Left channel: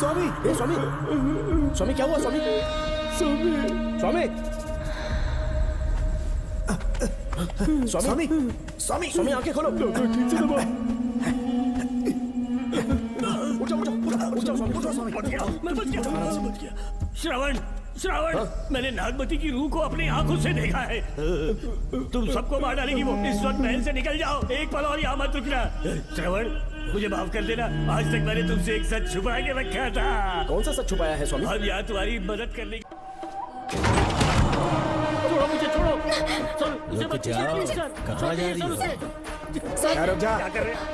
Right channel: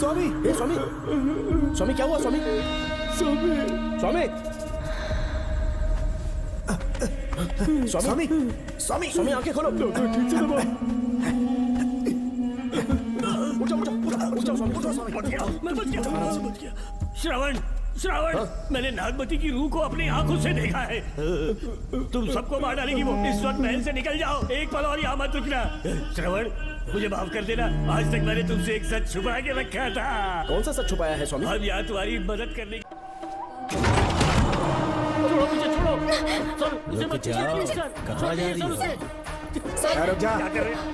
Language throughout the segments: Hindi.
स्वामी स्वामी स्वामी क्या हुआ स्वामी स्वामी स्वामी स्वामी स्वामी स्वामी आंखें खोलो श्रावण श्रावण मैंने नागमती की रूह को अपनी आंखों से देखा है। तुम सबको मार डालेगी वो। इस वक्त महल से निकल जाओ, एक पल और यहाँ मत रुकना। श्रावण मुझे माफ कर देना, आज तक मैंने तुमसे एक सच छुपा के रखा था। कौन सा सच छुपाया है स्वामी? अब यहाँ तुम्हारी मदद करने की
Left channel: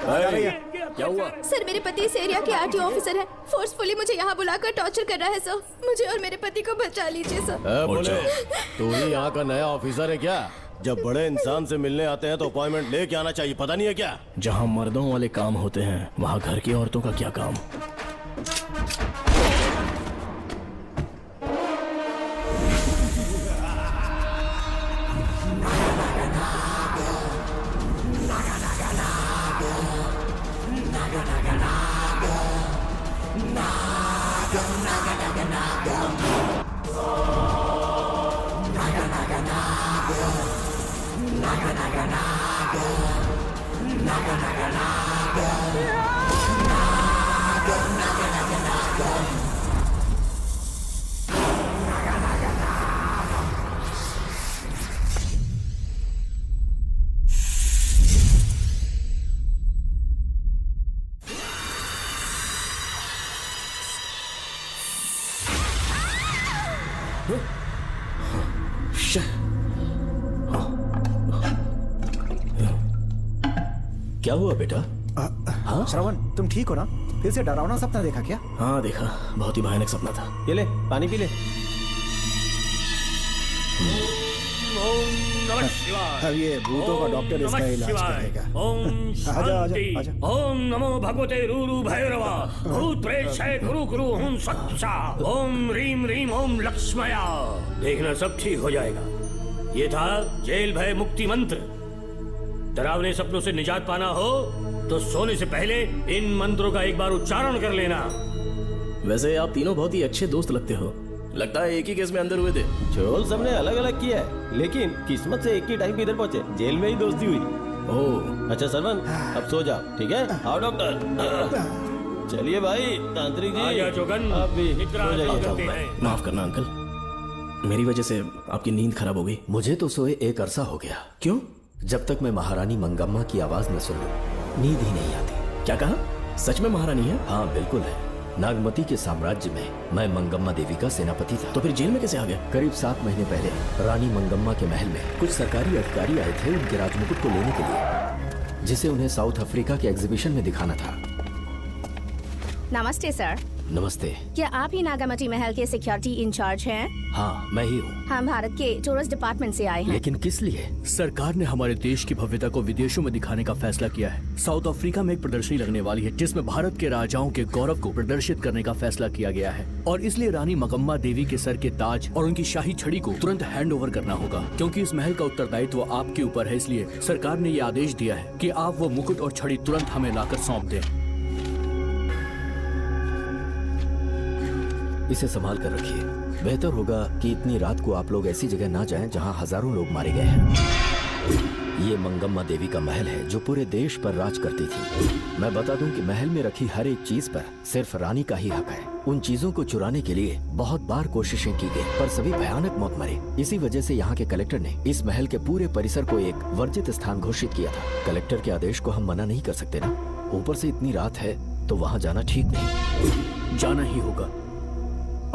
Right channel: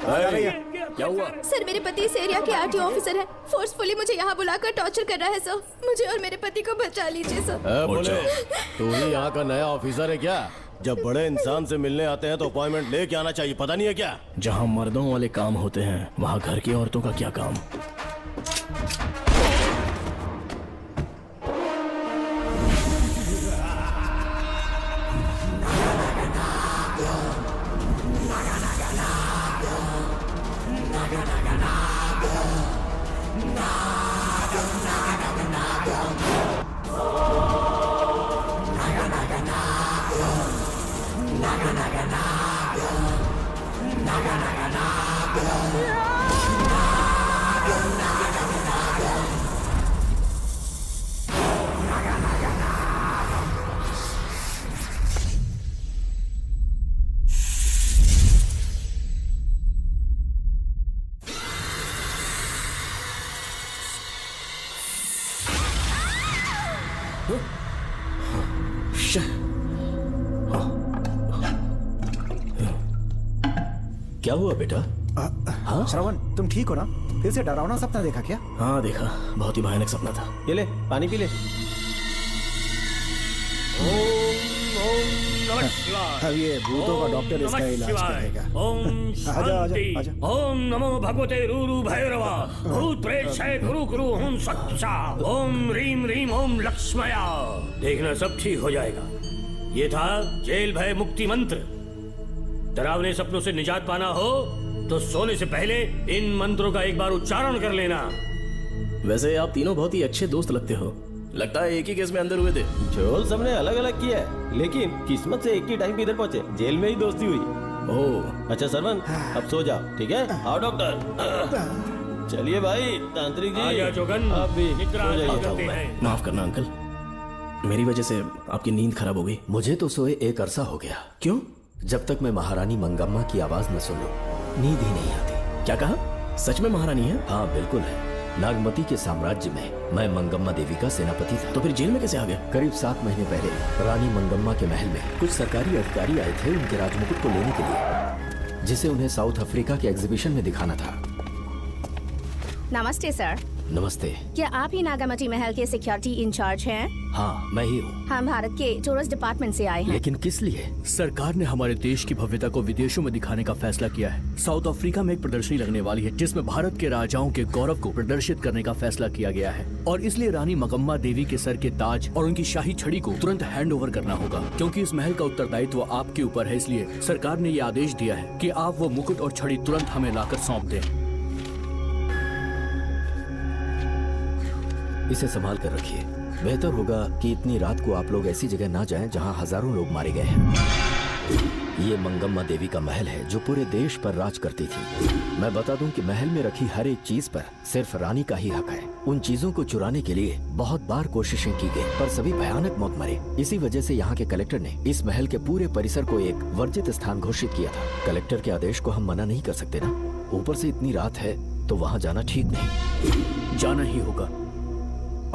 कहाँ जा रही है? क्या हुआ? सर मेरे पति इस एरिया के आरटीओ ऑफिसर हैं। फोर्सफुली मुझे यहाँ बुलाकर टॉर्चर कर रहा है सर। मुझे और मेरे पति को बचा लीजिए सर। तू ही यहाँ का नया ऑफिसर है क्या? जब बड़े इंसान से मिलने आते हैं तो अपॉइंटमेंट लेके आना चाहिए, पता नहीं है क्या? जहाँ मर्दों वाले काम होते हैं वहाँ घर की औरतों का क्या काम? क्या हुआ बेटू? हाँ श्रवण, तुम ठीक हो ना? फिर से डरावना सपना देखा क्या? हाँ देखा, बहुत ही भयानक सपना था। ये ले पानी पी ले। अब ये भूतों का डॉक्टर इसका इलाज करेगा। ओम शांति। ओम नमो भगवते रूरू भैरव भूत प्रेत से गुरु गुरु ओम सच्चा ओम रीम रीम ओम लक्ष्मया। देखना सब ठीक हो जाएगा। ये था जेल भय मुक्ति मंत्र। डरावने सपनों से निजात पाना हो तो सोने से पहले इन मंत्रों का एक बार उच्चारण कर लेना। वैसे आप तीनों बहुत ही अच्छे दोस्त लगते हो। लगता है एक ही केस में अंदर हुए थे। जो सबने अलग अलग किया है, लेकिन किस्मत से एक ही टाइम पे इधर पहुंचे। जेल में ही दोस्ती हुई। ओह अच्छा सरवन, अब सो जा, ठीक है? आओ डॉक्टर। चलिए भाई, तांत्रिक आ जी गया जोगन। आप भी माफ करना अंकल, मेरी वजह से आपकी नींद खराब हो गई। मुझे तो सोए एक अरसा हो गया। क्यों? जब तक मैं महारानी मंगम्मा की आवाज न सुनूं, नींद ही नहीं आती। क्या कहा? सच में महारानी है? हाँ बिल्कुल है। नागमती के साम्राज्य में मैं मंगम्मा देवी का सेनापति था। तो फिर जेल में कैसे आ गए? करीब 7 महीने पहले रानी मंगम्मा के महल में कुछ सरकारी अधिकारी आए थे उनके राजमुकुट को लेने के लिए, जिसे उन्हें साउथ अफ्रीका के एग्जीबिशन में दिखाना था। नमस्ते सर। नमस्ते। क्या आप ही नागामती महल के सिक्योरिटी इंचार्ज हैं? हाँ मैं ही हूँ। हम भारत के टूरिस्ट डिपार्टमेंट से आए हैं। लेकिन किस लिए? सरकार ने हमारे देश की भव्यता को विदेशों में दिखाने का फैसला किया है। साउथ अफ्रीका में एक प्रदर्शनी लगने वाली है जिसमें भारत के राजाओं के गौरव को प्रदर्शित करने का फैसला किया गया है, और इसलिए रानी मंगम्मा देवी के सर के ताज और उनकी शाही छड़ी को तुरंत हैंड ओवर करना होगा। क्योंकि इस महल का उत्तरदायित्व आपके ऊपर है, इसलिए सरकार ने ये आदेश दिया है कि आप वो मुकुट और छड़ी तुरंत हमें लाकर सौंप दें। इसे संभाल कर रखिए। बेहतर होगा कि इतनी रात को आप लोग ऐसी जगह ना जाएं जहां हजारों लोग मारे गए हैं। ये मंगम्मा देवी का महल है जो पूरे देश पर राज करती थी। मैं बता दूं कि महल में रखी हर एक चीज पर सिर्फ रानी का ही हक है। उन चीजों को चुराने के लिए बहुत बार कोशिशें की गई, पर सभी भयानक मौत मरे। इसी वजह से यहाँ के कलेक्टर ने इस महल के पूरे परिसर को एक वर्जित स्थान घोषित किया था। कलेक्टर के आदेश को हम मना नहीं कर सकते ना। ऊपर से इतनी रात है तो वहाँ जाना ठीक नहीं। जाना ही होगा।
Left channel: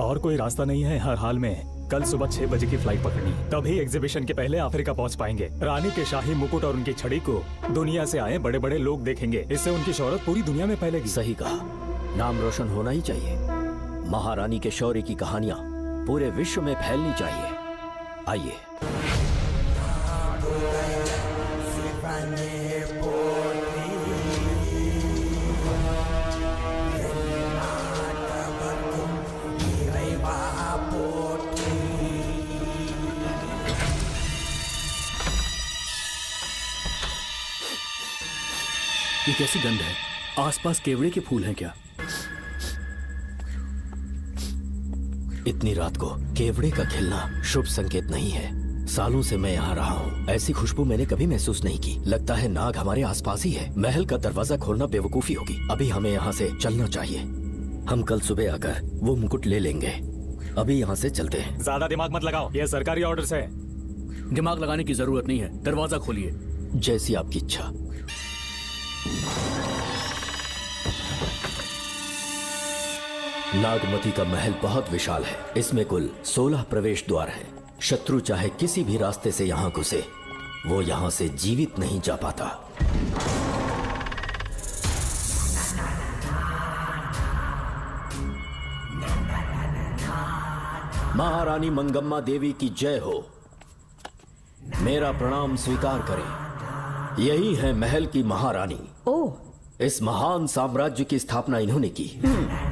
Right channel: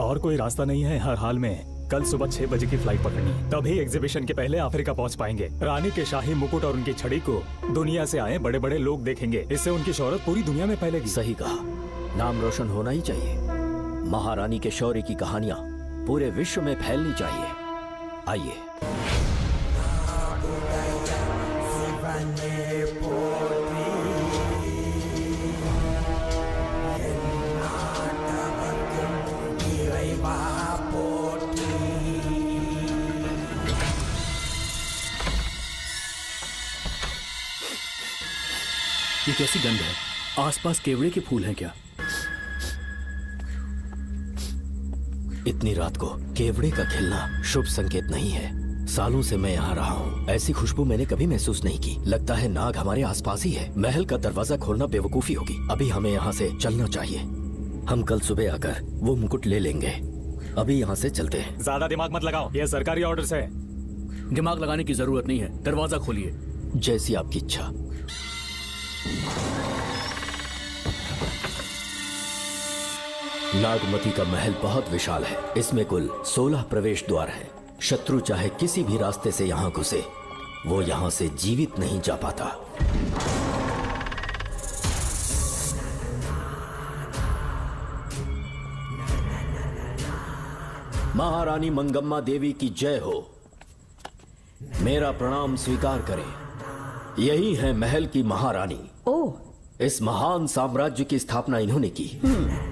और कोई रास्ता नहीं है हर हाल में। कल सुबह 6 बजे की फ्लाइट पकड़नी है, तभी एग्जीबिशन के पहले अफ्रीका पहुंच पाएंगे। रानी के शाही मुकुट और उनकी छड़ी को दुनिया से आए बड़े बड़े लोग देखेंगे। इससे उनकी शोहरत पूरी दुनिया में फैलेगी। सही कहा, नाम रोशन होना ही चाहिए। महारानी के शौर्य की कहानियाँ पूरे विश्व में फैलनी चाहिए। आइए। ये कैसी गंध है? आसपास केवड़े के फूल हैं क्या? इतनी रात को केवड़े का खिलना शुभ संकेत नहीं है। सालों से मैं यहाँ रहा हूँ, ऐसी खुशबू मैंने कभी महसूस नहीं की। लगता है नाग हमारे आसपास ही है। महल का दरवाजा खोलना बेवकूफी होगी। अभी हमें यहाँ से चलना चाहिए। हम कल सुबह आकर वो मुकुट ले लेंगे। अभी यहाँ से चलते हैं। ज्यादा दिमाग मत लगाओ, यह सरकारी ऑर्डर है। दिमाग लगाने की जरूरत नहीं है। दरवाजा खोलिए। जैसी आपकी इच्छा। नागमती का महल बहुत विशाल है। इसमें कुल 16 प्रवेश द्वार है। शत्रु चाहे किसी भी रास्ते से यहाँ घुसे, वो यहाँ से जीवित नहीं जा पाता। महारानी मंगम्मा देवी की जय हो। मेरा प्रणाम स्वीकार करें। यही है महल की महारानी। ओह, इस महान साम्राज्य की स्थापना इन्होंने की।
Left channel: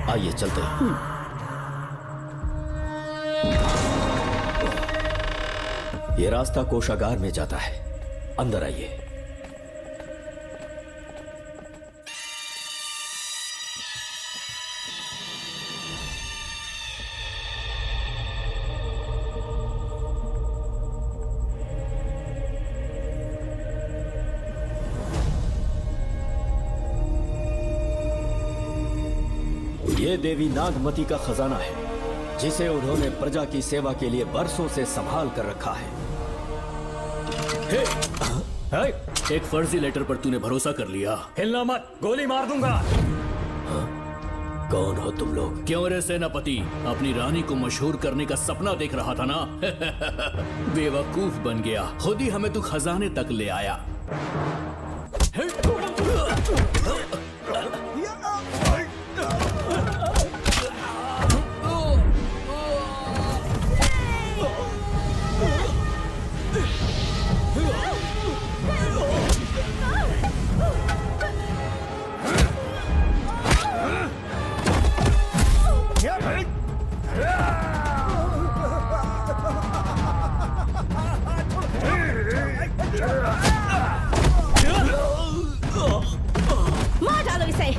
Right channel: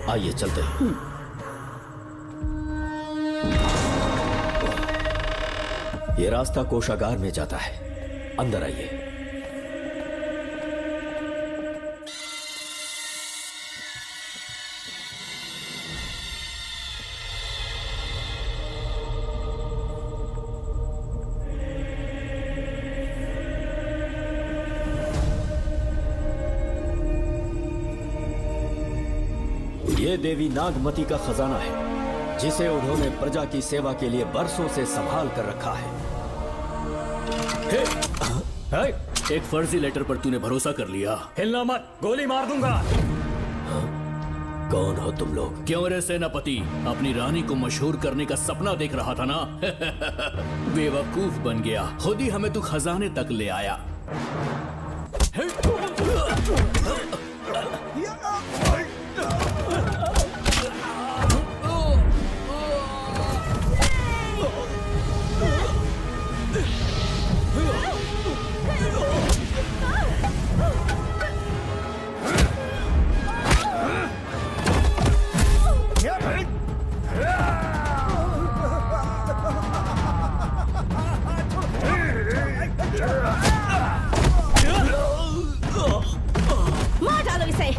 आइए चलते हैं। ये रास्ता कोषागार में जाता है। अंदर आइए। ये देवी नागमती का खजाना है, जिसे उन्होंने प्रजा की सेवा के लिए बरसों से संभाल कर रखा है। एक फर्जी लेटर पर तूने भरोसा कर लिया। हिलना मत, गोली मार दूंगा। कौन हो तुम लोग? क्यों रे सेनापति, अपनी रानी को मशहूर करने का सपना देख रहा था ना? बेवकूफ बन गया। खुद ही हमें तो खजाने तक ले आया। मार डालो इसे।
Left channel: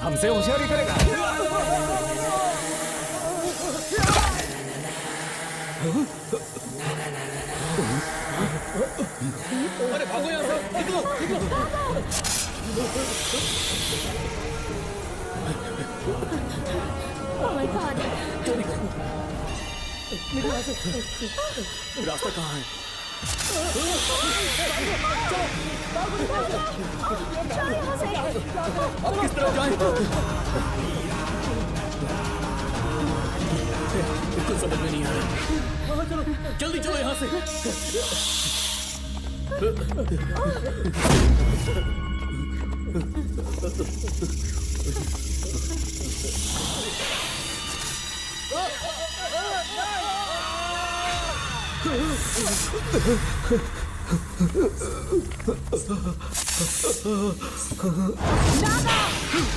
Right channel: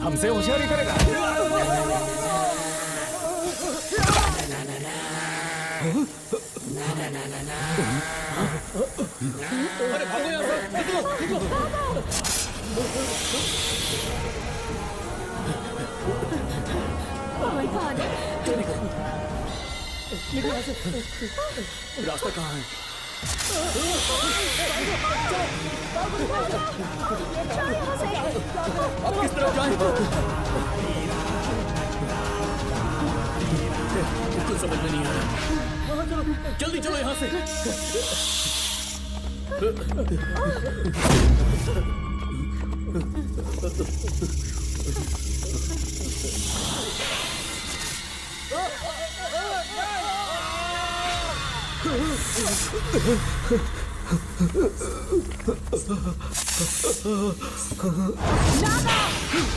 हमसे होशियारी करेगा। Oh my God! रास्ता कहाँ है? किस तरफ जाएं? कुछ समझ में नहीं आ रहा। जल्दी चलो यहाँ से।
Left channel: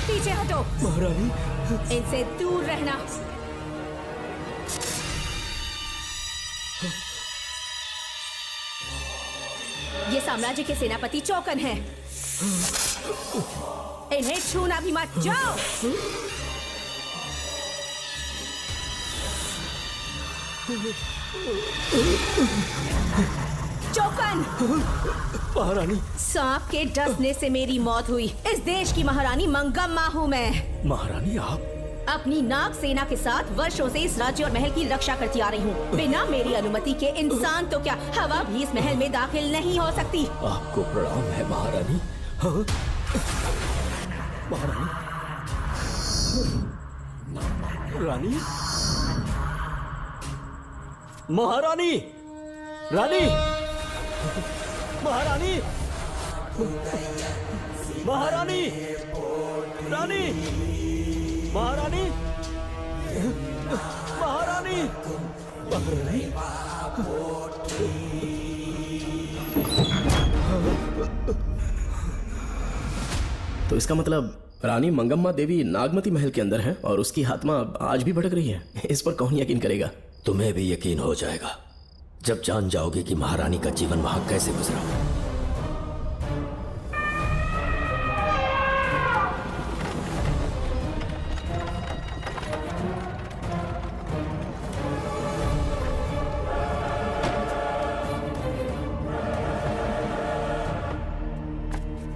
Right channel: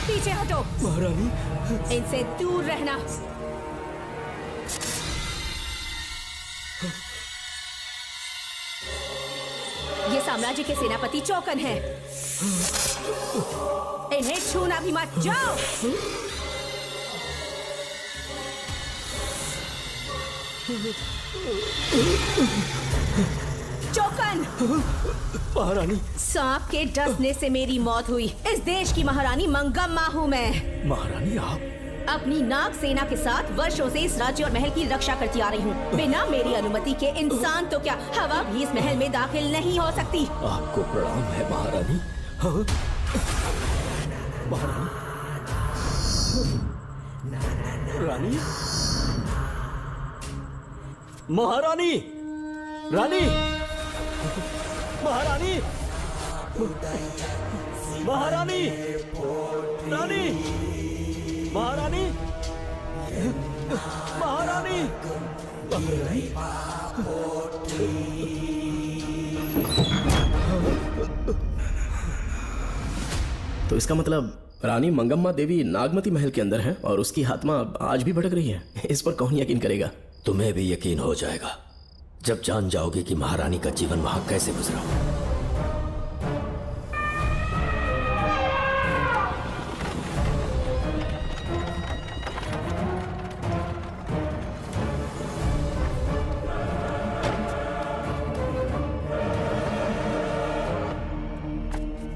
पीछे हटो। इनसे दूर रहना। ये साम्राज्य के सेनापति चौकन है। इन्हें छूना भी मत। जाओ। चौकन! महारानी। सांप के डसने से मेरी मौत हुई। इस देश की महारानी मंगम्मा हूँ मैं। महारानी आप अपनी नाग सेना के साथ वर्षों से इस राज्य और महल की रक्षा करती आ रही हूँ। बिना मेरी अनुमति के इंसान तो क्या हवा भी इस महल में दाखिल नहीं हो सकती। आपको प्रणाम है महारानी। हाँ? रानी, महारानी, रानी, महारानी, महारानी, रानी, महारानी, महारानी, तो इसका मतलब रानी मंगम्मा देवी नागमती महल के अंदर है और उसकी आत्मा आज भी भटक रही है। इस पर कौन यकीन करेगा? तुम्हें भी यकीन हो जाएगा जब जान जाओगे कि महारानी का जीवन वहां कैसे गुजरा।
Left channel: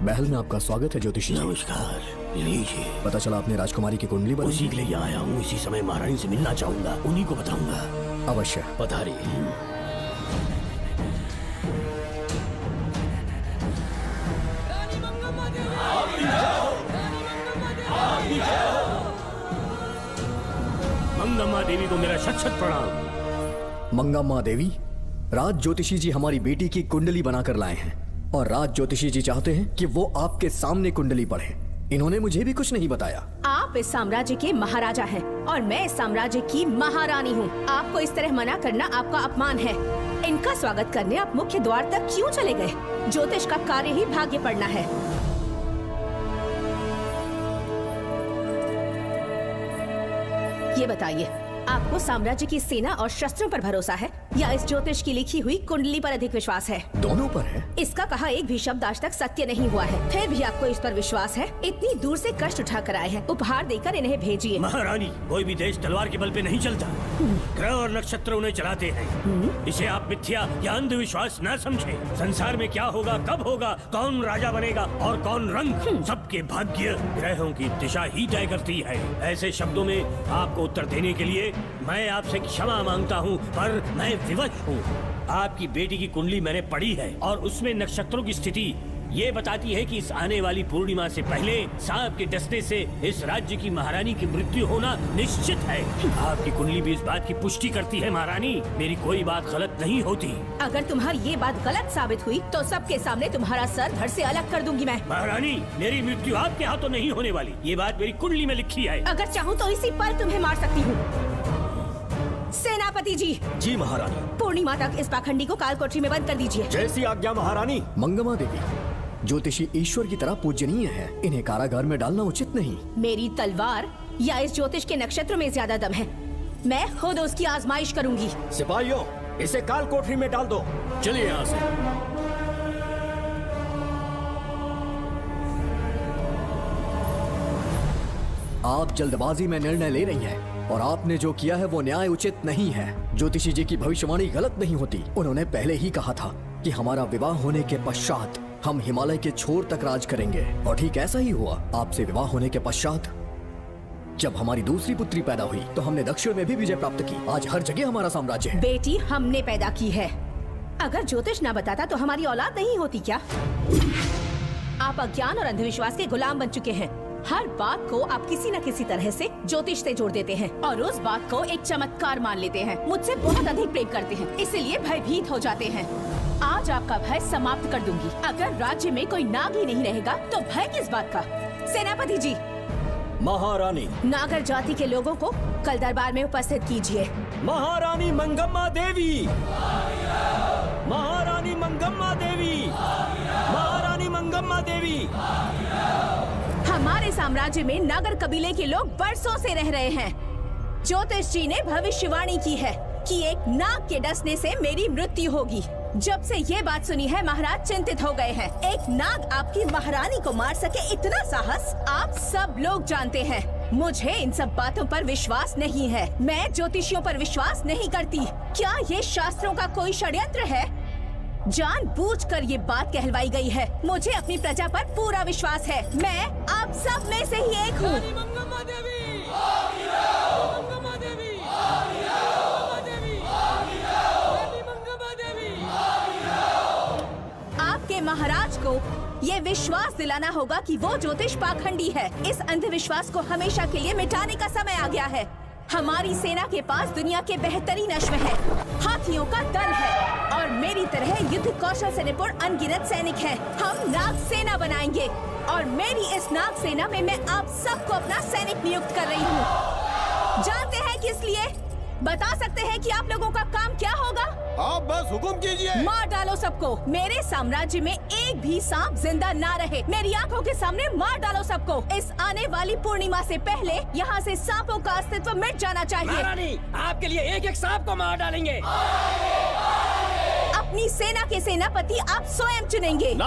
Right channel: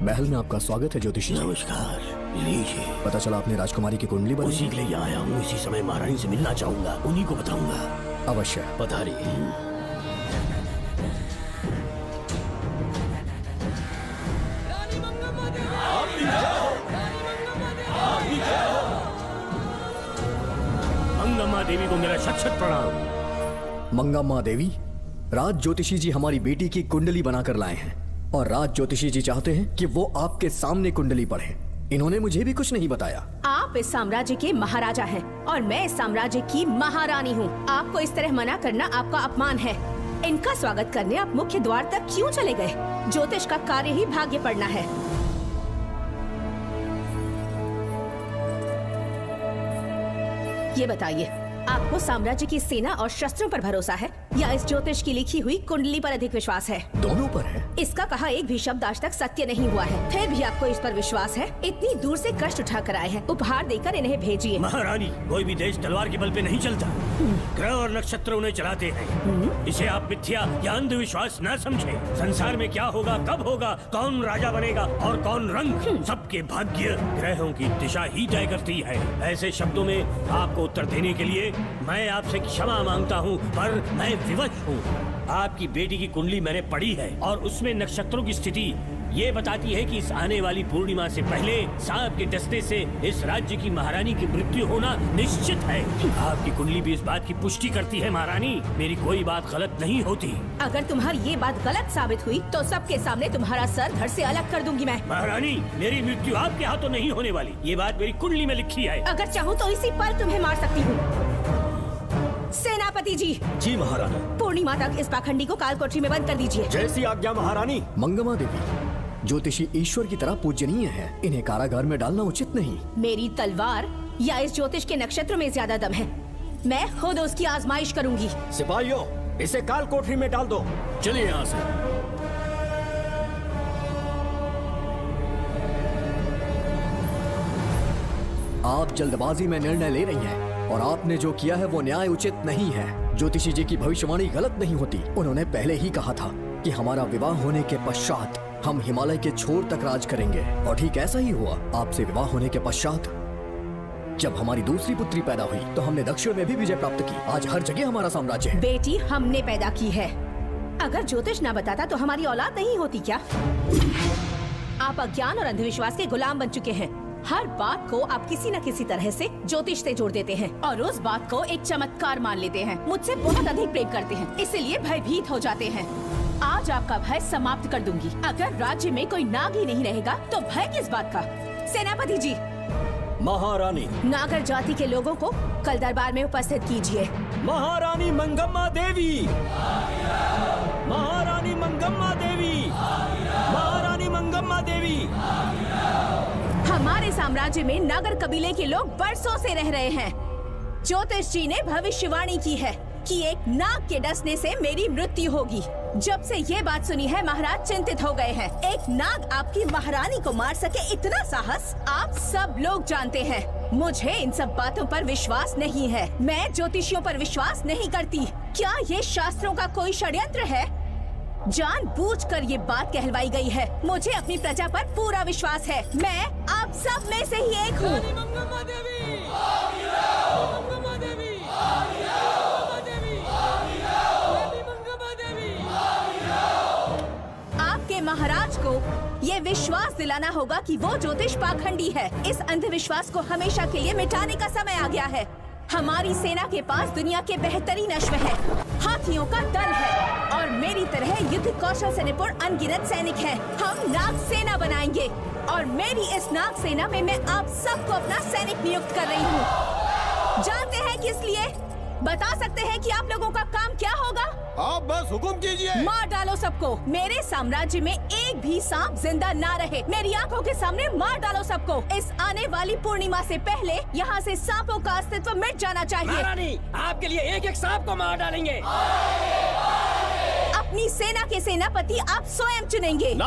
महल में आपका स्वागत है ज्योतिषी। नमस्कार। लीजिए। पता चला आपने राजकुमारी की कुंडली बनाई। उसी के लिए आया हूँ। इसी समय महारानी से मिलना चाहूंगा, उन्हीं को बताऊंगा। अवश्य। पधारी। मंगम्मा देवी को मेरा शत शत प्रणाम। मंगम्मा देवी, राज ज्योतिषी जी हमारी बेटी की कुंडली बनाकर लाए हैं और राज ज्योतिषी जी चाहते हैं कि वो आपके सामने कुंडली पढ़ें। इन्होंने मुझे भी कुछ नहीं बताया। आप इस साम्राज्य के महाराजा हैं और मैं इस साम्राज्य की महारानी हूँ। आपको इस तरह मना करना आपका अपमान है। इनका स्वागत करने आप मुख्य द्वार तक क्यों चले गए? ज्योतिष का कार्य ही भाग्य पढ़ना है। ये बताइए, आपको साम्राज्य की सेना और शस्त्रों पर भरोसा है या इस ज्योतिष की लिखी हुई कुंडली पर अधिक विश्वास है? दोनों पर है। इसका कहा एक भी शब्द आज तक सत्य नहीं हुआ है, फिर भी आपको इस पर विश्वास है? इतनी दूर से कष्ट उठाकर आए हैं, उपहार देकर इन्हें भेजिए। महारानी, कोई भी देश तलवार के बल पे नहीं चलता, ग्रह और नक्षत्र उन्हें चलाते हैं। इसे आप मिथ्या या अंधविश्वास न समझें। संसार में क्या होगा, कब होगा, कौन राजा बनेगा और कौन रंग, सबके भाग्य ग्रहों की दिशा ही तय करती है। ऐसे शब्दों में आपको उत्तर देने के लिए मैं आपसे क्षमा मांगता हूँ, पर मैं विवश हूँ। आपकी बेटी की कुंडली मैंने पढ़ी है और उसमें नक्षत्रों की स्थिति ये बताती है कि इस आने वाली पूर्णिमा से पहले सांप के डसने से इस राज्य की महारानी की मृत्यु होना निश्चित है। आपकी कुंडली भी इस बात की पुष्टि करती है। महारानी, मेरी कोई बात गलत नहीं होती। अगर तुम्हारी ये बात गलत साबित हुई तो सबके सामने तुम्हारा सर घर से अलग कर दूंगी मैं। महारानी, मेरी मृत्यु आपके हाथों नहीं होने वाली, ये बात मेरी कुंडली में लिखी है। अगर चाहूँ तो इसी पल तुम्हें मार सकती हूँ। सेनापति जी, जी महारानी। पूर्णिमा तक इस पाखंडी को कालकोठरी में बंद कर दीजिए। जैसी आज्ञा महारानी। मंगम्मा देवी, ज्योतिषी ईश्वर की तरह पूजनीय है, इन्हें कारागार में डालना उचित नहीं। मेरी तलवार या इस ज्योतिष के नक्षत्र में ज्यादा दम है। मैं खुद उसकी आजमाइश करूंगी। सिपाहियों, इसे काल कोठरी में डाल दो। चलिए यहाँ से। आप जल्दबाजी में निर्णय ले रही हैं और आपने जो किया है वो न्याय उचित नहीं है। ज्योतिषी जी की भविष्यवाणी गलत नहीं होती। उन्होंने पहले ही कहा था कि हमारा विवाह होने के पश्चात हम हिमालय के छोर तक राज करेंगे और ठीक ऐसा ही हुआ। आपसे विवाह होने के पश्चात जब हमारी दूसरी पुत्री पैदा हुई तो हमने दक्षिण में भी विजय प्राप्त की। आज हर जगह हमारा साम्राज्य है। बेटी हमने पैदा की है। अगर ज्योतिष न बताता तो हमारी औलाद नहीं होती क्या? आप अज्ञान और अंधविश्वास के गुलाम बन चुके हैं। हर बात को आप किसी न किसी तरह से ज्योतिष से जोड़ देते हैं और उस बात को एक चमत्कार मान लेते हैं। मुझसे बहुत अधिक प्रेम करते हैं, इसलिए भयभीत हो जाते हैं। आज आपका भय समाप्त कर दूंगी। अगर राज्य में कोई नाग ही नहीं रहेगा तो भय किस बात का? सेनापति जी, महारानी। नागर जाति के लोगों को कल दरबार में उपस्थित कीजिए। महारानी मंगम्मा देवी, महारानी मंगम्मा देवी, महारानी मंगम्मा देवी। हमारे साम्राज्य में नागर कबीले के लोग बरसों से रह रहे हैं। ज्योतिष जी ने भविष्यवाणी की है कि एक नाग के डसने से मेरी मृत्यु होगी। जब से ये बात सुनी है महाराज चिंतित हो गए हैं। एक नाग आपके आपकी महारानी को मार सके इतना साहस? आप सब लोग जानते हैं मुझे इन सब बातों पर विश्वास नहीं है। मैं ज्योतिषियों पर विश्वास नहीं करती। क्या ये शास्त्रों का कोई षड्यंत्र है? जानबूझकर ये बात कहलवाई गई है। मुझे अपनी प्रजा पर पूरा विश्वास है। मैं आप सब में से ही एक हूँ। आपके महाराज को ये विश्वास दिलाना होगा कि वो ज्योतिष पाखंडी है। इस अंधविश्वास को हमेशा के लिए मिटाने का समय आ गया है। हमारी सेना के पास दुनिया के बेहतरीन अश्व है, हाथियों का दल है और मेरी तरह युद्ध कौशल से निपुण अनगिनत सैनिक हैं। हम नाग सेना बनाएंगे और मेरी इस नाग सेना में मैं आप सबको अपना सैनिक नियुक्त कर रही हूँ। जानते हैं किस लिए? बता सकते हैं कि आप लोगों का काम क्या होगा? आप बस हुक्म कीजिए। मार डालो सबको। मेरे साम्राज्य में एक भी सांप जिंदा ना रहे। मेरी आंखों के सामने मार डालो सबको। इस आने वाली पूर्णिमा से पहले यहाँ से सांपों का अस्तित्व मिट जाना चाहिए। महारानी, आपके लिए एक एक सांप को मार डालेंगे। अपनी सेना के सेनापति आप स्वयं चुनेंगे।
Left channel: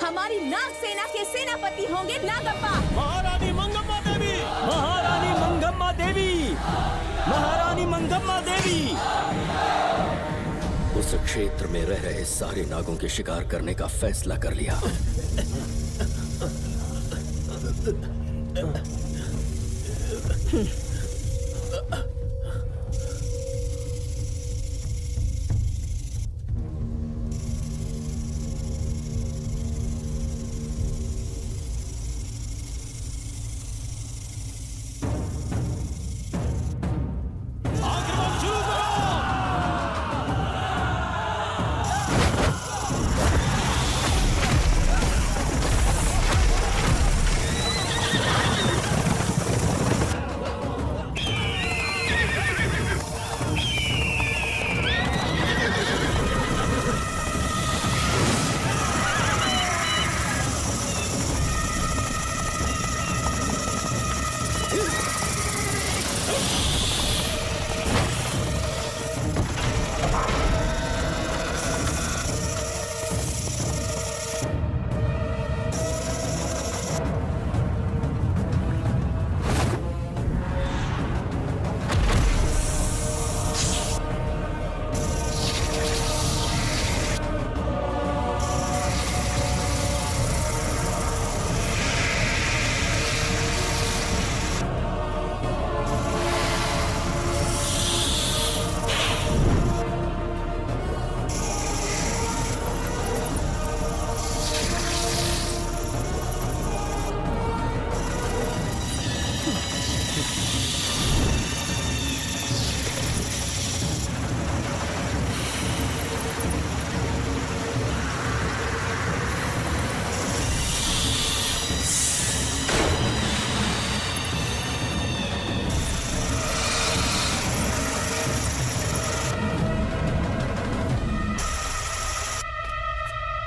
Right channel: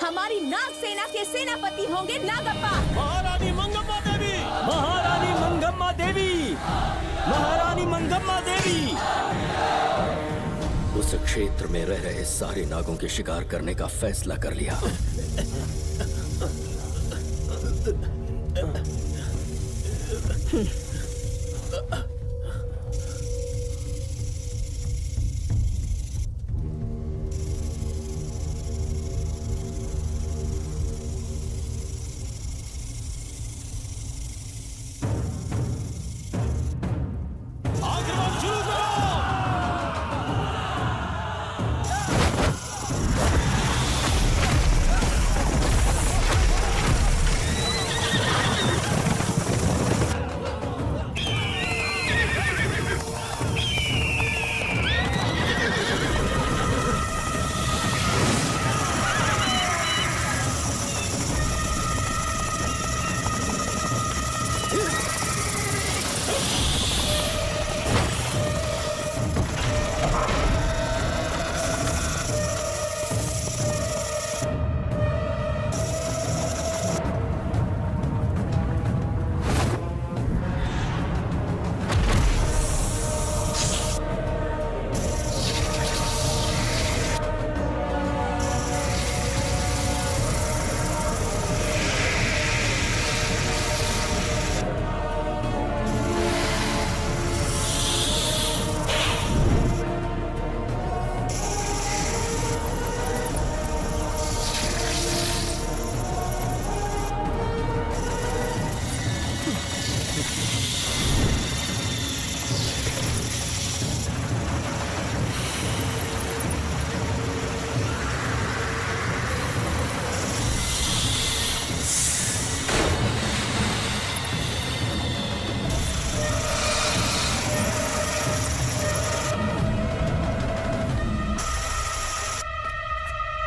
हमारी नाग सेना के सेनापति होंगे नागप्पा। महारानी मंगम्मा देवी, महारानी मंगम्मा देवी, महारानी मंगम्मा देवी। उस क्षेत्र में रह रहे सारे नागों के शिकार करने का फैसला कर लिया।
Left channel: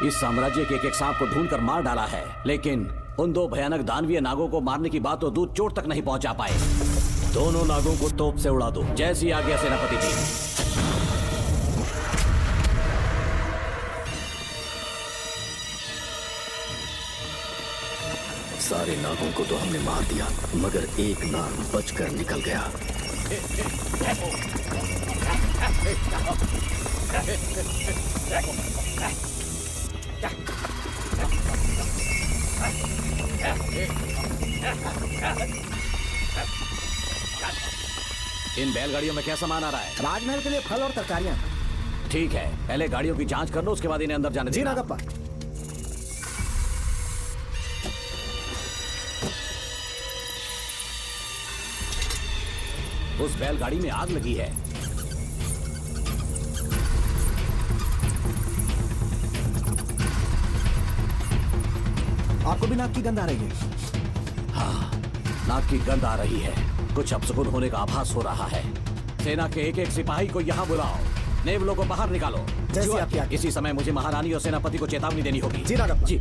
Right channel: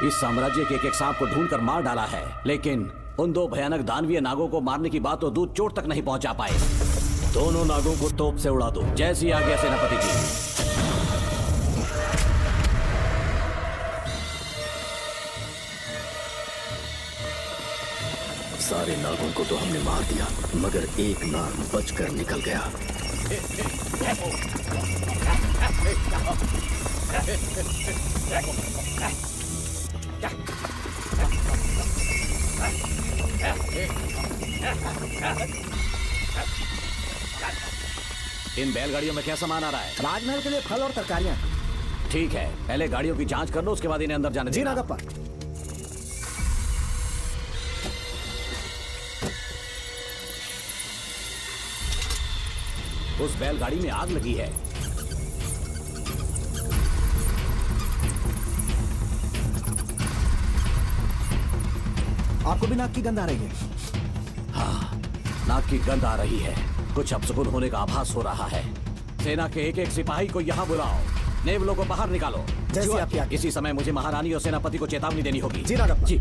इस साम्राज्य के एक सांप को ढूंढकर मार डाला है, लेकिन उन दो भयानक दानवीय नागों को मारने की बात तो दो चोट तक नहीं पहुंचा पाए। दोनों नागों को तोप से उड़ा दो, जैसी आगे सेनापति की। सारे नागों को तो हमने मार दिया, मगर एक नाग बचकर निकल गया। इन बैलगाड़ियों में क्या सामान आ रहा है? राजमहल के लिए फल और तरकारियां। ठीक है, पहले गाड़ियों की जांच कर लो, उसके बाद इन्हें अंदर जाने जी नागप्पा। उस बैलगाड़ी में आग लगी है। आपको भी नाक की गंध आ रही है? हाँ, नाक की गंध आ रही है। कुछ अपशकुन होने का आभास हो रहा है। सेना के एक एक सिपाही को यहाँ बुलाओ। देवलों को बाहर निकालो। इसी समय मुझे महारानी और सेनापति को चेतावनी देनी होगी। जी।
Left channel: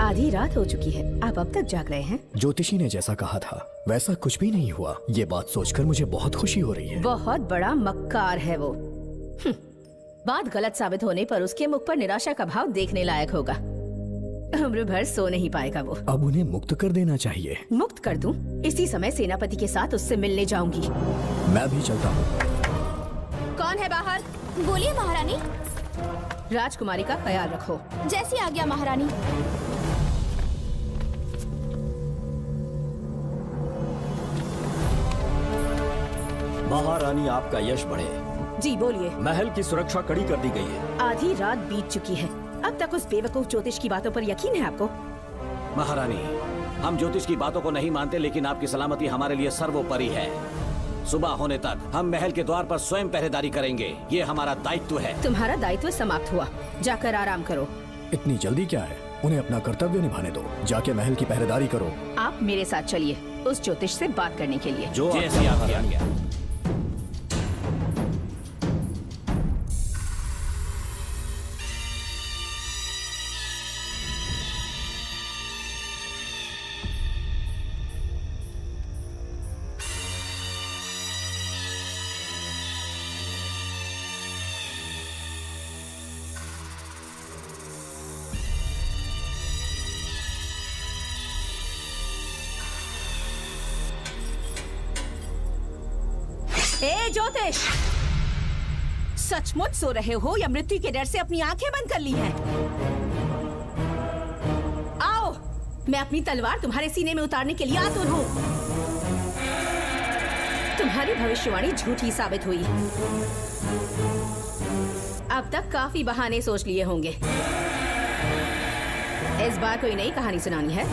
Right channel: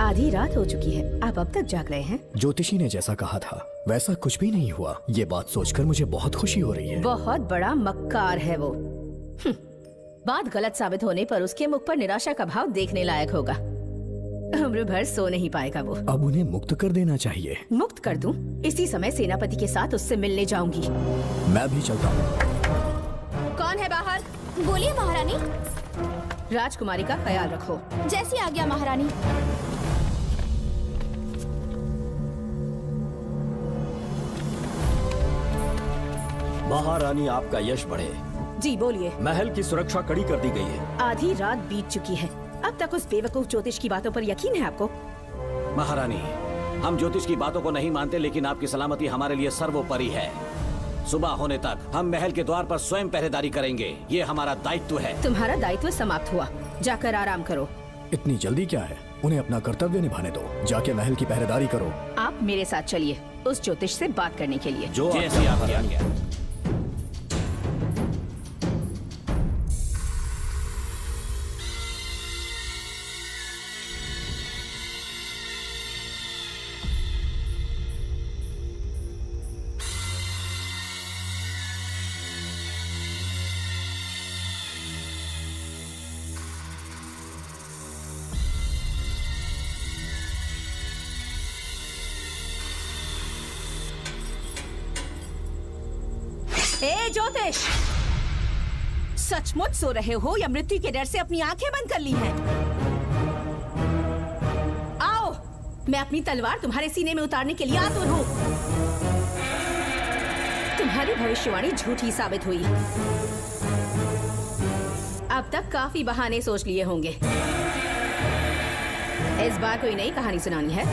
आधी रात हो चुकी है, आप अब तक जाग रहे हैं। ज्योतिषी ने जैसा कहा था वैसा कुछ भी नहीं हुआ। ये बात सोचकर मुझे बहुत खुशी हो रही है। बहुत बड़ा मक्कार है वो। बात गलत साबित होने पर उसके मुख पर निराशा का भाव देखने लायक होगा। उम्र भर सो नहीं पाएगा वो। अब उन्हें मुक्त कर देना चाहिए। मुक्त कर दूं? इसी समय सेनापति के साथ उससे मिलने जाऊंगी। मैं भी चलता हूँ। कौन है बाहर? बोलिए महारानी। राजकुमारी का ख्याल रखो। जैसी आज्ञा महारानी। महारानी आपका यश बढ़े। जी बोलिए। महल की सुरक्षा कड़ी कर दी गई है। आधी रात बीत चुकी है, अब तक उस बेवकूफ ज्योतिष की बातों पर यकीन है आपको? महारानी, हम ज्योतिष की बातों को नहीं मानते, लेकिन आपकी सलामती हमारे लिए सर्वोपरि है। सुबह होने तक हम महल के द्वार पर स्वयं पहरेदारी करेंगे। ये हमारा दायित्व है। तुम्हारा दायित्व समाप्त हुआ, जाकर आराम करो। इतनी जल्दी क्या है? उन्हें अपना कर्तव्य निभाने दो। जाके महल की पहरेदारी करूं। आप मेरे साथ चलिए उस ज्योतिष से बात करने के लिए। जैसी आपकी आज्ञा। ए ज्योतिष, सचमुच सो रहे हो या मृत्यु के डर से अपनी आंखें बंद कर ली हैं? आओ, मैं अपनी तलवार तुम्हारे सीने में उतारने के लिए आतुर हूँ। तुम्हारी भविष्यवाणी झूठी साबित हुई। अब तक काफी बहाने सोच लिए होंगे। इस बार कोई नई कहानी सुनानी है?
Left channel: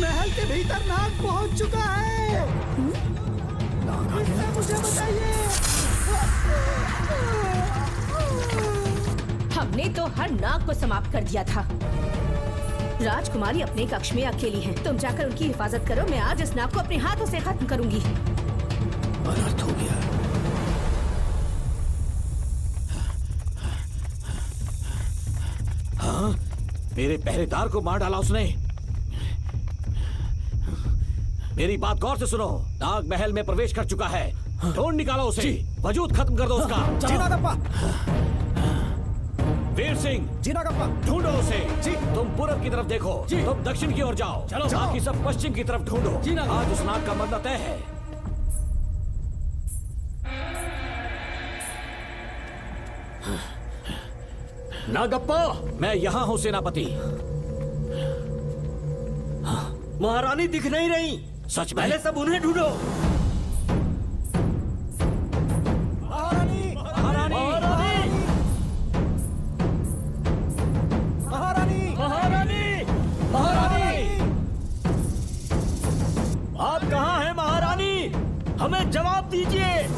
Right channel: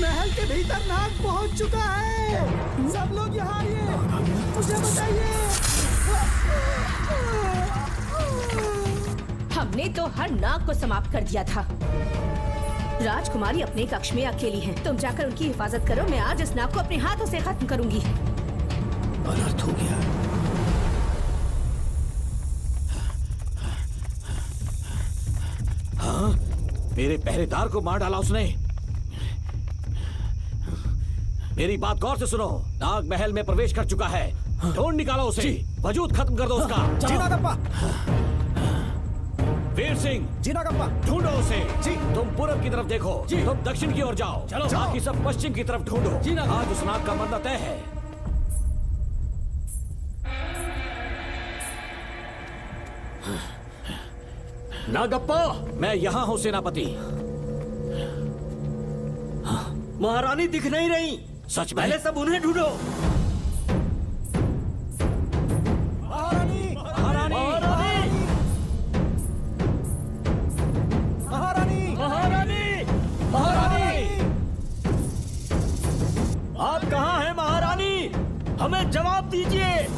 महल के भीतर नाग पहुंच चुका है। सब लोग यहाँ आइए। हमने तो हर नाग को समाप्त कर दिया था। राजकुमारी अपने कक्ष में अकेली है, तुम जाकर उनकी हिफाजत करो। मैं आज इस नाग को अपने हाथों से खत्म करूंगी। अनर्थ हो गया। मेरे पहरेदार को मार डाला उसने। मेरी बात गौर से सुनो। नाग महल में प्रवेश कर चुका है। ढूंढ निकालो उसे। वजूद खत्म कर दो उसका। वीर सिंह, ढूंढो उसे। तुम पूरब की तरफ देखो। तुम दक्षिण की ओर जाओ। चलो। बाकी सब पश्चिम की तरफ ढूंढो। आज इस नाग का मरना तय है। नागप्पा, मैं यहाँ हूँ सेनापति। महारानी दिख नहीं रही। सच पहले सब उन्हें ढूंढो। महारानी, आप कहाँ हैं महारानी? हमें जवाब दीजिए।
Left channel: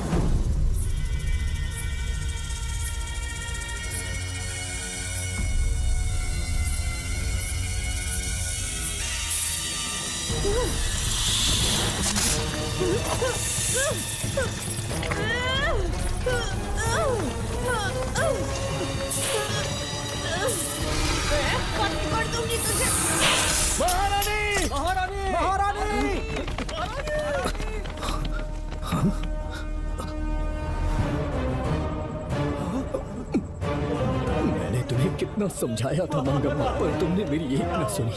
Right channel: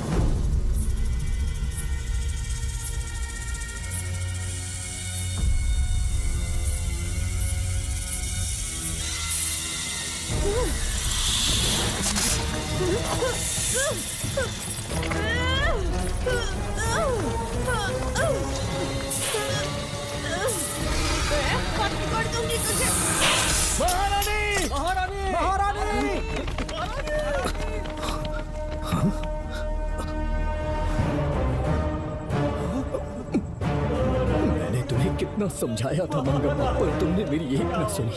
मैंने तुम्हें कितना समझाया था पर तुमने मेरी एक नहीं सुनी।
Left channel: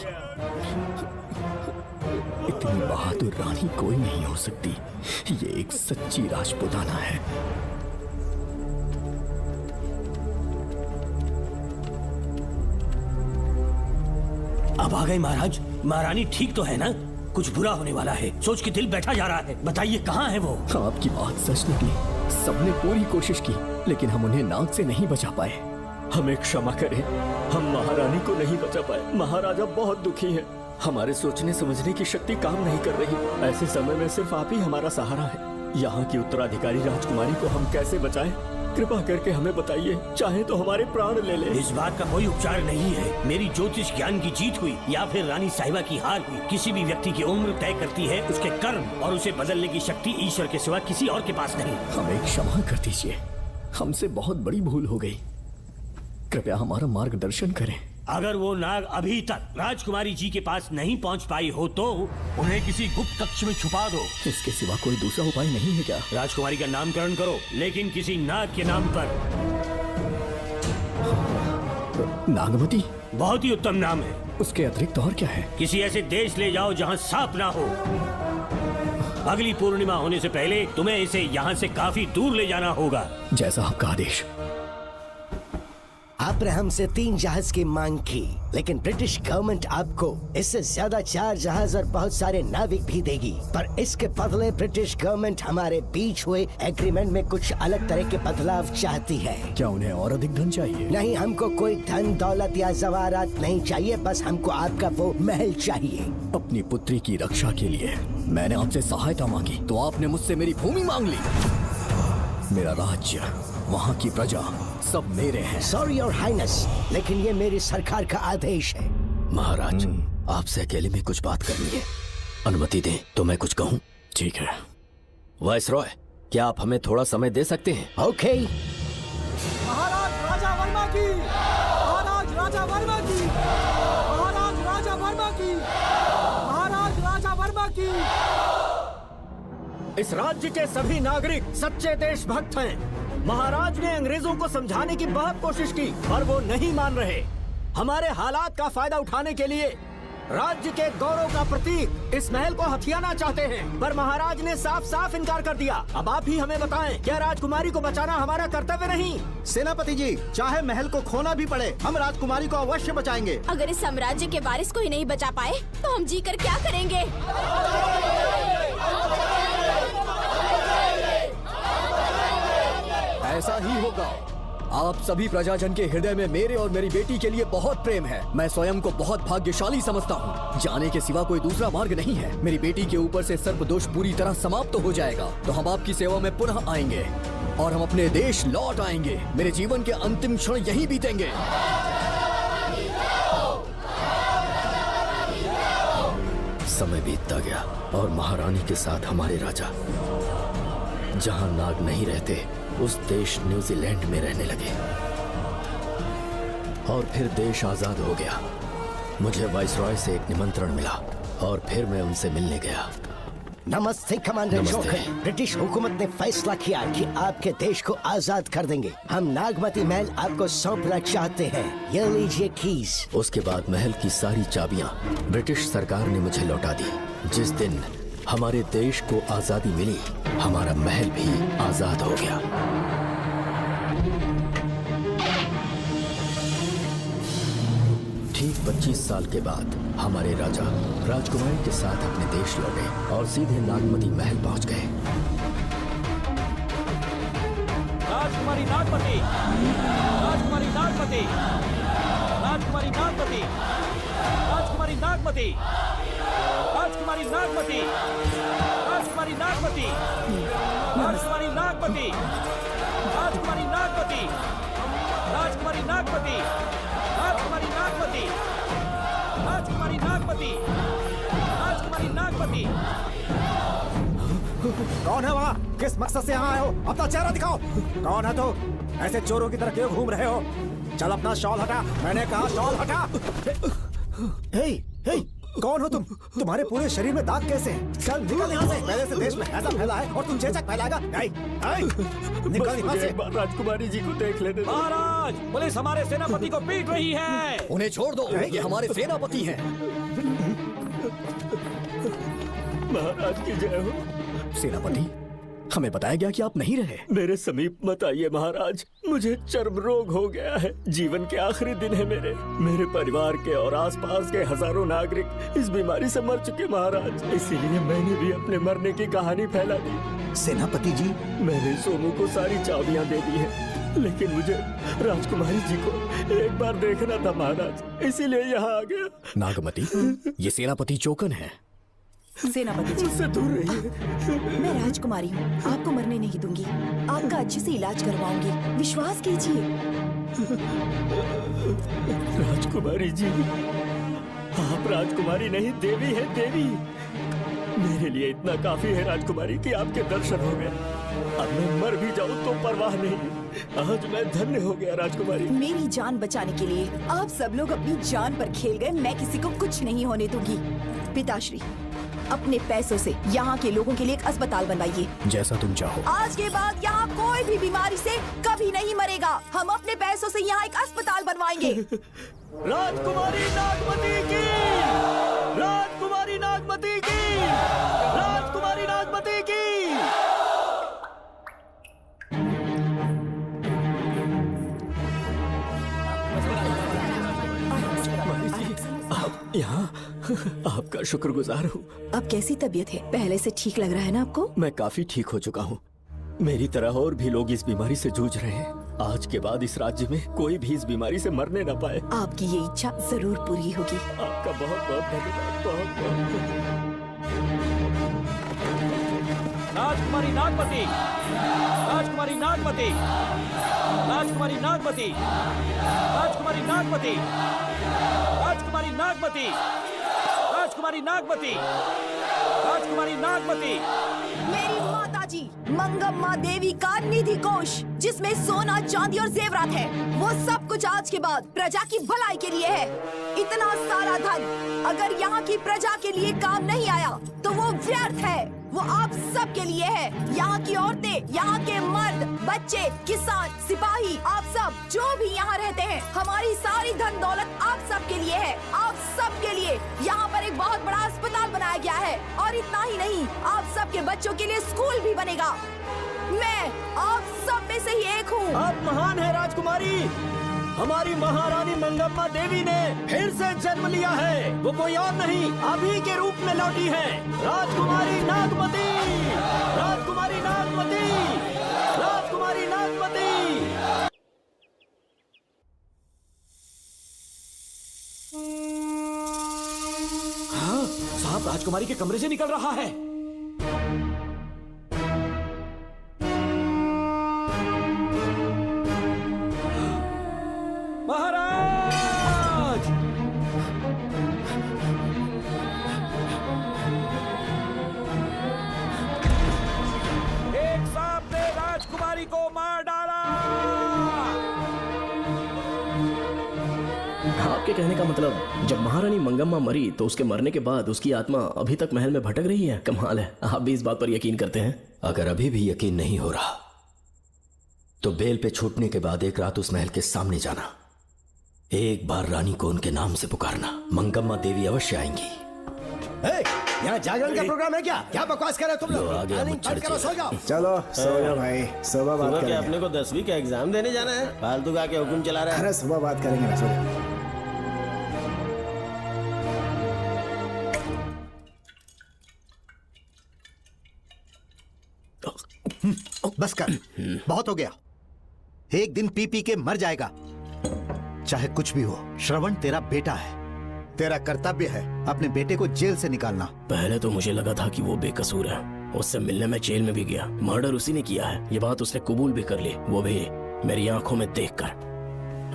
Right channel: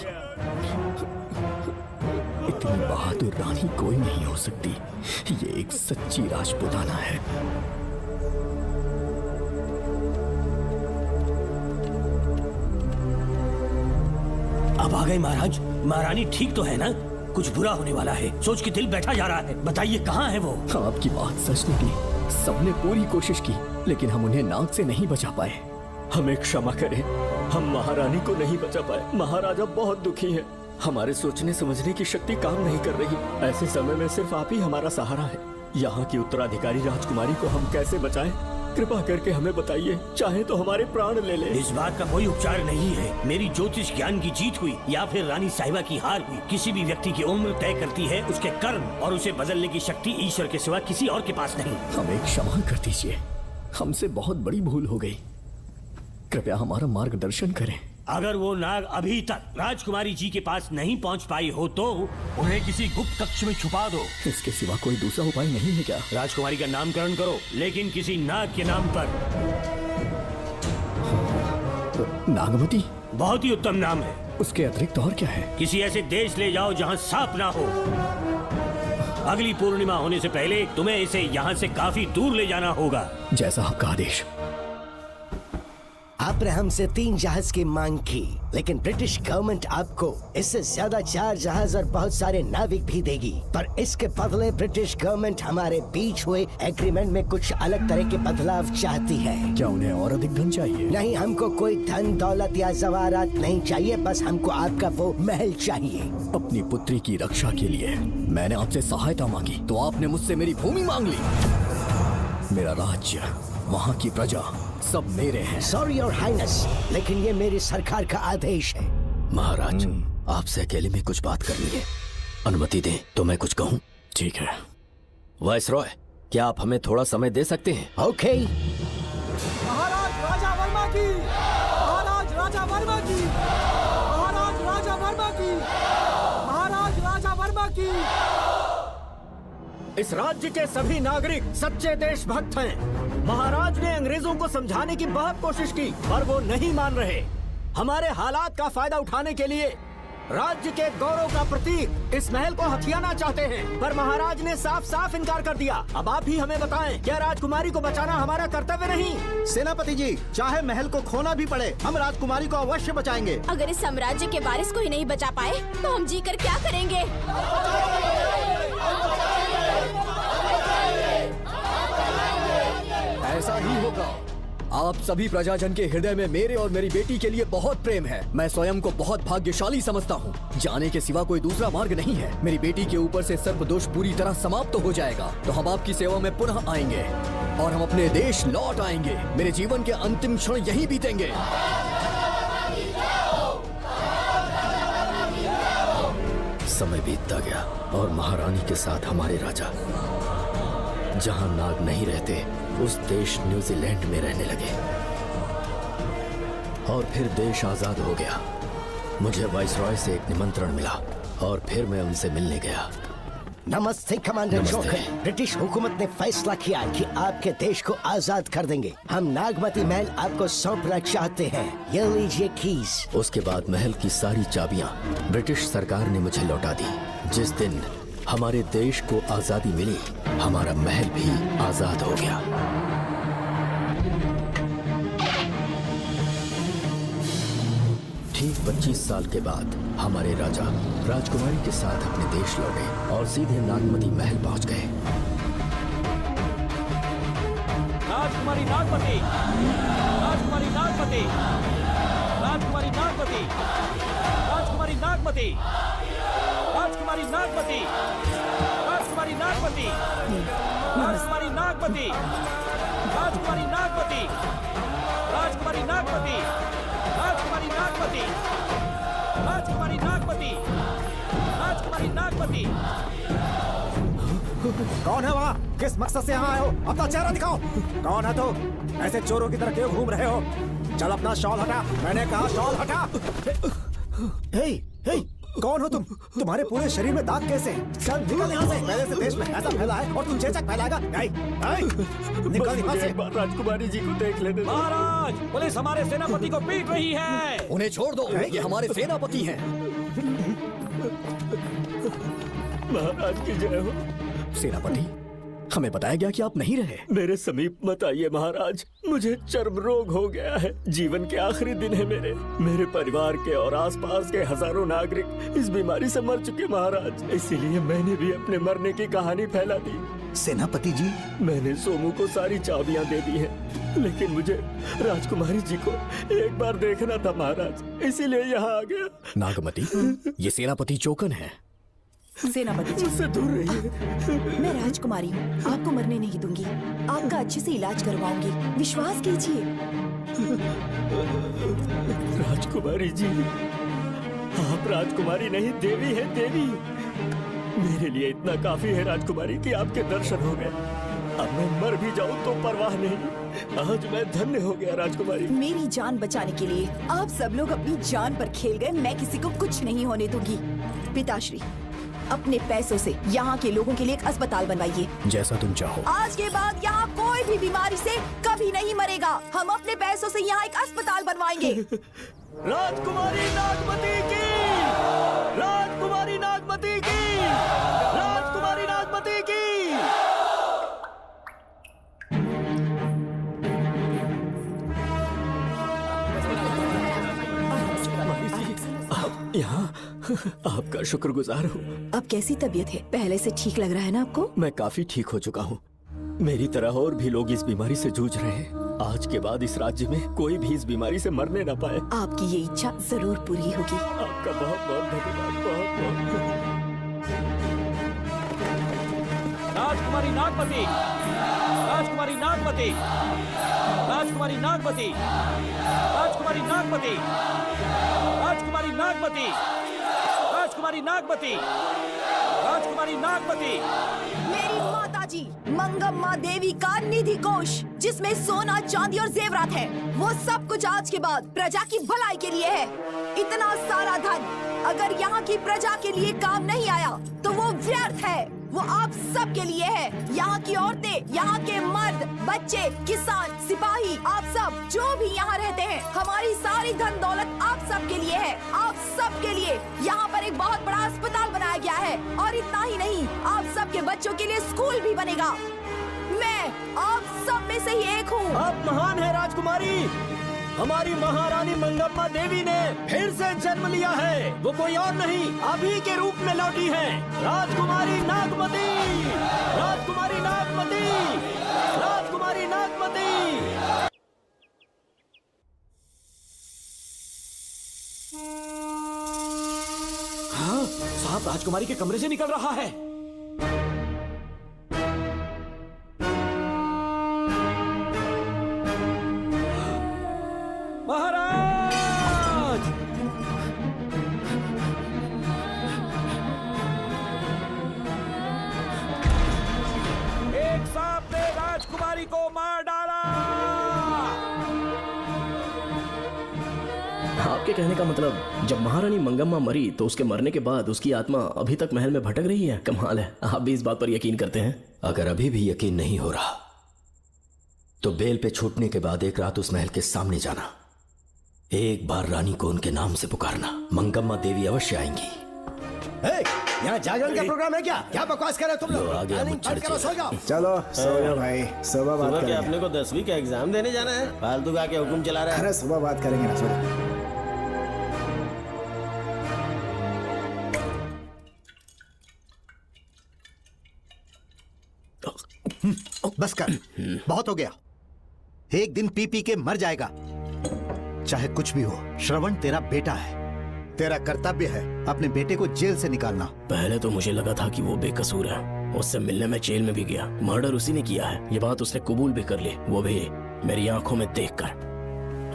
इतनी बहादुर रानी कोई नहीं हो सकती। ये एक सच्ची राजपुताना है। अब आ गए महाराज। महारानी ठीक तो है ना? कुछ बुरा होने वाला है, सोच के दिल बैठा जा रहा है। बताइए कहाँ है वो? आपकी बात सच निकली। सबने पूरी कोशिश की लेकिन हम उन्हें नाग से नहीं बचा पाए। हमें क्षमा करें, हम महारानी को नहीं बचा पाए। महाराजा बहुत दुखी है। हमारे सोचने समझने की शक्ति काम नहीं कर रही। ऐसे समय में सिर्फ आप ही हमारा सहारा है। यहाँ की उत्तराधिकारी राजकुमारी को हम कैसे बचाएं? कृपा करके हमें बताइए, चाहे तो हमारे प्राण ले ले। इस बात का कोई उपचार नहीं है। मेरी ज्योतिष ज्ञान की जीत हुई या फिर रानी साहिबा की हार हुई, किसी भी व्यक्ति की उम्र तय करती है उसके कर्म, और उसे बदलने की शक्ति ईश्वर के सिवा किसी और के पास नहीं। हमें क्षमा कर दीजिए, हमसे बहुत बड़ी भूल हो गई। कृपया हमारा मार्गदर्शन करें। अगर वो नाग अभी तक राजकुमारी जी के पास नहीं पहुंच पाई हो तो उन्हें किसी गुप्त कक्ष में छुपा दो। इसके सिवा कोई दूसरा उपाय नहीं है क्या? राजकुमारी का नामकरण करो, लेकिन किसी नाग के नाम पर। नागमती? बहुत ही उत्तम नाम है। उसके अतिरिक्त और क्या है? किसी ऐसे देश ले जाओ जहाँ सांप ना हो। अगली पूर्णिमा होने से पहले तुम्हें इसे यहाँ से काफी दूर ले जाना होगा। जैसा आपका आदेश। आपने हमसे 3 जहाज की मांग की, लेकिन ब्रिटिश गवर्नमेंट आपको इससे ज्यादा 4 जहाज और बहुत सारे नाविक भी देगी। पर इसके बदले ब्रिटिश गवर्नमेंट हमारे बीच हुए एग्रीमेंट में कुछ अलग तरह के बदलाव चाहती है। क्या उन्हें और अधिक धन चाहिए? नहीं, हमको कोई धन दौलत या जवाहरात नहीं चाहिए, बस हमको आपका वो महल चाहिए। अपनी पुत्री की रक्षा के लिए मैंने आपसे सहायता मांगी तो आपने मुझसे मेरी भूमि मांग ली। मेरा राज्य, वहाँ की प्रजा सब मेरे हैं। सॉरी योर हाइनेस, लेकिन ये मेरी सरकार का आदेश है। महाराज, आपसे अकेले में कुछ बात करनी है। अनुमति दें तो मैं कुछ कहूँ? ठीक है। वाइसरॉय, क्या आप हमें थोड़ा समय दे सकते हैं? ओके। राजा वर्मा की, महाराज राजा वर्मा की, महाराज राजा वर्मा की, महाराज राजा वर्मा की। इस राज्य के सभी नागरिक सच्चे देशभक्त हैं। महाराज ने अंग्रेजों को समझाने की बहुत कोशिश की, पर वो नहीं मान रहे। हमारे हालात का फायदा उठाने के लिए राज्य के गौरव का प्रतीक इस महल को हथियाना चाहते हैं, पर महाराज ने साफ साफ इनकार कर दिया। अब आप ही हमें बताएं, क्या राजकुमारी को बचाना हमारा कर्तव्य नहीं? सेनापति जी, चाहे महल को खोना भी पड़े, हम राजकुमारी को अवश्य बचाएंगे। अगर इस साम्राज्य के वारिस को ही नहीं बचा पाए तो हम जीकर क्या करेंगे? ऐसा नहीं होगा। आप सभी प्रजाजन के हृदय में मेरे और मेरी बेटी के लिए बहुत प्रेम है। मैं स्वयं को बहुत भाग्यशाली समझता हूँ। जाने के सिवा कोई दूसरा मार्ग नहीं है। मेरी बेटी के ऊपर से सर्पदोष पूरी तरह समाप्त हो जाएगा तो हम आपकी सेवा में पुनः आएंगे और हम अपने देश लौट आएंगे। मेरे जीवन के अंतिम क्षण यही बीतेंगे। समय बीतता गया और महारानी के साथ हमारे राजा, जहाँ नाग नहीं रहते उस देश न्यूजीलैंड में रहने लगे और फिर देश आजाद हो गया। मुझे वाइसरॉय से एक निमंत्रण मिला और फिर मैं उनसे मिलने गया। नमस्ते कमांडर नमस्ते। जोकर। ब्रिटिश हुकूमत ने फैसला किया कि आपके देश को आजाद कर देंगे। हम नागमती महल आपको सौंपना चाहते हैं। ये लीजिए कीज। उसके बाद महल की सारी चाबियां ब्रिटिश सरकार ने मुझे लौटा दी। जिस दिन हमारे देश को आजादी मिली, हमारा महल भी आजाद हो गया। ठीक 25 साल के बाद हमारे राजा राजकुमारी के साथ अपने देश लौटे और सीधे नागमती महल पहुंच गए। राजकुमारी नागमती, राजकुमारी नागमती, राजकुमारी नागमती, राजकुमारी नागमती, राजकुमारी नागमती, राजकुमारी नागमती, राजकुमारी नागमती, राजकुमारी नागमती, राजकुमारी नागमती, राजकुमारी नागमती, राजकुमारी नागमती। कौन है वहाँ? किस मकसद से आए हो? अपना चेहरा दिखाओ। कौन हो तुम? ऐसे चोरों की तरह क्यों घूम रहे हो? चल अपना शॉल हटा। मैंने कहा शॉल हटा। हे, हे, कौन हो तुम? तुम्हारे पूरे शरीर में दाग कैसे? चल निकल यहाँ से। पहले से देश में कैसा फैला है और तुम चेचक फैलाएगा? निकल यहाँ से। राजकुमारी जी को देख लेने दो। पुलिस हमारे सेनापति को पीट रही है। उन्हें छोड़ दो, ये हमारे सेनापति हैं। महाराज की जय हो। सेनापति, हमें बताया गया कि आप नहीं रहे। मेरा समीप मत आइए महाराज, मुझे चर्म रोग हो गया है। जीवन के आखिरी दिन है मेरे परिवार के और आसपास के हजारों नागरिक इस बीमारी से मर चुके महाराज। इसीलिए मैंने भी अपने मरने की कहानी फैला दी। सेनापति जी, मैंने सोमू को सारी चाबियां दे दी है, लेकिन मुझे राजकुमारी जी को एक बार देखना था महाराज, इसीलिए यहाँ आ गया। नागमती, ये सेनापति चोकन है। सेनापति जी, मैं राजकुमारी हूँ, आपको मरने नहीं दूंगी। आपका अच्छे से इलाज करवाऊंगी, विश्वास कीजिए। राजकुमारी जी, आप राजकुमारी नहीं देवी है, देवी। मेरे लिए इतना काफी है राजकुमारी कि आपके दर्शन हो गए। अब मैं मर भी जाऊं तो परवाह नहीं, आज मैं धन्य हो गया राजकुमारी। मेरी जान बचाने के लिए आप सब लोग अपनी जान पर खेल गए, मैं किसी को कुछ नहीं होने दूंगी। पिताश्री, अपने पैसों से यहाँ के लोगों के लिए एक अस्पताल बनवाइए। जैसा तुम चाहो। आज के बाद यहाँ कोई भी बीमारी से कभी नहीं मरेगा। हम अपने पैसों से यहाँ एक अस्पताल बनवाएंगे। राजकुमारी नागमती की, राजकुमारी नागमती की, राजकुमारी नागमती की। आपका शुक्रगुजार हूँ। अब कैसी तबीयत है? पहले से ठीक लग रहा है ना आपको? मैं काफी ठीक हो चुका हूँ। मेरी तरह और भी लोग इस बीमारी से जूझ रहे हैं। आज के बाद इस राज्य में कोई भी इस बीमारी से मरने न पाए। आपकी ये इच्छा जरूर पूरी होगी। आपका बहुत बहुत धन्यवाद। राजकुमारी नागमती, राजकुमारी नागमती, राजकुमारी नागमती, राजकुमारी नागमती, राजकुमारी नागमती, राजकुमारी नागमती, राजकुमारी नागमती। मेरी माता जी मंगम्मा देवी का निधि कोष, जिसमें सोना, चांदी और जेवरात है, वो सब कुछ आज के बाद प्रजा की भलाई के लिए है। इतना सारा धन अगर यहाँ की प्रजा के लिए काम नहीं आया तो वो व्यर्थ है। वो आप सब के लिए है। यहाँ की औरतें, यहाँ के मर्द, बच्चे, किसान, सिपाही, आप सब जो भी यहाँ रहते हैं, हमारी सारी धन दौलत आप सब के लिए है। आप सब के लिए यहाँ पर एक बहुत बड़ा अस्पताल बनाया गया है। और इतना ही नहीं, आप सब के बच्चों के लिए स्कूल भी बनेगा। मैं आप सब में से ही एक हूँ। आप महान है राजकुमारी। हमारी महारानी मंगम्मा देवी ने फिर से जन्म लिया है। वो कोई और नहीं, आप ही के रूप में लौटी है। राजकुमारी नागमती, राजकुमारी नागमती, राजकुमारी नागमती। हाँ, सांप राजकुमारी के कमरे से निकल रहा है। महाराज! एक सांप ने राजकुमारी को मार डाला। आपके कहने का मतलब, जब महारानी मंगम्मा मरी तो उसके मरने के बाद उसकी आत्मा अभी तक महल में भटक रही है? कमाल है, आप भी इस बात पर यकीन करते हैं? अगर अभी भी यकीन नहीं हो रहा तो बेल पे छूटने के बाद एक रात उस महल के सामने जाना, एक बार रानी को उनके नाम से पुकारना, मंगम्मा देवी अवश्य आएंगी। यहाँ जागरण का प्रोग्राम है क्या? क्या बकवास कर रहे हो तुम लोग? टाइमिंग बंद करो, सो जाओ। चलो सुबह भाई, सुबह बात करेंगे। अपने को 10वीं का एग्जाम देने जाना है, फालतू का के हुक्म चला रहे हैं। अरे सुबह बात करेंगे ना, सुबह। बस कर, बहुत हो गया। एक दिन पी पी के मर जाएगा। चाहे कुछ भी हो, श्रवण तेरा बेटा है। तेरा कर्तव्य है अपने बेटे को जेल से निकालना। पहले तो मुझे लगा था कि वो बेकसूर है, उससे मिलने में जेल में भी गया, मर्डर उसी ने किया है, ये बात उसने कबूल भी कर ली, वो भी मेरी आंखों में देखकर।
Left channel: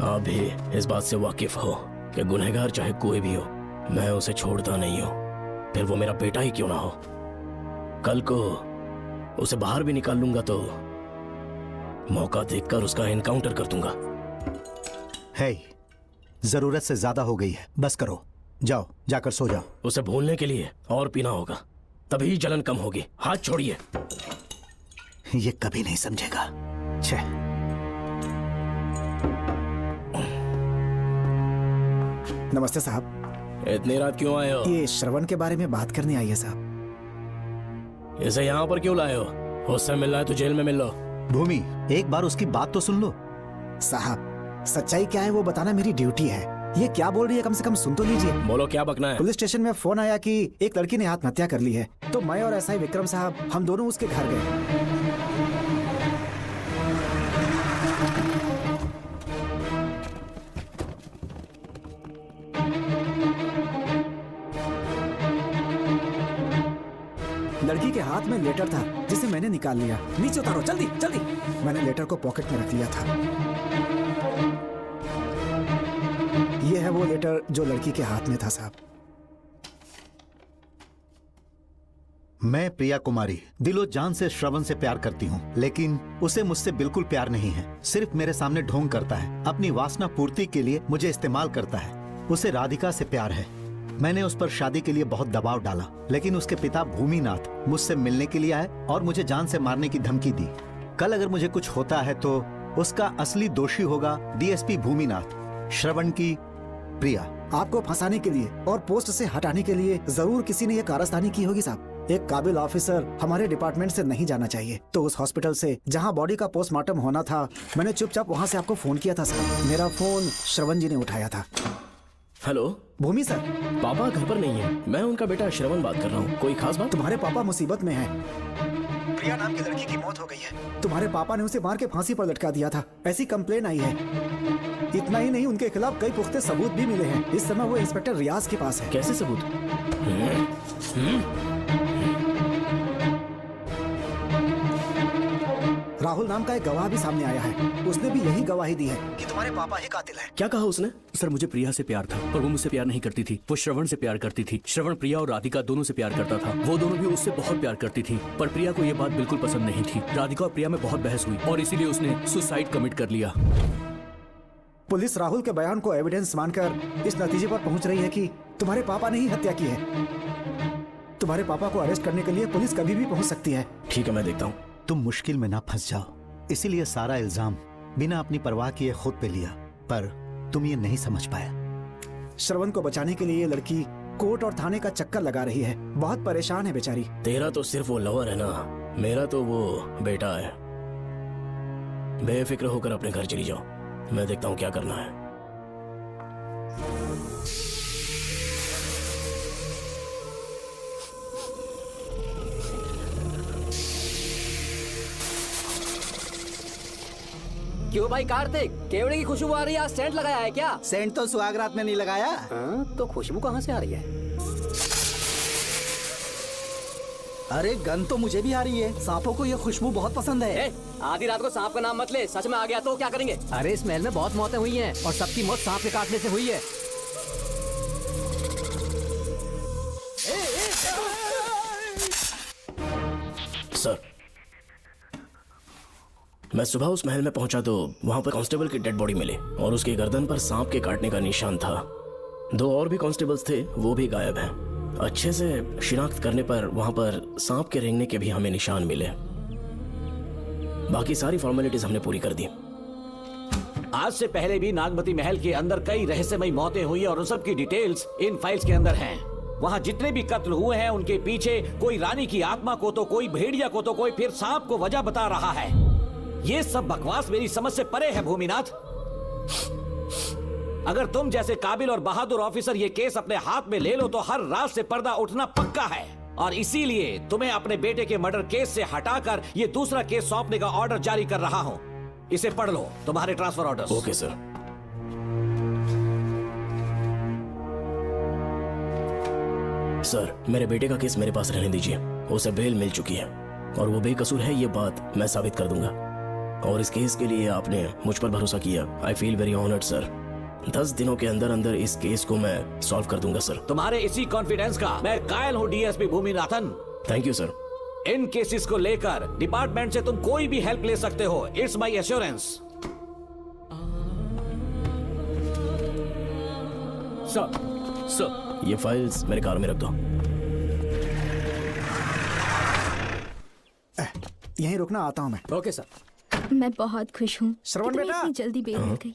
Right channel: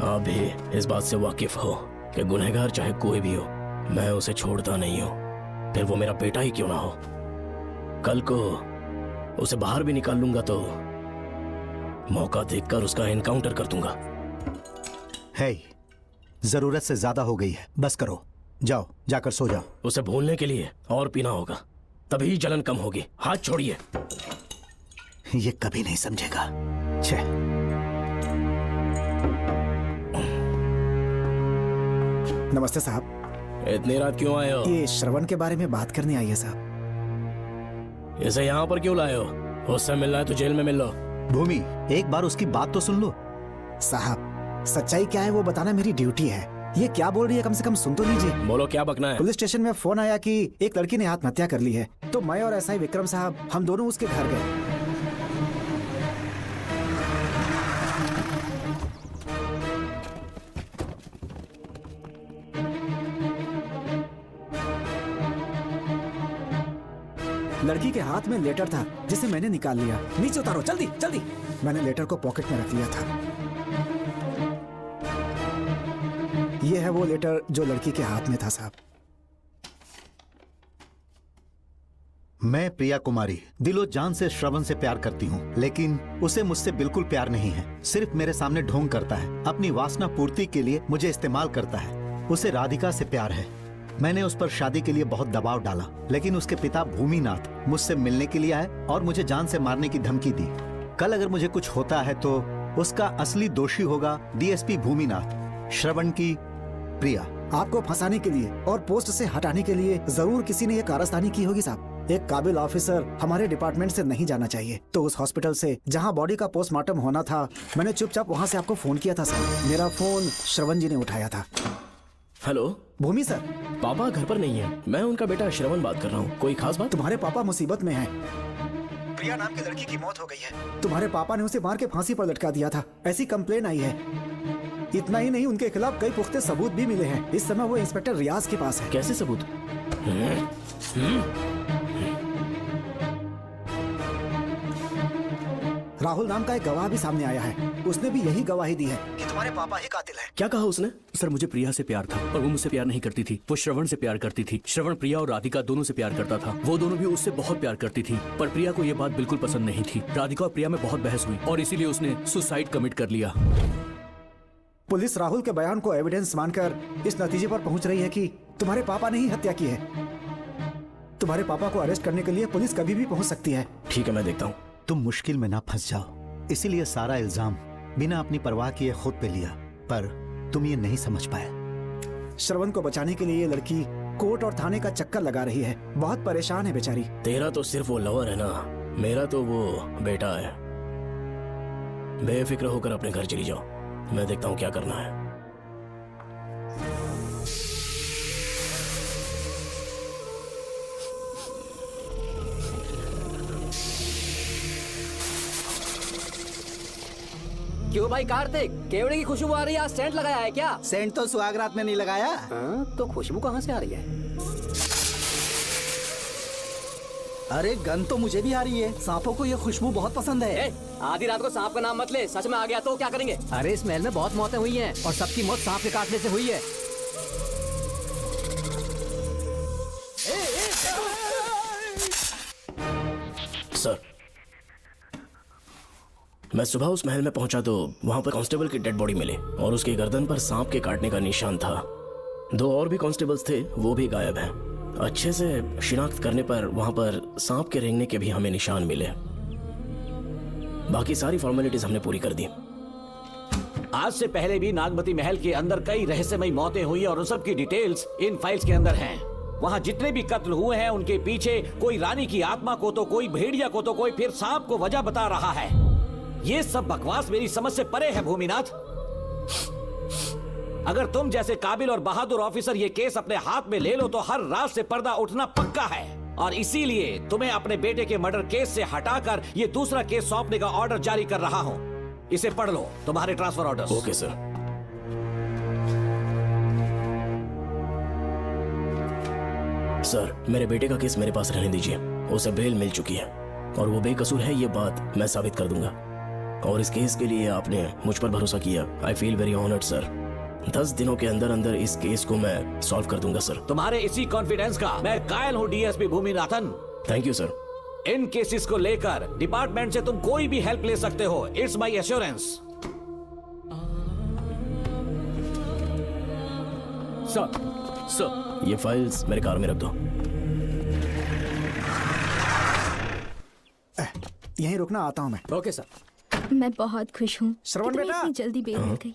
आप भी इस बात से वाकिफ हो कि गुनहगार चाहे कोई भी हो, मैं उसे छोड़ता नहीं हूँ, फिर वो मेरा बेटा ही क्यों ना हो। कल को उसे बाहर भी निकाल लूंगा तो मौका देखकर उसका एनकाउंटर कर दूंगा। है, जरूरत से ज्यादा हो गई है, बस करो, जाओ, जाकर सो जाओ। उसे भूलने के लिए और पीना होगा, तभी जलन कम होगी। हाथ छोड़िए। ये कभी नहीं समझेगा। छे। नमस्ते साहब। इतनी रात क्यों आए हो? ये श्रवण के बारे में बात करनी आई है साहब। इसे यहाँ पर क्यों लाए हो? उससे मिलना है तो जेल में मिल लो। भूमि, एक बार उसकी बात तो सुन लो। साहब, सच्चाई क्या है वो बताना मेरी ड्यूटी है। ये क्या बोल रही है, कम से कम सुन तो लीजिए। बोलो, क्या बकना है? पुलिस स्टेशन में फोन आया कि एक लड़की ने आत्महत्या कर ली है, तो मैं और एसआई विक्रम साहब, हम दोनों उसके घर गए। में लेटर था जिसे मैंने निकाल लिया। नीचे धरो, जल्दी जल्दी। मैंने लेटर को पॉकेट में रख लिया था। ये है वो लेटर जो लड़की के हाथ में था साहब। मैं प्रिया कुमारी दिलो जान से श्रवण से प्यार करती हूँ, लेकिन उसे मुझसे बिल्कुल प्यार नहीं है। सिर्फ मेरे सामने ढोंग करता है, अपनी वासना पूर्ति के लिए मुझे इस्तेमाल करता है। उसे राधिका से प्यार है। मैंने उस पर शादी के लिए बहुत दबाव डाला, लेकिन उसके पिता भूमिनाथ मुझसे मिलने के लिए आए और मुझे जान से मारने की धमकी दी। कल अगर मुझे कुछ होता है तो उसका असली दोषी होगा डीएसपी भूमिनाथ। श्रवण की प्रिया। आपको फंसाने के लिए और पोस्ट से हटाने के लिए जरूर किसी ने ये कारस्तानी की होगी साहब। एक काबिल ऑफिसर हमारे डिपार्टमेंट से नहीं जाना चाहिए। तो उस हॉस्पिटल से जहां बॉडी का पोस्टमार्टम होना था, मैंने चुपचाप वहां से आपको फोन किया था सर। मेरा फोन श्रवण जी ने उठाया था। हेलो भूमि सर। पापा घर पर नहीं है, मैं उनका बेटा श्रवण बात कर रहा हूँ। कोई खास बात? तुम्हारे पापा मुसीबत में है। प्रिया नाम की लड़की की मौत हो गई है। तुम्हारे पापा ने उसे मार के फांसी पर लटका दिया था, ऐसी कंप्लेन आई है। इतना ही नहीं, उनके खिलाफ कई पुख्ते सबूत भी मिले हैं। इस समय वो इंस्पेक्टर रियाज के पास है। कैसे सबूत? राहुल नाम का एक गवाह भी सामने आया है। उसने भी यही गवाही दी है कि तुम्हारे पापा ही कातिल है। क्या कहा उसने? सर मुझे प्रिया से प्यार था, पर वो मुझसे प्यार नहीं करती थी। वो श्रवण से प्यार करती थी। श्रवण प्रिया और राधिका दोनों से प्यार करता था। वो दोनों भी उससे बहुत प्यार करती थी, पर प्रिया को ये बात बिल्कुल पसंद नहीं थी। राधिका और प्रिया में बहुत बहस हुई और इसीलिए उसने सुसाइड कमिट कर लिया। पुलिस राहुल के बयान को एविडेंस मानकर इस नतीजे पर पहुंच रही है कि तुम्हारे पापा ने ही हत्या की है। तुम्हारे पापा को अरेस्ट करने के लिए पुलिस कभी भी पहुंच सकती है। ठीक है, मैं देखता हूँ। तुम मुश्किल में ना फंस जाओ, इसीलिए सारा इल्जाम बिना अपनी परवाह किए खुद पे लिया, पर तुम ये नहीं समझ पाया। श्रवण को बचाने के लिए ये लड़की कोर्ट और थाने का चक्कर लगा रही है। बहुत परेशान है बेचारी। तेरा तो सिर्फ वो लवर ही नहीं है, मेरा तो वो बेटा है। बेफिक्र होकर अपने घर चली जाओ, मैं देखता हूँ क्या करना है। क्यों भाई कार्तिक, केवड़े की खुशबू आ रही है? सेंट लगाया है क्या? सेंट तो सुहागरात ने नहीं लगाया। तो खुशबू कहाँ से आ रही है? अरे गन तो मुझे भी आ रही है। सांपों को ये खुशबू बहुत पसंद है। आधी रात को सांप का नाम मत ले, सच में आ गया तो क्या करेंगे? अरे इस महल में बहुत मौतें हुई हैं और सबकी मौत सांप के काटने से हुई है। सर, मैं सुबह उस महल में पहुंचा तो वहां पर कांस्टेबल की डेड बॉडी मिली और उसके गर्दन पर सांप के काटने का निशान था। 2 और भी कांस्टेबल्स थे, वो भी गायब है। अच्छे से शिनाख्त करने पर वहां पर सांप के रेंगने के भी हमें निशान मिले। बाकी सारी फॉर्मेलिटीज हमने पूरी कर दी। आज से पहले भी नागमती महल के अंदर कई रहस्यमयी मौतें हुई और उन सब की डिटेल्स इन फाइल्स के अंदर हैं। वहाँ जितने भी कत्ल हुए हैं उनके पीछे कोई रानी की आत्मा को तो कोई भेड़िया को तो कोई फिर सांप को वजह बता रहा है। ये सब बकवास मेरी समझ से परे है भूमिनाथ। अगर तुम जैसे काबिल और बहादुर ऑफिसर ये केस अपने हाथ में ले लो तो हर रात से पर्दा उठना पक्का है, और इसीलिए तुम्हें अपने बेटे के मर्डर केस से हटाकर ये दूसरा केस सौंपने का ऑर्डर जारी कर रहा हूँ। इसे पढ़ लो, तुम्हारे transfer order. Okay sir. Sir, मेरे बेटे का केस मेरे पास रहने दीजिए। उसे बेल मिल चुकी है और वो बेकसूर है, ये बात मैं साबित कर दूंगा। और इस केस के लिए आपने मुझ पर भरोसा किया। I feel very honoured sir. 10 दिनों के अंदर अंदर इस केस को मैं सॉल्व कर दूंगा सर। तुम्हारे इसी कॉन्फिडेंस का मैं कायल हूँ DSP Bhuminathan. Thank you sir. In cases को लेकर डिपार्टमेंट से तुम कोई भी हेल्प ले सकते हो। It's my assurance. सर, ये फाइल्स मेरे कार में रख दो। यहीं रुकना, आता हूँ मैं। Okay sir. मैं बहुत खुश हूँ। जल्दी बेल हो गई।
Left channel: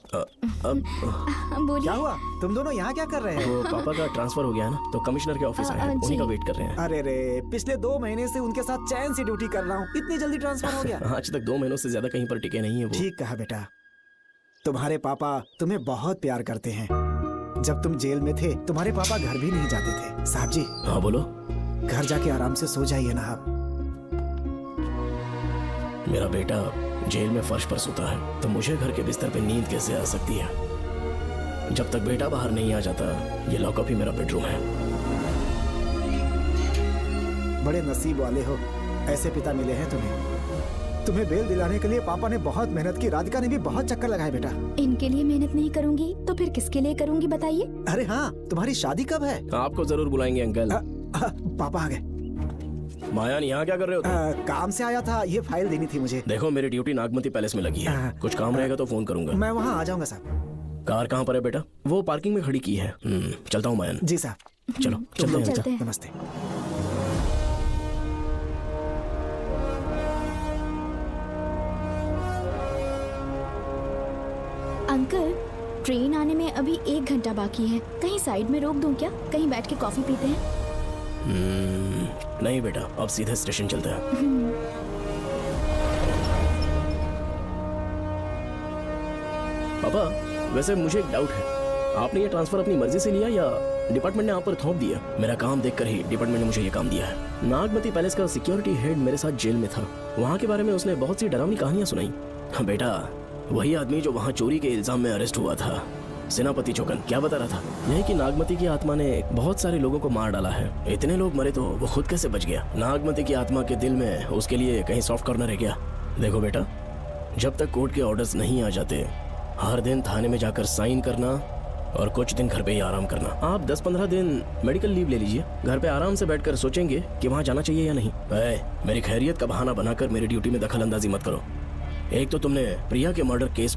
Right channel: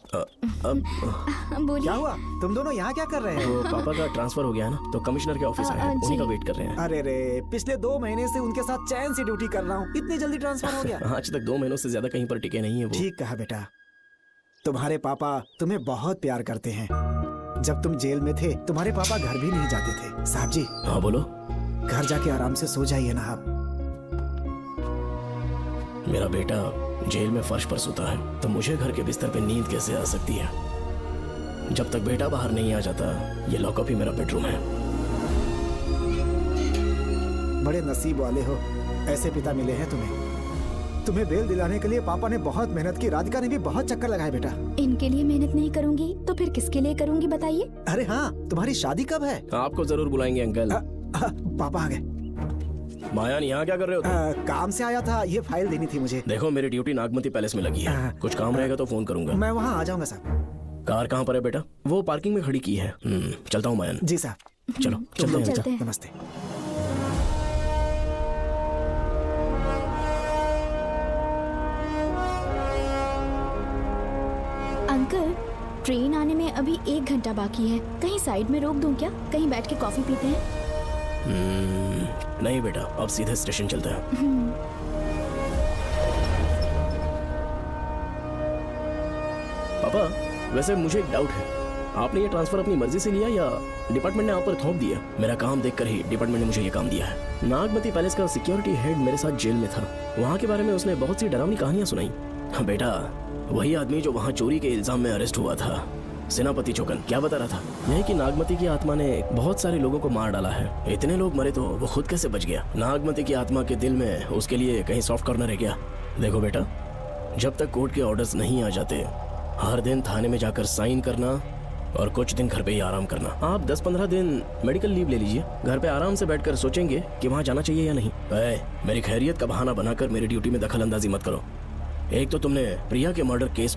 क्या हुआ? तुम दोनों यहाँ क्या कर रहे हैं? तो पापा का ट्रांसफर हो गया ना, तो कमिश्नर के ऑफिस आए हैं, उन्हीं का वेट कर रहे हैं। अरे रे, पिछले 2 महीने से उनके साथ चैन से ड्यूटी कर रहा हूँ, इतनी जल्दी ट्रांसफर हो गया? आज तक 2 महीनों से ज्यादा कहीं पर टिके नहीं है। ठीक कहा बेटा। तुम्हारे पापा तुम्हें बहुत प्यार करते हैं। जब तुम जेल में थे तुम्हारे पापा घर भी नहीं जाते थे। साहब जी। हाँ बोलो। घर जाके आराम से सो जाइए ना आप। मेरा बेटा जेल में फर्श पर सोता है तो मुझे घर के बिस्तर पे नींद कैसे आ सकती है? जब तक बेटा बाहर नहीं आ जाता, ये लॉकअप ही मेरा बेडरूम है। बड़े नसीब वाले हो, ऐसे पिता मिले हैं तुम्हें बेल दिलाने के लिए पापा ने बहुत मेहनत की। राधिका ने भी बहुत चक्कर लगाए बेटा। इनके लिए मेहनत नहीं करूंगी तो फिर किसके लिए करूंगी बताइए? अरे हाँ, तुम्हारी शादी कब है? आपको जरूर बुलाएंगे अंकल। पापा आ गए। मायान यहाँ क्या कर रहे हो? काम से आया था, ये फाइल देनी थी मुझे। देखो मेरी ड्यूटी नागमती पैलेस में लगी है, कुछ काम रहेगा तो फोन करूंगा। मैं वहाँ आ जाऊंगा सर। कार कहाँ पर है बेटा? वो पार्किंग में खड़ी की है। चलता हूँ मायान। जी सर। चलो चलते हैं। नमस्ते। अंकल, ट्रेन आने में अभी 1 घंटा बाकी है। कहीं साइड में रोक दूं क्या? कहीं बैठ के कॉफी पीते हैं? नहीं बेटा, अब सीधे स्टेशन चलता है। पापा, वैसे मुझे एक डाउट है, आपने ये ट्रांसफर अपनी मर्जी से लिया या डिपार्टमेंट ने आप पर थोप दिया? मेरा काम देखकर ही डिपार्टमेंट ने मुझे ये काम दिया है। नागमती पैलेस का सिक्योरिटी हेड मेरे साथ जेल में था। वहाँ के बारे में उसने बहुत सी डरावनी कहानियां सुनाई। बेटा, वही आदमी जो वहाँ चोरी के इल्जाम में अरेस्ट हुआ था, सेनापति चौकन, क्या बता रहा था? यह कि नागमती की आत्मा ने बहुत सारे लोगों को मार डाला है। इतने लोग मरे तो वो खुद कैसे बच गया? नागमती की आत्मा के दिल में उसके लिए कहीं सॉफ्ट कॉर्नर है क्या? देखो बेटा, जब तक कोर्ट के ऑर्डर्स नहीं आ जाते, हर दिन थाने में जाकर साइन करना और कुछ दिन घर पे ही आराम करना। आप 10-15 दिन मेडिकल लीव ले लीजिए, घर पे आराम से बैठकर सोचेंगे कि वहाँ जाना चाहिए या नहीं। मेरी खैरियत का बहाना बनाकर मेरी ड्यूटी में दखल अंदाजी मत करो। एक तो तुमने प्रिया के मर्डर केस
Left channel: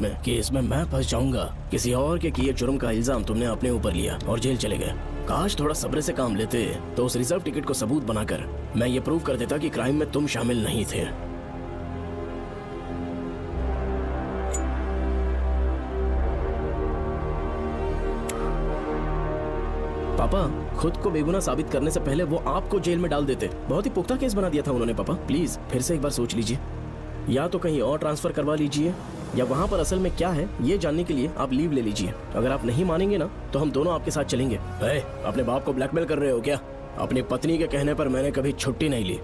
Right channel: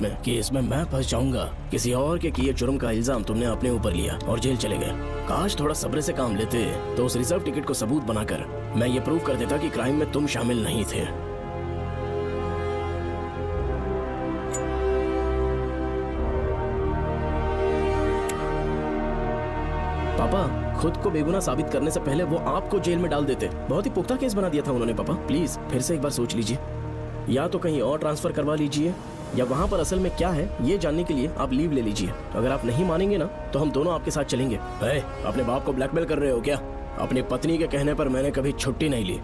में मैं फंस जाऊंगा। किसी और के किए जुर्म का इल्जाम तुमने अपने ऊपर लिया और जेल चले गए। काश थोड़ा सब्र से काम लेते तो उस रिजर्व टिकट को सबूत बनाकर मैं ये प्रूव कर देता कि क्राइम में तुम शामिल नहीं थे। पापा, खुद को बेगुनाह साबित करने से पहले वो आपको जेल में डाल देते। बहुत ही पुख्ता केस बना दिया था उन्होंने। पापा प्लीज फिर से एक बार सोच लीजिए, या तो कहीं और ट्रांसफर करवा लीजिए या वहाँ पर असल में क्या है ये जानने के लिए आप लीव ले लीजिए। अगर आप नहीं मानेंगे ना तो हम दोनों आपके साथ चलेंगे। अरे, अपने बाप को ब्लैकमेल कर रहे हो क्या? अपनी पत्नी के कहने पर मैंने कभी छुट्टी नहीं ली,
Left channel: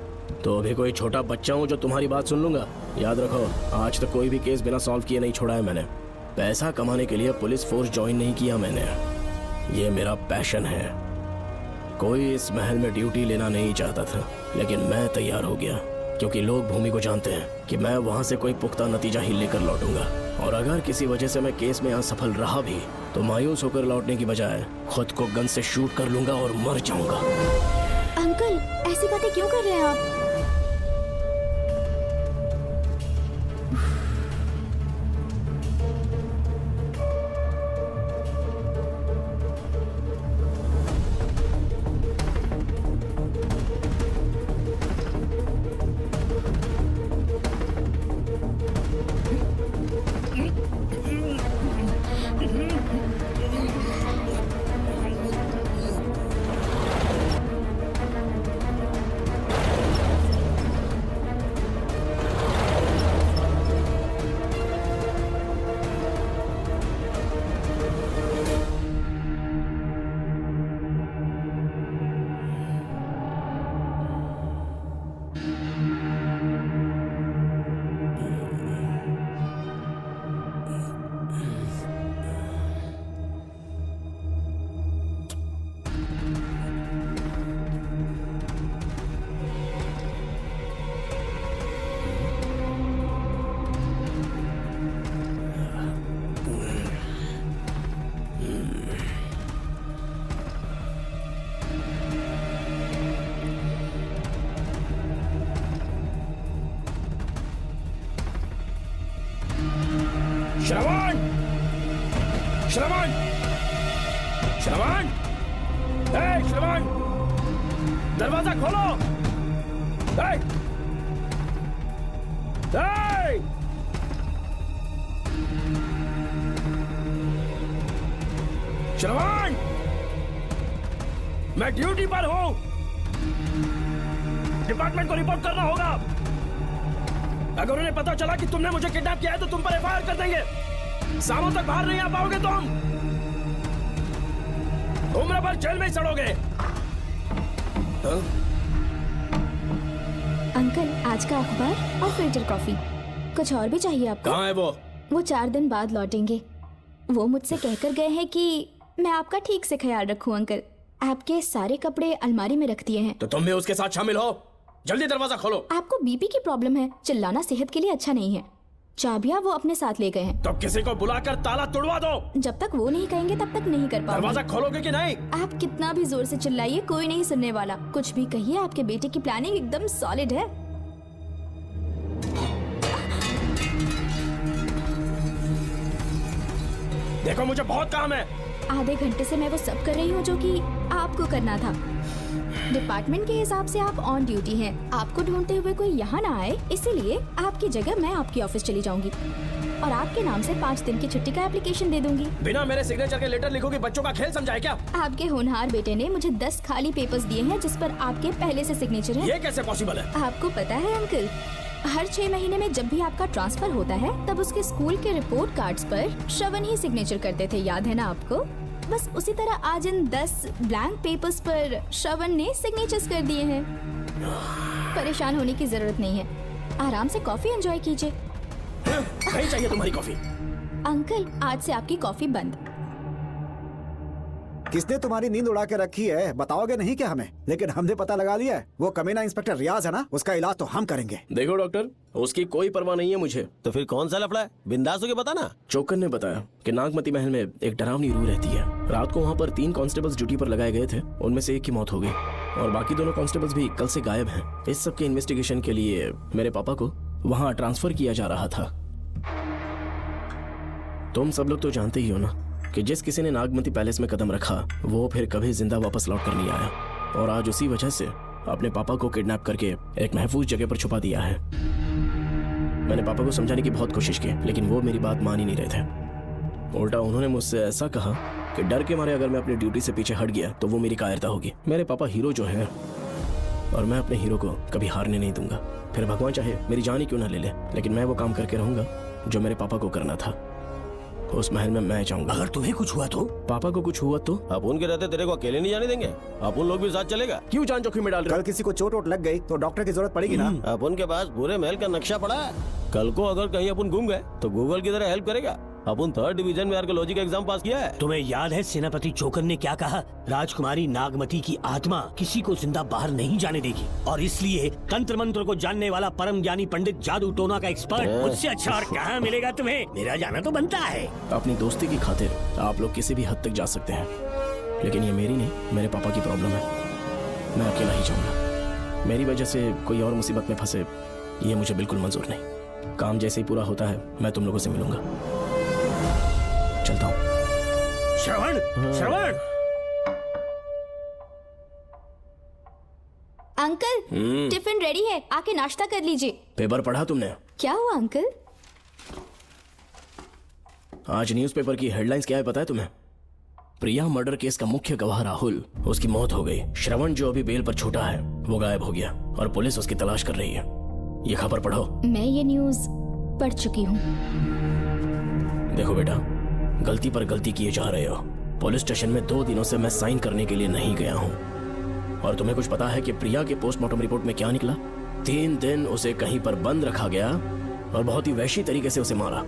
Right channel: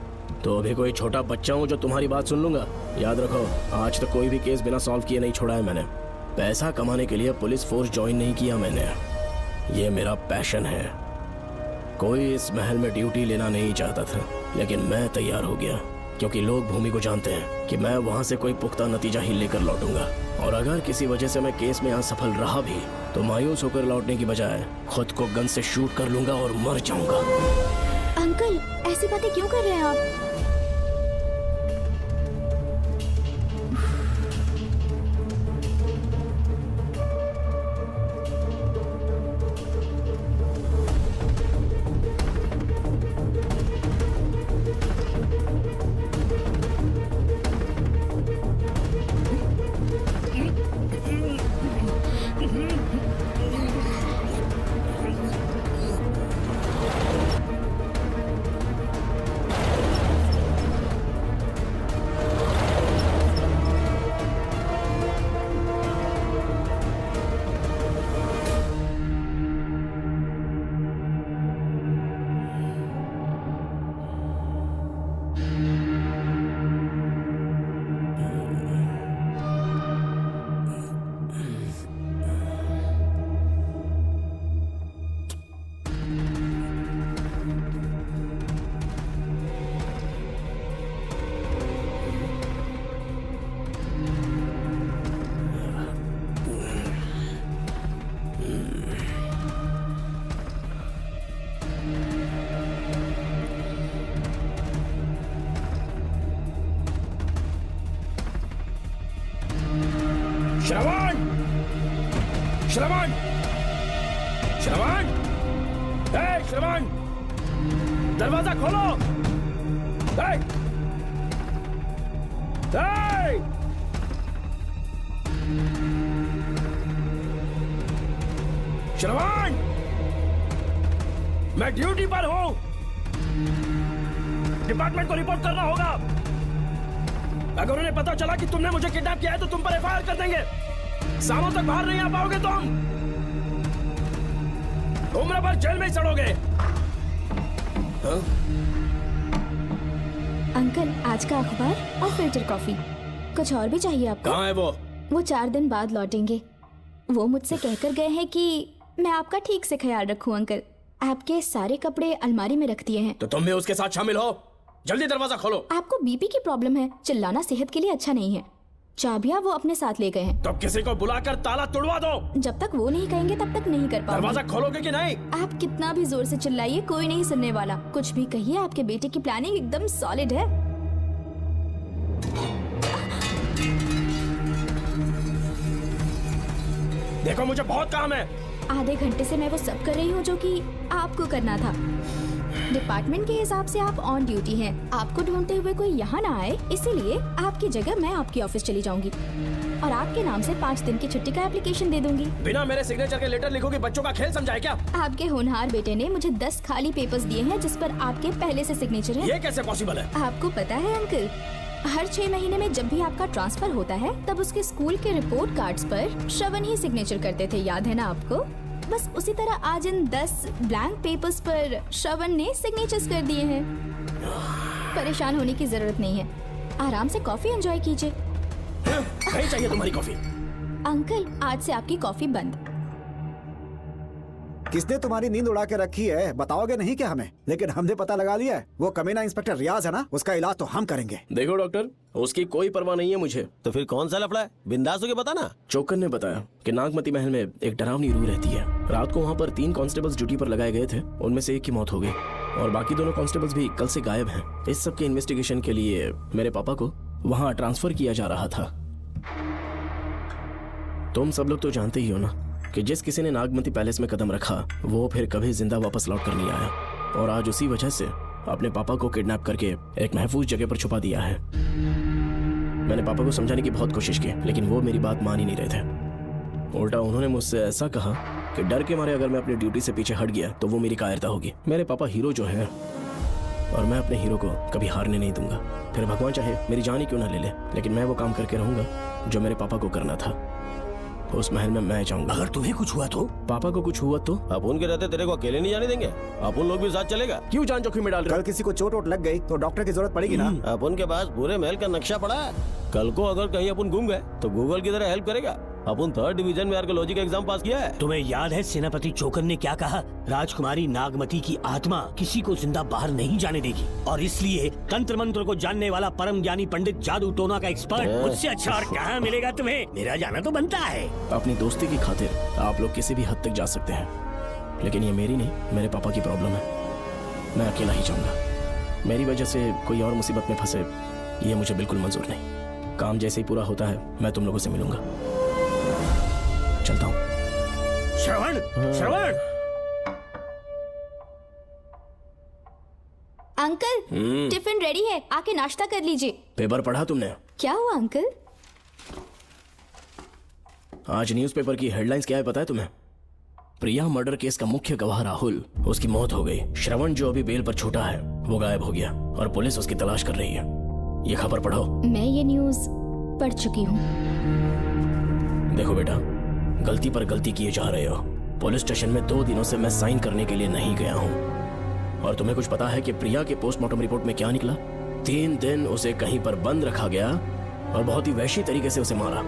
तो देखो ये छोटा बच्चा हूँ जो तुम्हारी बात सुन लूंगा। याद रखो, आज तक कोई भी केस बिना सॉल्व किए नहीं छोड़ा है मैंने। पैसा कमाने के लिए पुलिस फोर्स ज्वाइन नहीं किया मैंने, ये मेरा पैशन है। कोई इस महल में ड्यूटी लेना नहीं चाहता था, लेकिन मैं तैयार हो गया क्योंकि लोग भूमि को जानते हैं कि मैं वहाँ से कोई पुख्ता नतीजा ही लेकर लौटूंगा। और अगर किसी वजह से मैं केस में असफल रहा भी तो मायूस होकर लौटने की बजाय खुद को गन से शूट कर लूंगा और मर जाऊंगा। अंकल, ऐसी बातें क्यों कर रहे हैं आप? श्रवण! श्रवण! श्रवण! ए, श्रवण! दरवाजा खोलो! ए! श्रवण! मैं ड्यूटी पर हूँ। डिपार्टमेंट को रिपोर्ट करना होगा। अगर उन्हें पता चला कि तुमने मुझे किडनैप किया है तो तुम पर एफआईआर कर देंगे। सालों तक बाहर नहीं आ पाओगे तुम। उम्र भर जेल में चढ़ोगे। अंकल, आज का अखबार और फिल्टर कॉफी। कुछ और भी चाहिए आपको? कहाँ है वो? वो 4 दिन बाद लौटेंगे। वो मुझसे कहकर गए हैं कि मैं आपका ठीक से ख्याल रखूं अंकल। आपके सारे कपड़े अलमारी में रख दिए हैं। तो तुम भी उसके साथ शामिल हो। जल्दी दरवाजा खोलो। आपको बीपी की प्रॉब्लम है, चिल्लाना सेहत के लिए अच्छा नहीं है। चाबियां वो अपने साथ ले गए हैं। तब किसी को बुलाकर ताला तोड़वा दो। जब तक वो नहीं कहेंगे तब तक नहीं कर पाओगे। दरवाजा खोलोगे कि नहीं? आप कितना भी जोर से चिल्लाइए, कोई नहीं सुनने वाला। कुछ भी कहिए, आपके बेटे की प्लानिंग एकदम सॉलिड है। देखो मुझे बहुत काम है। आधे घंटे से मैं वो सब कर रही हूँ जो कि आपको करना था। डिपार्टमेंट के हिसाब से आप ऑन ड्यूटी है। आपको ढूंढते हुए कोई यहाँ ना आए, इसीलिए आपकी जगह मैं आपकी ऑफिस चली जाऊंगी और आपके नाम से 5 दिन की छुट्टी का एप्लीकेशन दे दूंगी। बिना मेरे सिग्नेचर के लेटर लिखोगे, बच्चों का खेल समझा है क्या? आपके होनहार बेटे ने मुझे 10 खाली पेपर्स दिए हैं जिस पर आपके पहले से सिग्नेचर है। ये कैसे पॉसिबल है? आपको पता है अंकल, हर 6 महीने में जब भी आपका ट्रांसफर होता है तब उसके स्कूल के रिपोर्ट कार्ड्स पर श्रवण ही सिग्नेचर करते थे, याद है ना आपको? बस उसी तरह आज इन 10 ब्लैंक पेपर्स पर श्रवण ने सिग्नेचर्स कर दिए हैं। परेशान होने की जरूरत नहीं है, आराम से कॉफी एंजॉय कीजिए। नहीं चाहिए तुम्हारी कॉफी। अंकल, आज से आपकी कॉफी बंद। किसने तुम्हारी नींद उड़ा के रखी है? बताओगे नहीं क्या हमें? लेकिन हमने पता लगा लिया है। वो कमीना इंस्पेक्टर रियाज है ना, उसका इलाज तो हम करेंगे। देखो डॉक्टर, उसकी कोई परवाह नहीं है मुझे। तो फिर कौन सा लफड़ा है? बिंदास होके बता ना। चौकन ने बताया कि नागमती महल में एक डरावनी रूह रहती है। रात को वहाँ पर 3 कांस्टेबल्स ड्यूटी पर लगाए गए थे, उनमें से एक की मौत हो गई और बाकी दोनों कांस्टेबल्स भी कल से गायब हैं। इस सब की इन्वेस्टिगेशन के लिए मेरे पापा को वहाँ ट्रांसफर किया जा रहा था। तुम सब लोग तो जानते ही हो ना कि जिस किसी ने नागमती पैलेस में कदम रखा वो फिर कभी जिंदा वापस लौट कर नहीं आए। और आज उसी वजह से अपने पापा को किडनैप करके एक महफूज जगह पर छुपा दिया है। मैंने पापा को समझाने की बहुत कोशिश की, लेकिन वो मेरी बात मान ही नहीं रहे थे। उल्टा उन्होंने मुझसे ऐसा कहा कि डर के मारे अगर मैं अपनी ड्यूटी से पीछे हट गया तो वो मेरी कायरता होगी। मेरे पापा हीरो जो है और मैं अपने हीरो को कभी हारने नहीं दूंगा। फिर भगवान चाहे मेरी जान ही क्यों ना ले ले, लेकिन मैं वो काम करके रहूंगा जो मेरे पापा को करना था। उस महल में मैं जाऊंगा। अगर तुम्हें कुछ हुआ तो? पापा को कुछ हुआ तो? अब उनके रहते तेरे को अकेले नहीं जाने देंगे। अब उन लोग भी साथ चलेगा। क्यों जान जोखिम में डाल? कल किसी को चोट वोट लग गई तो डॉक्टर की जरूरत पड़ेगी ना। अब उनके पास पूरे महल का नक्शा पड़ा है। कल को अगर कहीं अपन घूम गए तो गूगल की तरह हेल्प करेगा। अपन 3rd डिवीजन में आर्कियोलॉजी का एग्जाम पास किया है। तुम्हें याद है सेनापति चोकन ने क्या कहा? राजकुमारी नागमती की आत्मा किसी को जिंदा बाहर नहीं जाने देगी और इसलिए तंत्र मंत्र को जानने वाला परम ज्ञानी पंडित जादू टोना का एक्सपर्ट मुझसे अच्छा और क्या मिलेगा तुम्हें? मेरा जाना तो बनता है। अपनी दोस्ती की खातिर आप लोग किसी भी हद तक जा सकते हैं, लेकिन ये मेरी नहीं, मेरे पापा की प्रॉब्लम है। मैं अकेला ही जाऊंगा। मेरी वजह से कोई और मुसीबत में फंसे ये मुझे बिल्कुल मंजूर नहीं। काम जैसे ही पूरा होता है मैं तुम लोगों से मिलूंगा। चलता हूँ। श्रवण, अंकल, टिफिन रेडी है, आके नाश्ता कर लीजिए। पेपर पढ़ा तुमने? क्या हुआ अंकल? आज न्यूज़पेपर की हेडलाइंस क्या है पता है तुम्हें? प्रिया मर्डर केस का मुख्य गवाह राहुल, उसकी मौत हो गई। श्रवण जो अभी बेल पर छूटा है वो गायब हो गया और पुलिस उसकी तलाश कर रही है। ये खबर पढ़ो। मैं ये न्यूज़ पढ़ चुकी हूँ। देखो बेटा, गलती पर गलती किए जा रहे हो। पुलिस स्टेशन में 2 दिनों से मैं साइन करने के लिए नहीं गया हूँ। और तुम्हें कुछ पता है कि प्रिया के पोस्टमार्टम रिपोर्ट में क्या निकला? 3 दिन उसे कहीं पर बंद रखा गया और बहुत ही वैश्य तरीके से उसे मारा।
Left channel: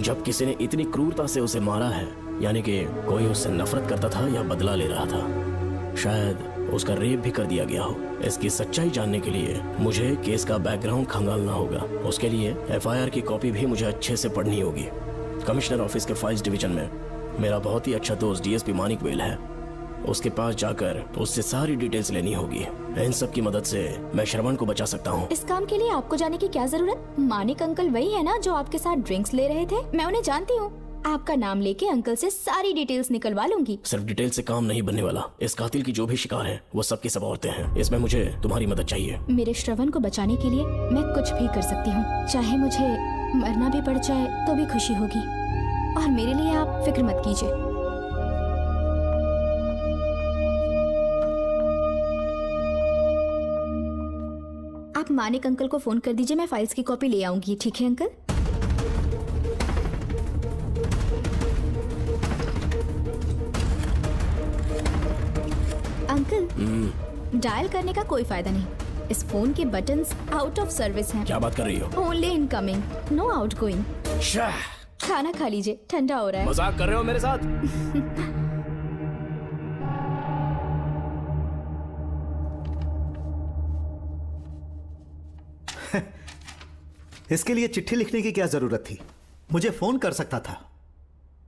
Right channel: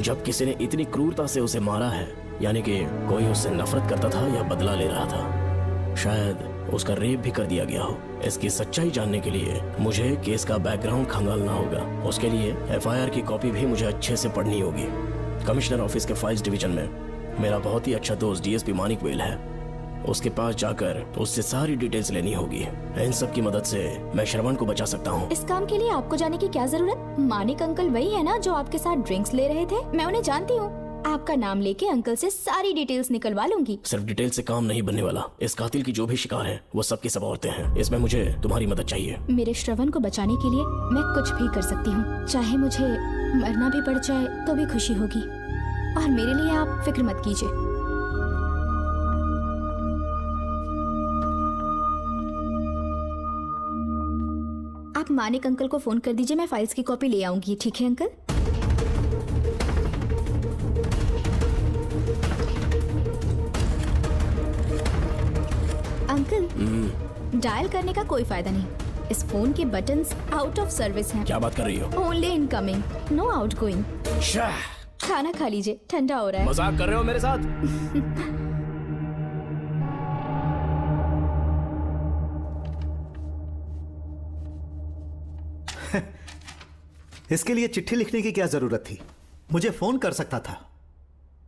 जब किसी ने इतनी क्रूरता से उसे मारा है, यानी कि कोई उससे नफरत करता था या बदला ले रहा था। शायद उसका रेप भी कर दिया गया हो। इसकी सच्चाई जानने के लिए मुझे केस का बैकग्राउंड खंगालना होगा। उसके लिए FIR की कॉपी भी मुझे अच्छे से पढ़नी होगी। कमिश्नर ऑफिस के फाइल्स डिवीजन में मेरा बहुत ही अच्छा दोस्त DSP मानिक वेल है। उसके पास जाकर उससे सारी डिटेल्स लेनी होगी। इन सब की मदद से मैं श्रवण को बचा सकता हूँ। इस काम के लिए आपको जाने की क्या जरूरत? मानिक अंकल वही है ना जो आपके साथ ड्रिंक्स ले रहे थे? मैं उन्हें जानती हूँ। आपका नाम लेके अंकल से सारी डिटेल्स निकलवा लूंगी। सिर्फ डिटेल से काम नहीं बनने वाला। इस कातिल की जो भी शिकार है वो सब की सब औरतें हैं। इसमें मुझे तुम्हारी मदद चाहिए। मेरे श्रवण को बचाने के लिए मैं कुछ भी कर सकती हूँ। चाहे मुझे मरना भी पड़ जाए तो भी खुशी होगी। और मेरे लिए आप फिक्र मत कीजिए। आप मानिक अंकल को फोन कर दीजिए, मैं फाइल्स की कॉपी ले आऊंगी। ठीक है अंकल? अंकल, डायल करने का कोई फायदा नहीं। इस फोन के बटन्स आउट ऑफ सर्विस हैं। क्या बात कर रही हो? Only incoming, no outgoing. खाना खा लीजिए, ठंडा हो रहा है। मजाक कर रहे हो मेरे साथ? इसके लिए चिट्ठी लिखने की क्या जरूरत थी? मुझे फोन कर सकता था।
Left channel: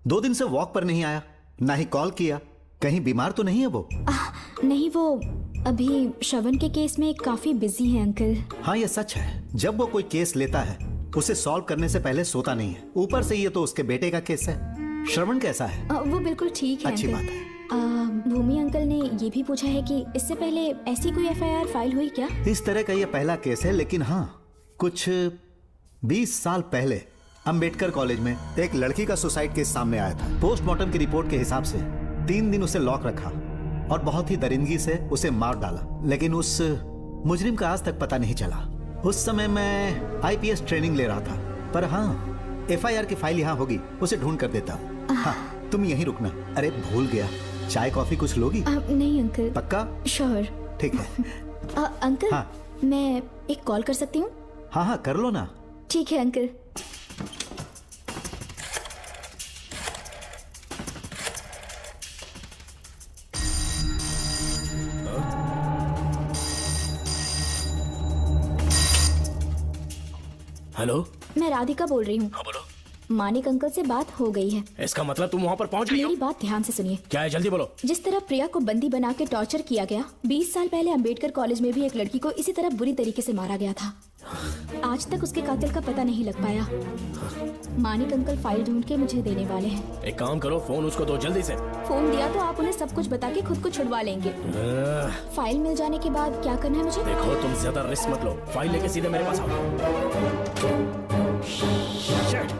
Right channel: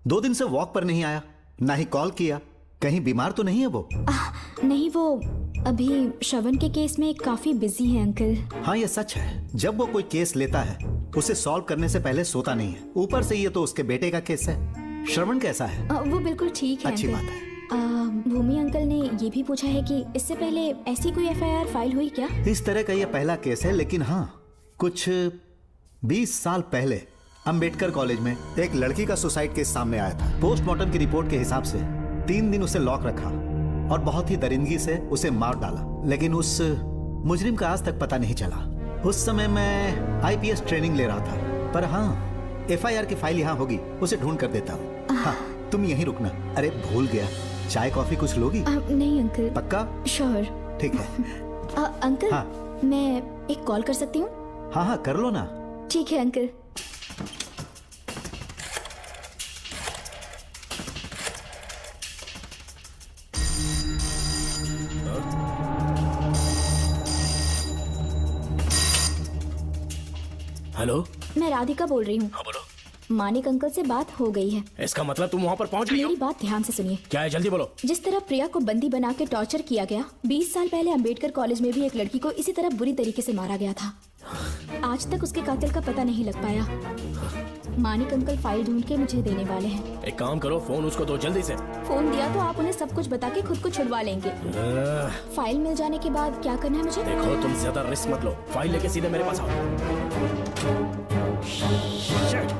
2 दिन से वॉक पर नहीं आया, ना ही कॉल किया। कहीं बीमार तो नहीं है वो? नहीं, वो अभी श्रवण के केस में काफी बिजी है अंकल। हाँ, ये सच है। जब वो कोई केस लेता है उसे सॉल्व करने से पहले सोता नहीं है। ऊपर से ये तो उसके बेटे का केस है। श्रवण कैसा है? वो बिल्कुल ठीक है। अच्छी अंकल। बात है। भूमि अंकल ने ये भी पूछा है कि इससे पहले ऐसी कोई एफआईआर फाइल हुई क्या? इस तरह का ये पहला केस है, लेकिन हाँ, कुछ 20 साल पहले अंबेडकर कॉलेज में एक लड़की का सुसाइड केस सामने आया था। पोस्टमार्टम की रिपोर्ट के हिसाब से 3 दिन उसे लॉक रखा और बहुत ही दरिंदगी से उसे मार डाला, लेकिन उस मुजरिम का आज तक पता नहीं चला। उस समय मैं आईपीएस ट्रेनिंग ले रहा था, पर हाँ, एफआईआर की फाइल यहाँ होगी, उसे ढूंढ कर देता हूँ। हाँ, तुम यहीं रुकना। अरे भूल गया, चाय कॉफी कुछ लोगी? नहीं अंकल। पक्का? श्योर। ठीक है। अंकल, हाँ। मैं एक कॉल कर सकती हूँ? हाँ हाँ, कर लो ना। ठीक है अंकल। हेलो, मैं राधिका बोल रही हूँ। मानिक अंकल से बात हो गई है। इसका मतलब तुम वहाँ पर पहुँच गई हो? मेरी बात ध्यान से सुनिए। क्या है, जल्दी बोलो। जिस तरह प्रिया को बंदी बना के टॉर्चर किया गया, 20 साल पहले अंबेडकर कॉलेज में भी एक लड़की को इसी तरह बुरी तरीके से मारा गया था। आज तक उसके कातिल का पता नहीं लग पाया। मानिक अंकल फाइल ढूंढ के मुझे देने वाले हैं। एक काम करो, फोन उसको दो जल्दी से। फोन दिया तो आप उन्हें सब कुछ बता के खुद को छुड़वा लेंगे। फाइल मिल जाने के बाद क्या करना है मुझे? देखो, तुम ज्यादा रिस्क मत लो, फाइल लेके सीधे मेरे पास आओ। Shit.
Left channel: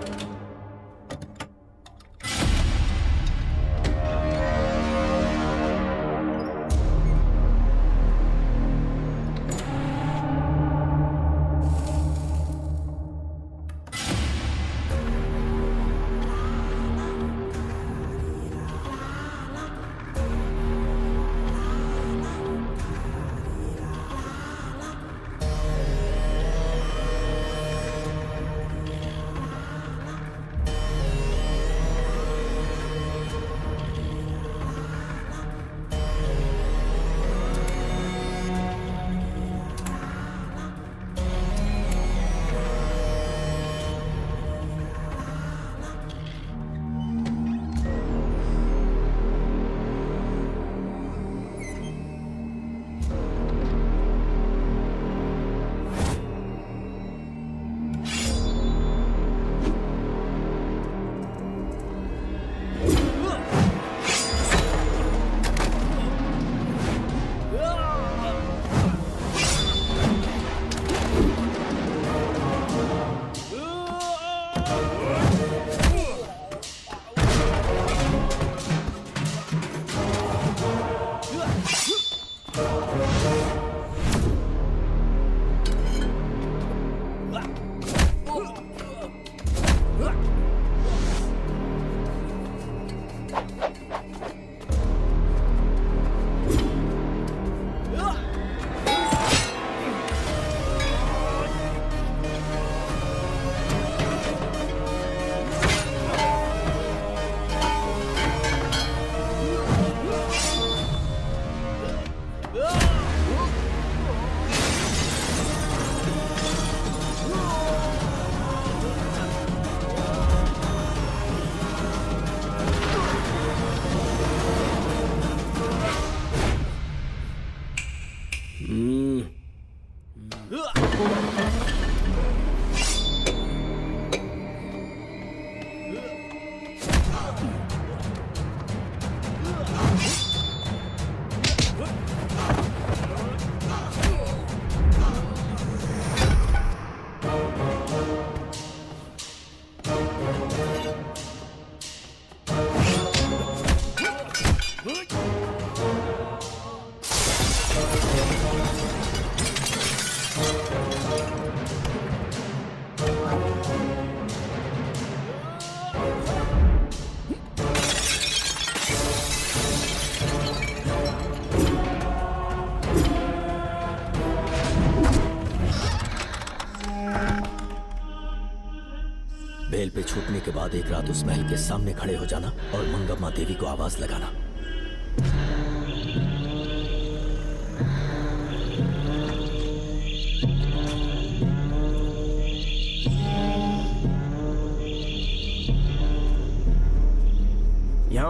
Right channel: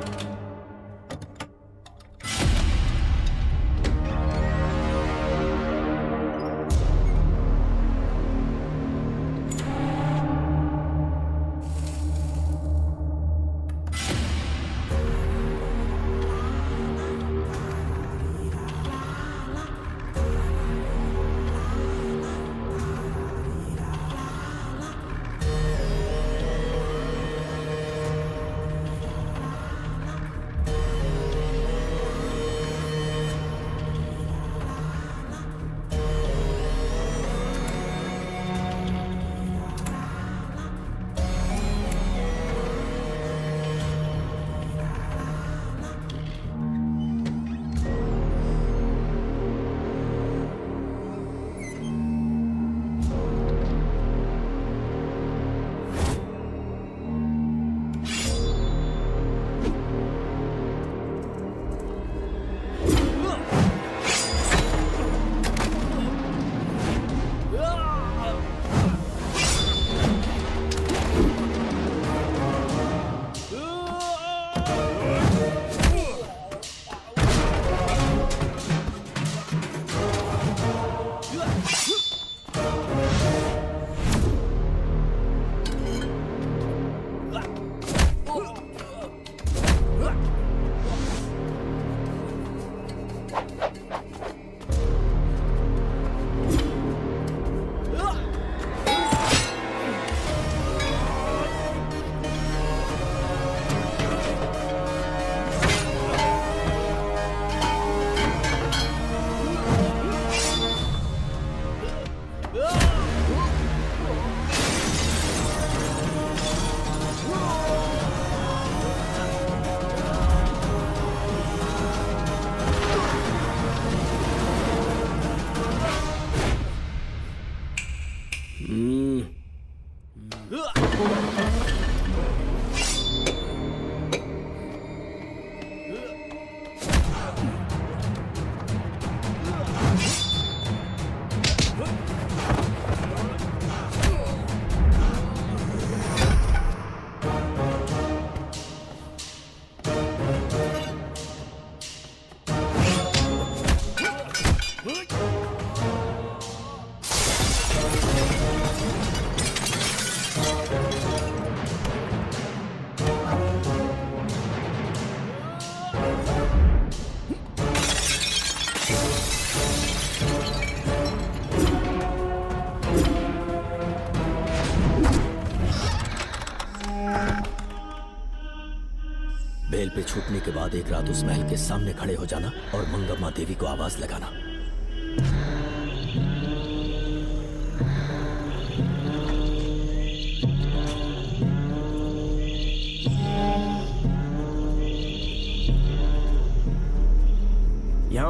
बेल पे छूटने के बाद एक रात उस महल के सामने खड़े हो जाना और मंगम्मा देवी को आवाज लगाना।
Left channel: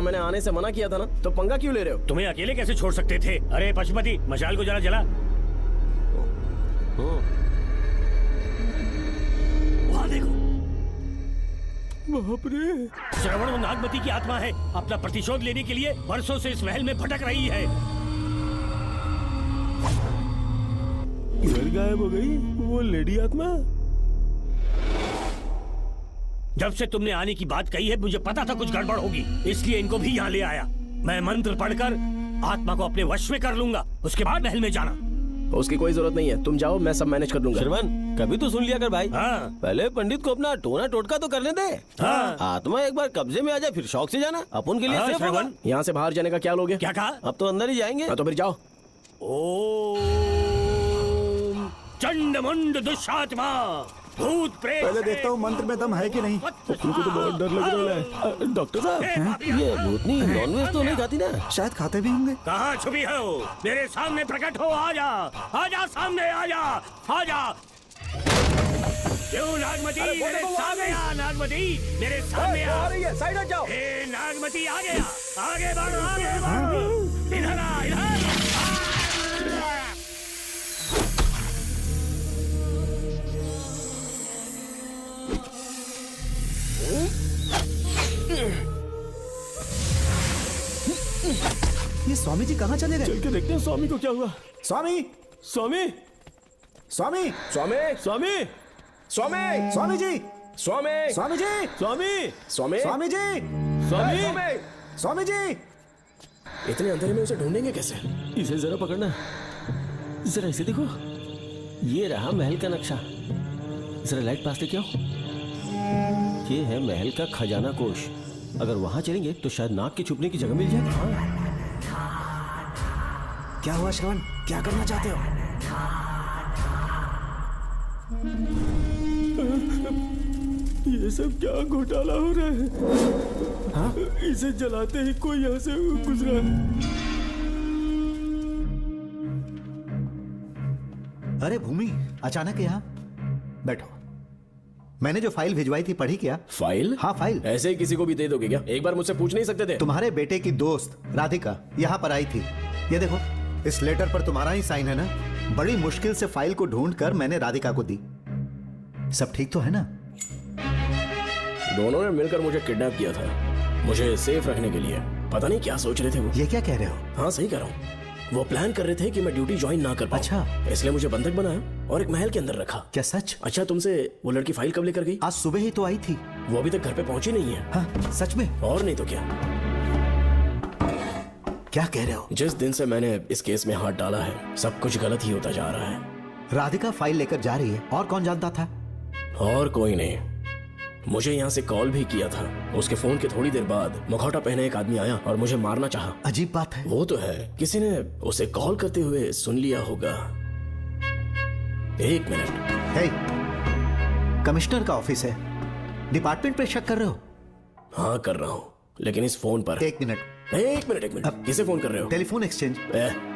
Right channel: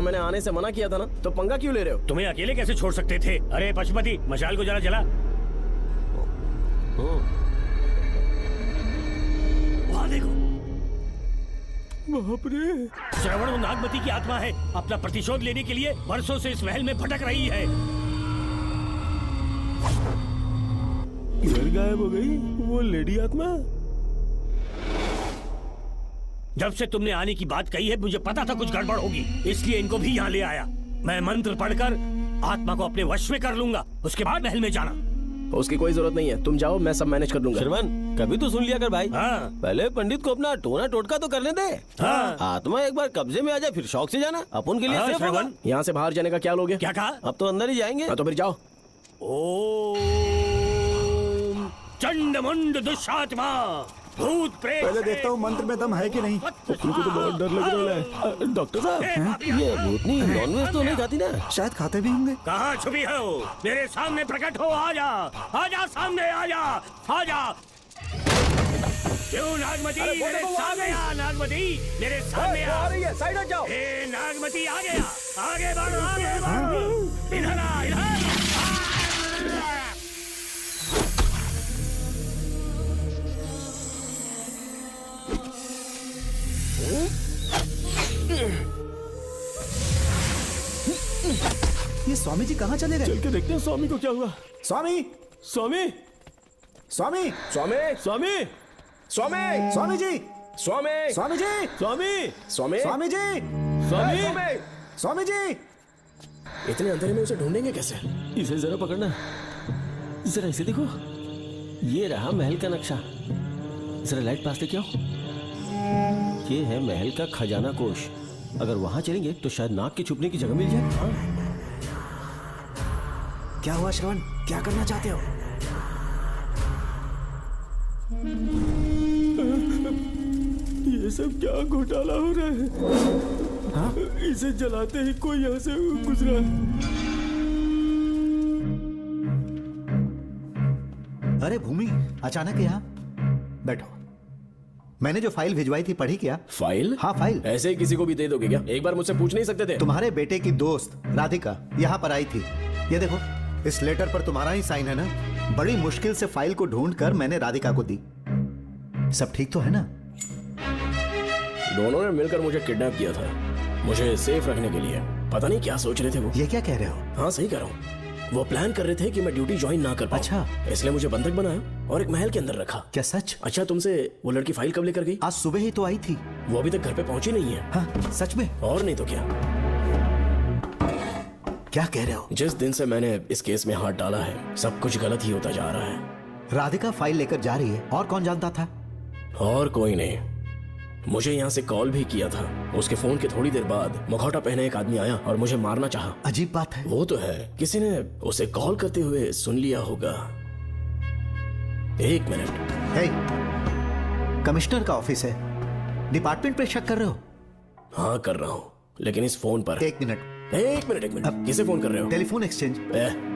मैंने आने से मना किया था ना, तो पंगा क्यों ले रहे हो? तुम्हें अकेले कैसे छोड़ सकते थे? अरे पशुपति, मशाल को जरा जला। वहाँ देखो, श्रवण में नागमती की आत्मा है। अपना प्रतिशोध लेने के लिए वर्षों से इस महल में भटक रही है। गायब हो गई वो लेडी आत्मा। जब से तुमने आने की बात कही है, मुझे पता था कुछ गड़बड़ होगी, इसलिए इनको भी यहाँ ले आया। मैं मंत्र पढ़कर आत्मा को अपने वश में कर लूंगा, उसके बाद महल में जाना। उसकी कोई जरूरत नहीं है, तुम जाओ, मैं सब मैनेज कर दूंगा। श्रवण, कभी तो सुन लिया कर भाई। हाँ। पहले पंडित को अपना टोना टोटका तो करने दे। हाँ। आत्मा एक बार कब्जे में आ जाए, फिर शौक से जाना। अपन के लिए हाँ, सिर्फ श्रवण। होगा। यहाँ से बाहर जाने का क्या लोगे? क्या कहा? अब तो अंदर ही जाएंगे। हाँ, तो फिर जाओ। ओम चंड मुंड दुष्टात्मा भूत प्रेत। पहले देखता हूँ मंत्र में दम है कि नहीं। डॉक्टर साहब, ये भूतनी नॉनवेज तो नहीं खाती ना? शायद खाते भी होंगे। कहाँ छुपी हो? मेरे सामने प्रकट हो, आजा, आजा सामने, आजा, आजा। क्यों नागमती, मेरे सामने आ, नागमती, मेरे सामने आ। हे नागमती, आगे, आगे बढ़ो, आगे बढ़ो। इधर आ, इधर। ये स्वामी जी कहाँ चले गए? चल के देखते हैं स्वामी को क्या हुआ। स्वामी, स्वामी, स्वामी, स्वामी, स्वामी, स्वामी, स्वामी जी, स्वामी, स्वामी जी, स्वामी, स्वामी, स्वामी जी, स्वामी। स्वामी जी। इतने अंधेरे में उसे ढूंढेंगे कैसे? इसे जरा पकड़ना, जरा इसे देखो, ये रहा महल का नक्शा। जरा लाइट पास तो क्यों? ये है महल का खजाना कोष। अगर वहां चलेंगे तो शायद नाग के छुपने की जगह मिल जाए। क्या हुआ श्रवण, क्या करना चाहते हो? ये सब क्या घोटाला हो रहा है? हाँ? इसे जलाते ही कोई यहाँ से गुजरा। अरे भूमि, अचानक यहाँ बैठो। मैंने जो फाइल भिजवाई थी पढ़ी क्या? फाइल? हाँ फाइल। ऐसे ही किसी को भी दे दोगे क्या? एक बार मुझसे पूछ नहीं सकते थे? तुम्हारे बेटे की दोस्त राधिका यहाँ पर आई थी। ये देखो, इस लेटर पर तुम्हारा ही साइन है ना? बड़ी मुश्किल से फाइल को ढूंढकर मैंने राधिका को दी। सब ठीक तो है ना? दोनों ने मिलकर मुझे किडनैप किया था, मुझे सेफ रखने के लिए। पता नहीं क्या सोच रहे थे वो। ये क्या कह रहे हो? हाँ, सही कह रहा हूँ। वो प्लान कर रहे थे कि मैं ड्यूटी ज्वाइन ना कर पाऊं। अच्छा। इसलिए मुझे बंधक बनाया और एक महल के अंदर रखा। क्या सच? अच्छा, तुमसे वो लड़की फाइल कब लेकर गई? आज सुबह ही तो आई थी। वो अभी तक घर पे पहुंची नहीं है। हाँ, सच में? और नहीं तो क्या। क्या कह रहे हो? जिस दिन से मैंने इस केस में हाथ डाला है, सब कुछ गलत ही होता जा रहा है। राधिका फाइल लेकर जा रही है, और कौन जानता था? और कोई नहीं। मुझे यहाँ से कॉल भी किया था। उसके फोन के थोड़ी देर बाद मुखौटा पहने एक आदमी आया और मुझे मारना चाहा। अजीब बात है। वो तो है, किसी ने उसे कॉल करते हुए सुन लिया होगा। एक मिनट। हे, कमिश्नर का ऑफिस है, डिपार्टमेंट पे शक कर रहे हो? हाँ, कर रहा हूँ, लेकिन इस फोन पर। एक मिनट, एक मिनट। किसे फोन कर रहे हो? Telephone exchange.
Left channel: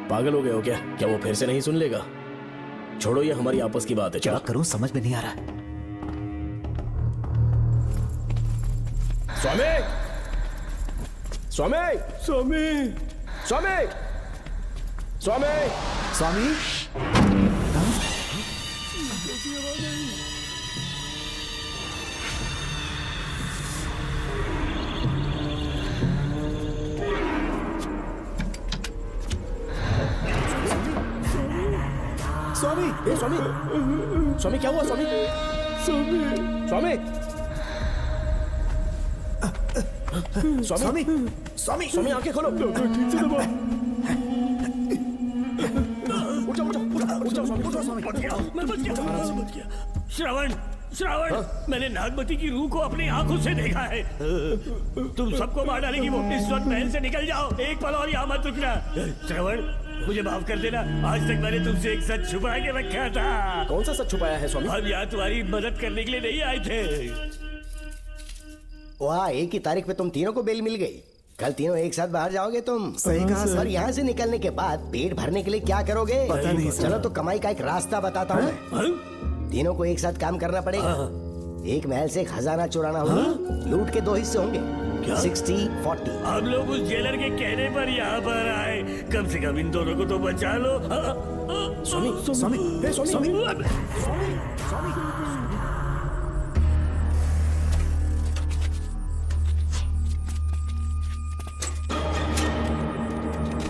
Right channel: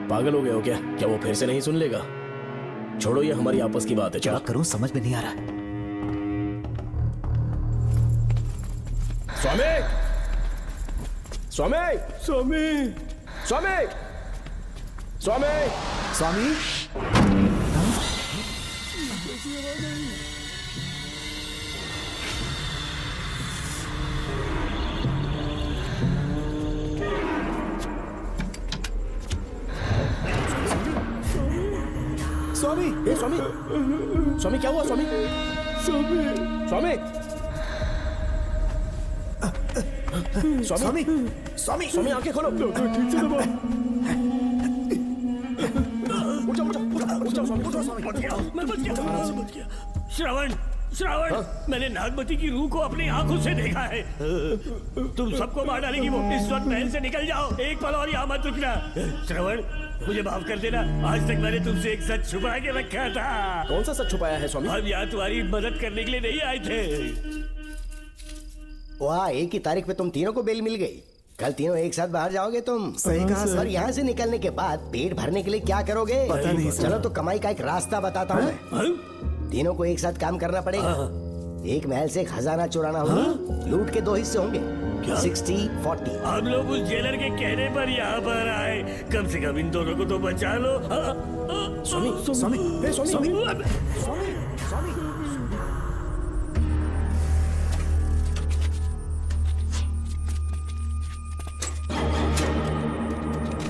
पागल हो गए हो क्या? क्या वो फिर से नहीं सुन लेगा? छोड़ो, ये हमारी आपस की बात है। क्या करूं समझ में नहीं आ रहा। स्वामी, स्वामी, स्वामी, स्वामी, स्वामी, स्वामी, स्वामी, स्वामी, स्वामी, क्या हुआ स्वामी? स्वामी, स्वामी, स्वामी, स्वामी, स्वामी, आंखें खोलो। श्रवण, श्रवण, मैंने नागमती की रूह को अपनी आंखों से देखा है। तुम सबको मार डालेगी वो। इस वक्त महल से निकल जाओ, एक पल और यहाँ मत रुकना। श्रवण, मुझे माफ कर देना, आज तक मैंने तुमसे एक सच छुपा के रखा था। कौन सा सच छुपाया है स्वामी? हम यहाँ तुम्हारी मदद करने के लिए नहीं आए थे। वाह, एक ही तारीख पे तुम तीनों को बेल मिल गए। कल तीनों एक साथ बाहर जाओगे तुम। सही कहा सर। और यहाँ से निकलने के बाद पेट भरने के लिए क्या करोगे? चलो तो कमाई का एक रास्ता बताता हूँ। तीनों को एक साथ काम करना पड़ेगा। एक महल से खजाना चुराना होगा। लूट के 2 हिस्से होंगे, 60-40। हम लोग उस जेलर के कहने पर यहाँ पर आए, कम से कम इन दोनों को तो बचा लो।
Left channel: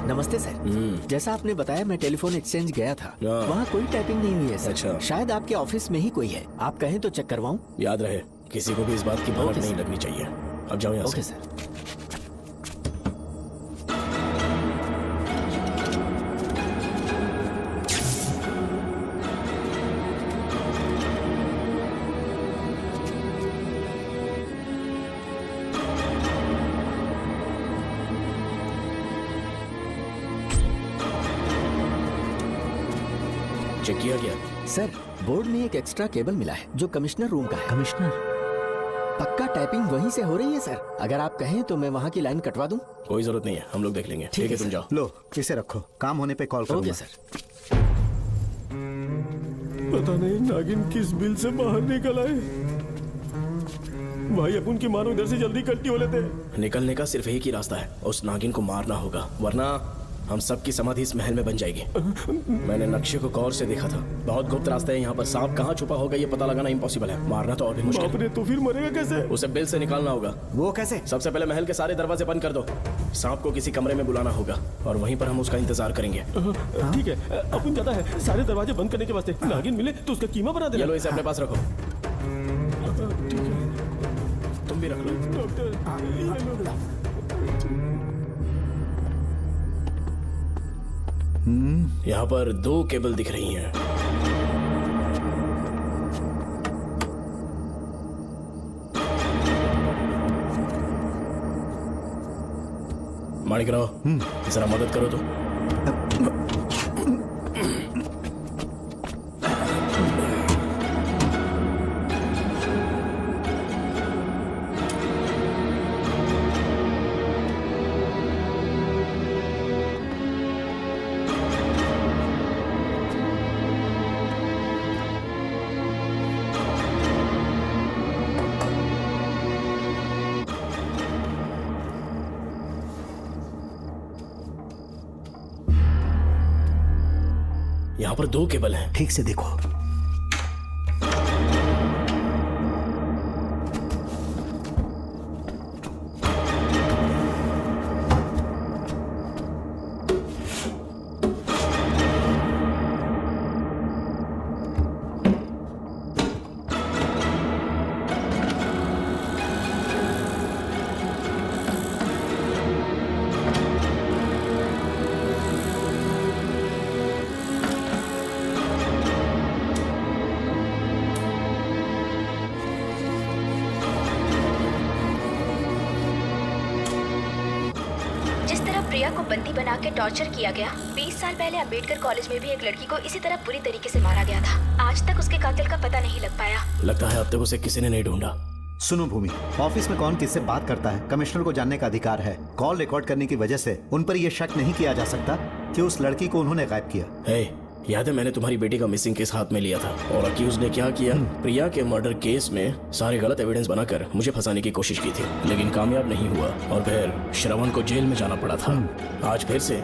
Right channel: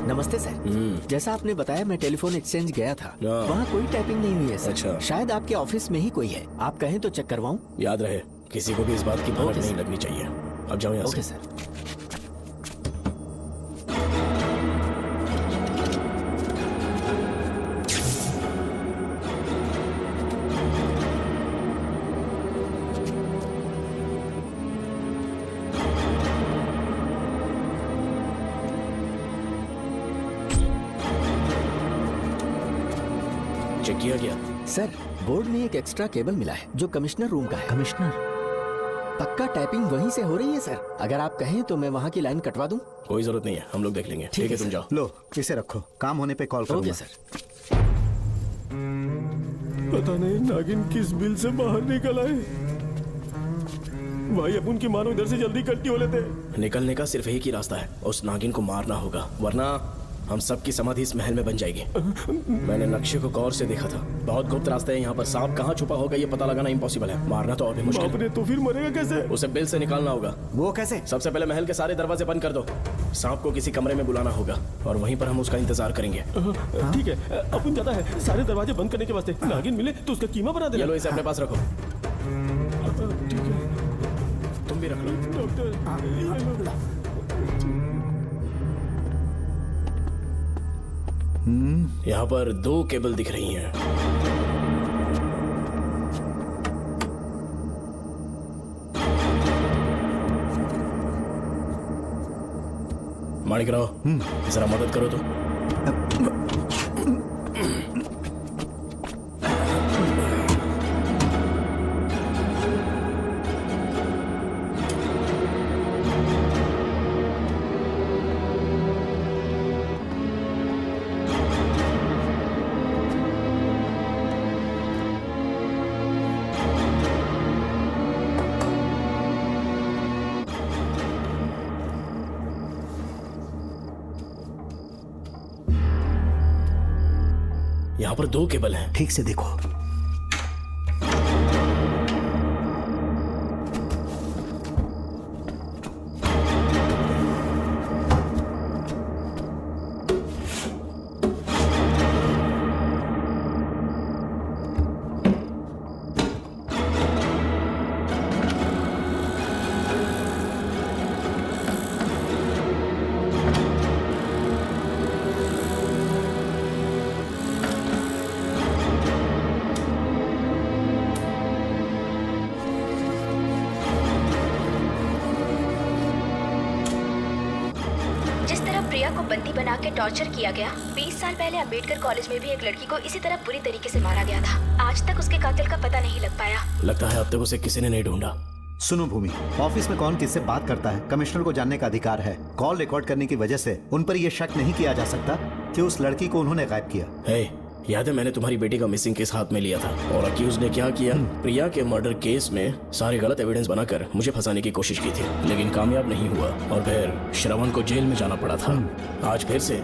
नमस्ते सर। जैसा आपने बताया मैं टेलीफोन एक्सचेंज गया था, वहाँ कोई टाइपिंग नहीं हुई है सर। अच्छा। शायद आपके ऑफिस में ही कोई है, आप कहें तो चेक करवाऊं? याद रहे, किसी को भी इस बात की भनक नहीं लगनी चाहिए। अब जाओ यहाँ ओके से। सर। चेक किया गया। सर, बोर्ड में एक एक्स्ट्रा केबल मिला है जो कमिश्नर रूम का है। कमिश्नर? पक्का टाइपिंग वहीं से हो रही है सर। अगर आप कहें तो मैं वहाँ की लाइन कटवा दूं? कोई जरूरत नहीं है, हम लोग देख लेंगे। ठीक है, तुम जाओ। लो इसे रखो, काम होने पे कॉल करूंगा। Okay sir. पता नहीं नागिन किस बिल से बाहर निकल आए। भाई अपन के मारो, इधर से जल्दी कट्टी हो लेते हैं। निकलने का सिर्फ एक ही रास्ता है, उस नागिन को मारना होगा, वरना हम सबकी समाधि इस महल में बन जाएगी। मैंने नक्शे को गौर से देखा था, बहुत गुप्त रास्ते हैं यहाँ पर। सांप कहाँ छुपा होगा ये पता लगाना इम्पॉसिबल है, मारना तो और भी मुश्किल है। तो फिर मरेगा कैसे? उसे बिल से निकालना होगा। वो कैसे? सबसे पहले महल के सारे दरवाजे बंद कर दो, सांप को किसी कमरे में बुलाना होगा और वहीं पर हम उसका इंतजार करेंगे। ठीक है, अपन जाता है सारे दरवाजे बंद करने के वास्ते। नागिन मिले तो उसका कीमा बना देना। चलो इसे अपने पास रखो। यहाँ पर 2 केबल दिख रही हैं। माणिकराव, जरा मदद करो तो। यहाँ पर 2 केबल हैं। ठीक से देखो। बना के टॉर्चर किया गया। 20 साल पहले अम्बेडकर कॉलेज में भी एक लड़की को इसी तरह बुरी तरीके से मारा गया था। आज तक उसके कातिल का पता नहीं लग पाया। लगता है अब तक उसे किसी ने नहीं ढूंढा। सुनो भूमि, ऑफिस में कौन किससे बात करता है कमिश्नर को जानने का अधिकार है। कॉल रिकॉर्ड करने की वजह से उन पर यह शक नहीं किया जा सकता कि उस लड़की को उन्होंने गायब किया। हे, याद है मैंने तुम्हारी बेटे का मिसिंग केस हाथ में लिया था और अक्यूज ने क्या किया? प्रिया के मर्डर केस में सारे गलत एविडेंस बनाकर मुझे फंसाने की कोशिश की थी, लेकिन कामयाब नहीं हुआ और फिर श्रवण को जेल में जाना पड़ा था। आज फिर से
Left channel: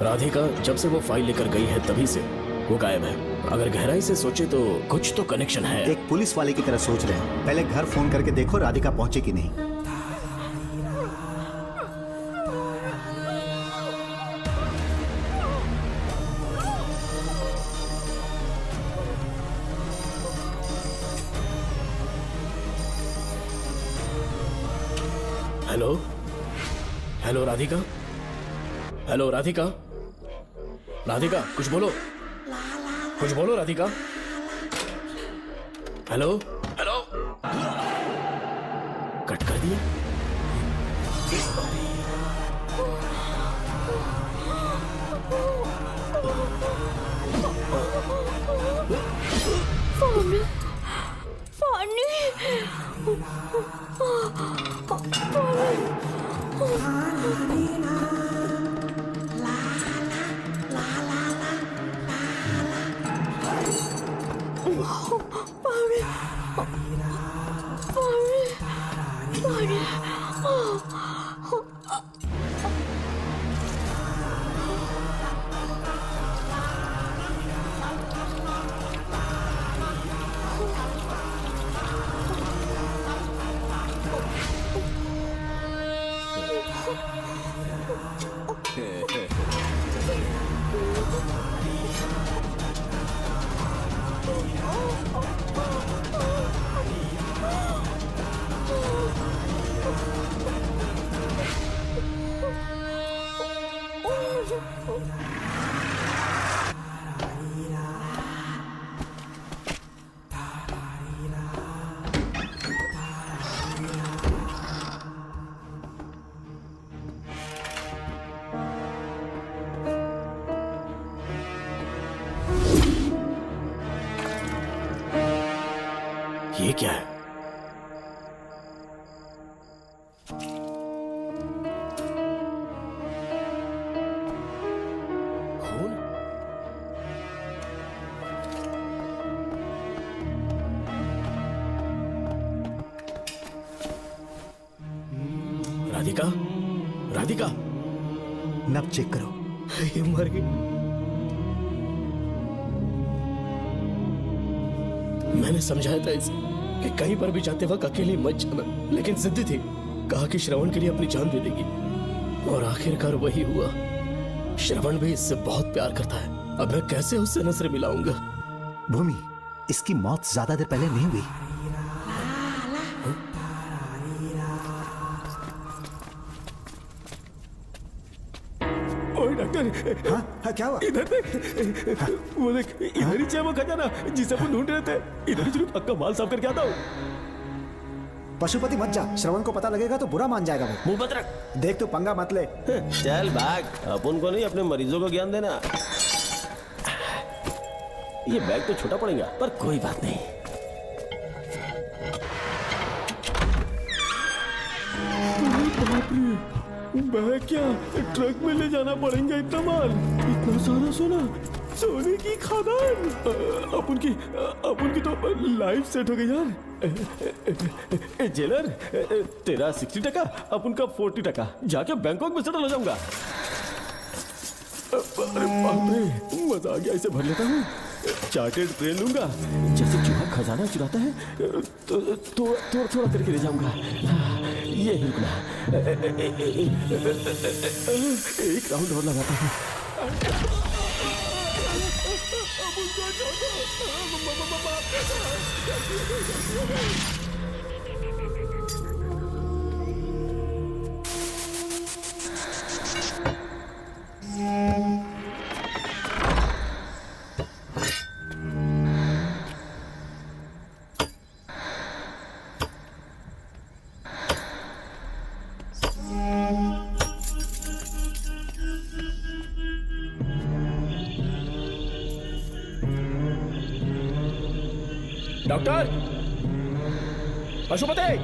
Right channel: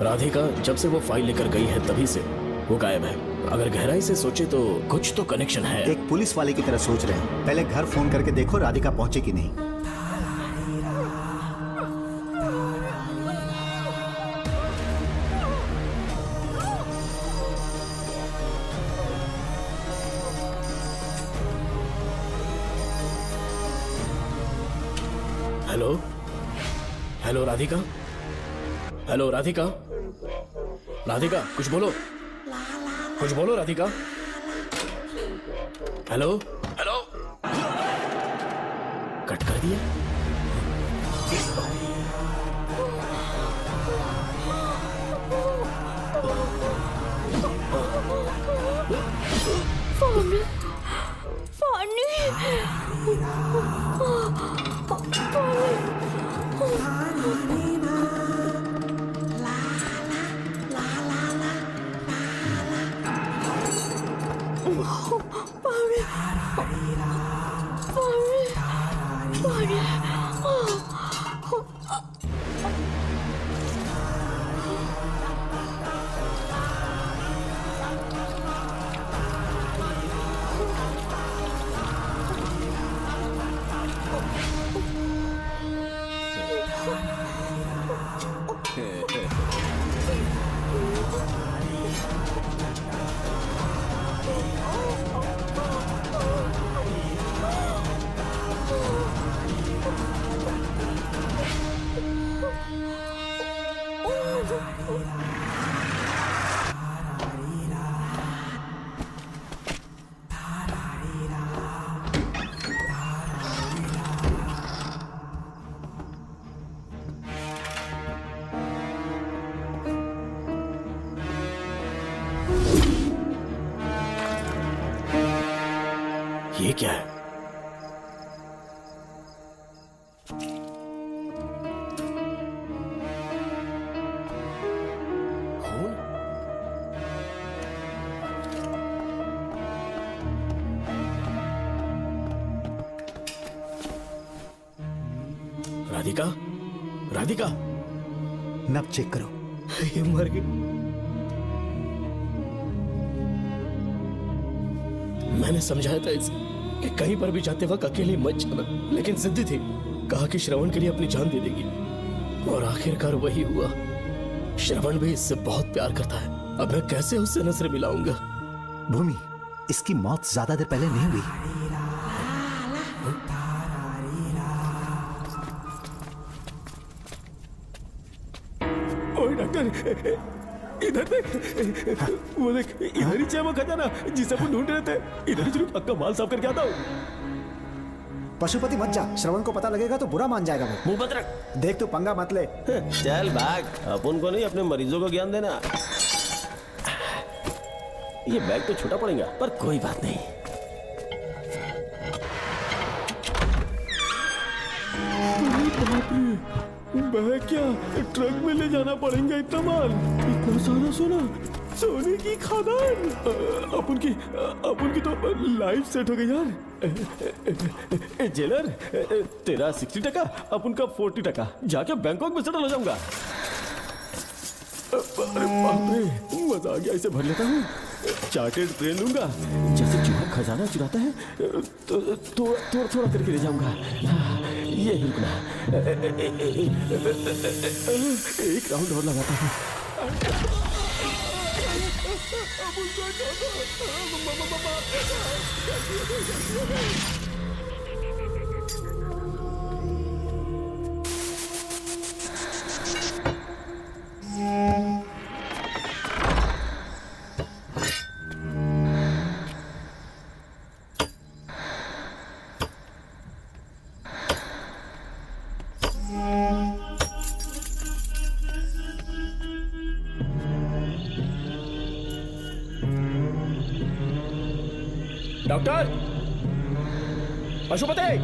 राधिका जब से वो फाइल लेकर गई है तभी से वो गायब है। अगर गहराई से सोचे तो कुछ तो कनेक्शन है। एक पुलिस वाले की तरह सोच रहे हैं। पहले घर फोन करके देखो राधिका पहुंचे कि नहीं। Hello hello Radhika, hello Radhika, Radhika कुछ बोलो, कुछ बोलो राधिका। हेलो हेलो, कट कर दिया। फानी, फानी, ये क्या है? राधिका, राधिका, नब चेक करो। ये मर गई। मैंने समझाया था इसे कि कहीं पर भी जाते वक्त अकेले मत जाना, लेकिन जिद्दी थी। कहा कि श्रवण के लिए अपनी जान दे देंगे, और आखिरकार वही हुआ। श्रवण भी इससे बहुत प्यार करता है। अब मैं कैसे उससे नजर मिलाऊंगा? भूमि, इसकी मौत ज्यादा देर पहले नहीं हुई। ओए डॉक्टर, हाँ, क्या हुआ? वो देख, इधर ही चमक खजाना जिसे अपन ढूंढ रहे थे। इधर ही जरूर पक्का माल साफ करके आता हूँ। पशुपति मत जा, श्रवण को पता लगेगा तो बुरा मान जाएगा। मैं मुंह बंद रख। देख, तो पंगा मत ले। चल भाग, अपन को नहीं अपने मरीजों को ज्ञान देना। ये बैग तो छोटा पड़ेगा, पर कोई बात नहीं। बैग क्या ट्रक में ले जाना पड़ेगा? इतना माल, इतना सारा सोना, सोने की खादान। अपन की तो लाइफ सेट हो गई यार। जेलर, तेरा 60%, अपन का 40%। जाके बैंकॉक में सेटल हो जाऊंगा। मजा आ गया, इसे भर लेता हूँ, जाके दे लूंगा। जैसे चूहा खजाना चुराता है तो छोड़ा करके ले जाऊंगा। ये रुकना, एक राउंड और लगाते हैं। Doctor, Pashupati,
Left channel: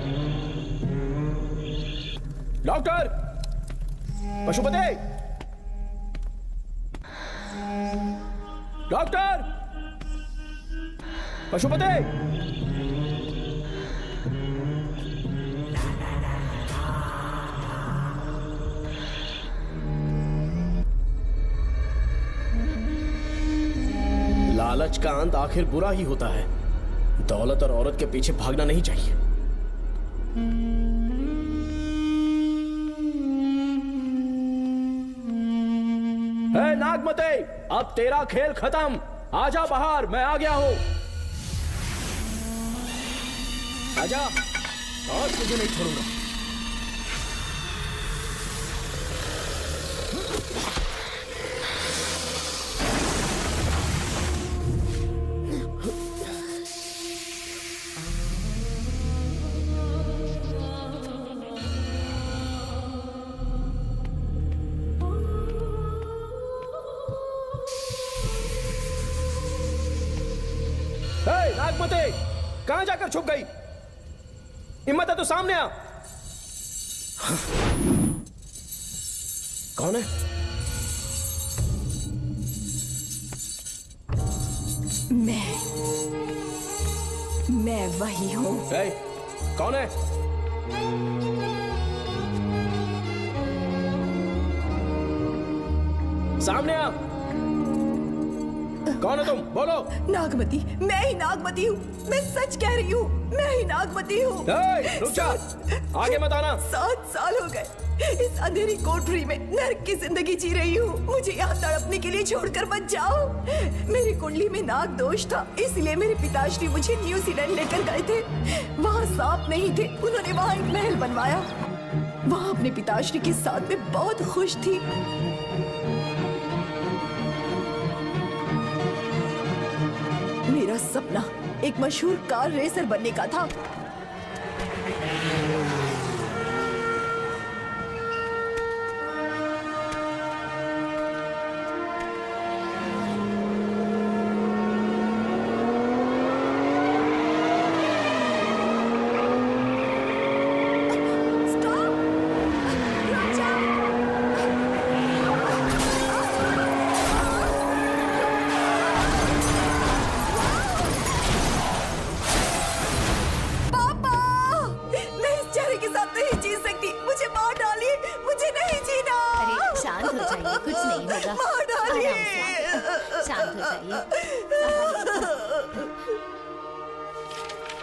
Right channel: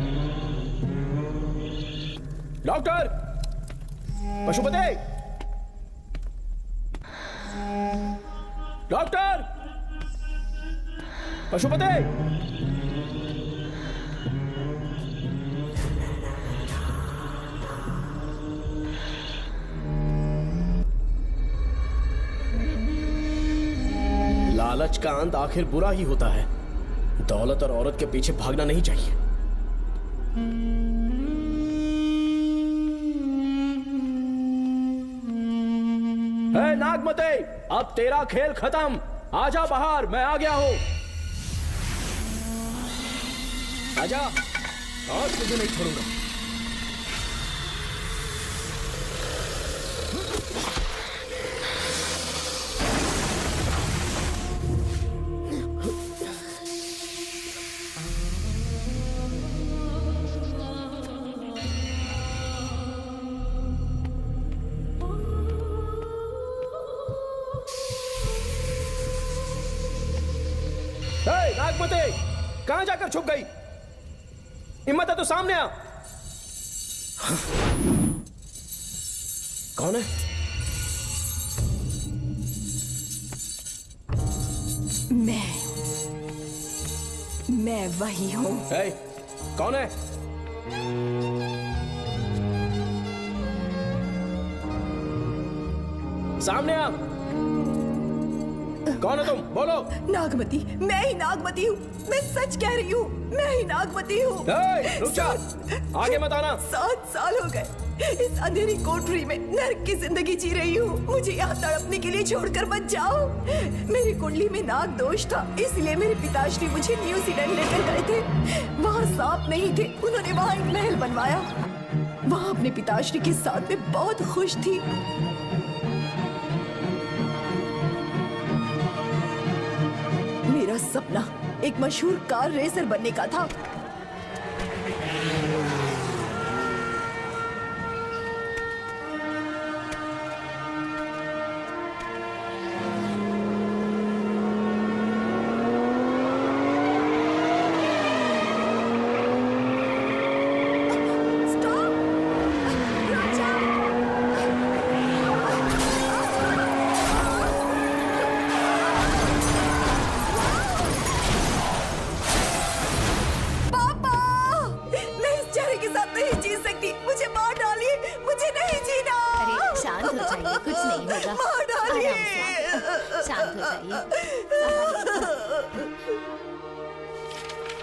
doctor, Pashupati, doctor, Pashupati. लालच का अंत आखिर बुरा ही होता है। दौलत और औरत के पीछे भागना नहीं चाहिए। नागमते, अब तेरा खेल खत्म। आजा बाहर, मैं आ गया हूं। आजा, और तुझे नहीं छोड़ूंगा। नागमते, कहां जाकर छुप गई? हिम्मत है तो सामने आओ। कौन है? मैं वही हूँ। कौन है? सामने आ। कौन हो तुम? बोलो। नागमती, मैं ही नागमती हूँ। मैं सच कह रही हूँ, मैं ही नागमती हूँ। रुक जा। आगे मत आना। 7 साल हो गए इस अंधेरी कोठरी में नर्क की जिंदगी जी रही हूँ। मुझे यहाँ तड़पने के लिए छोड़कर मत जाओ। मेरी कुंडली में नाग दोष था, इसलिए मेरे पिताश्री मुझे न्यूजीलैंड लेकर गए थे। वहाँ सांप नहीं थे, उन्होंने वहाँ एक महल बनवाया। वहाँ अपने पिताश्री के साथ में बहुत खुश थी। मेरा सपना एक मशहूर कार रेसर बनने का था।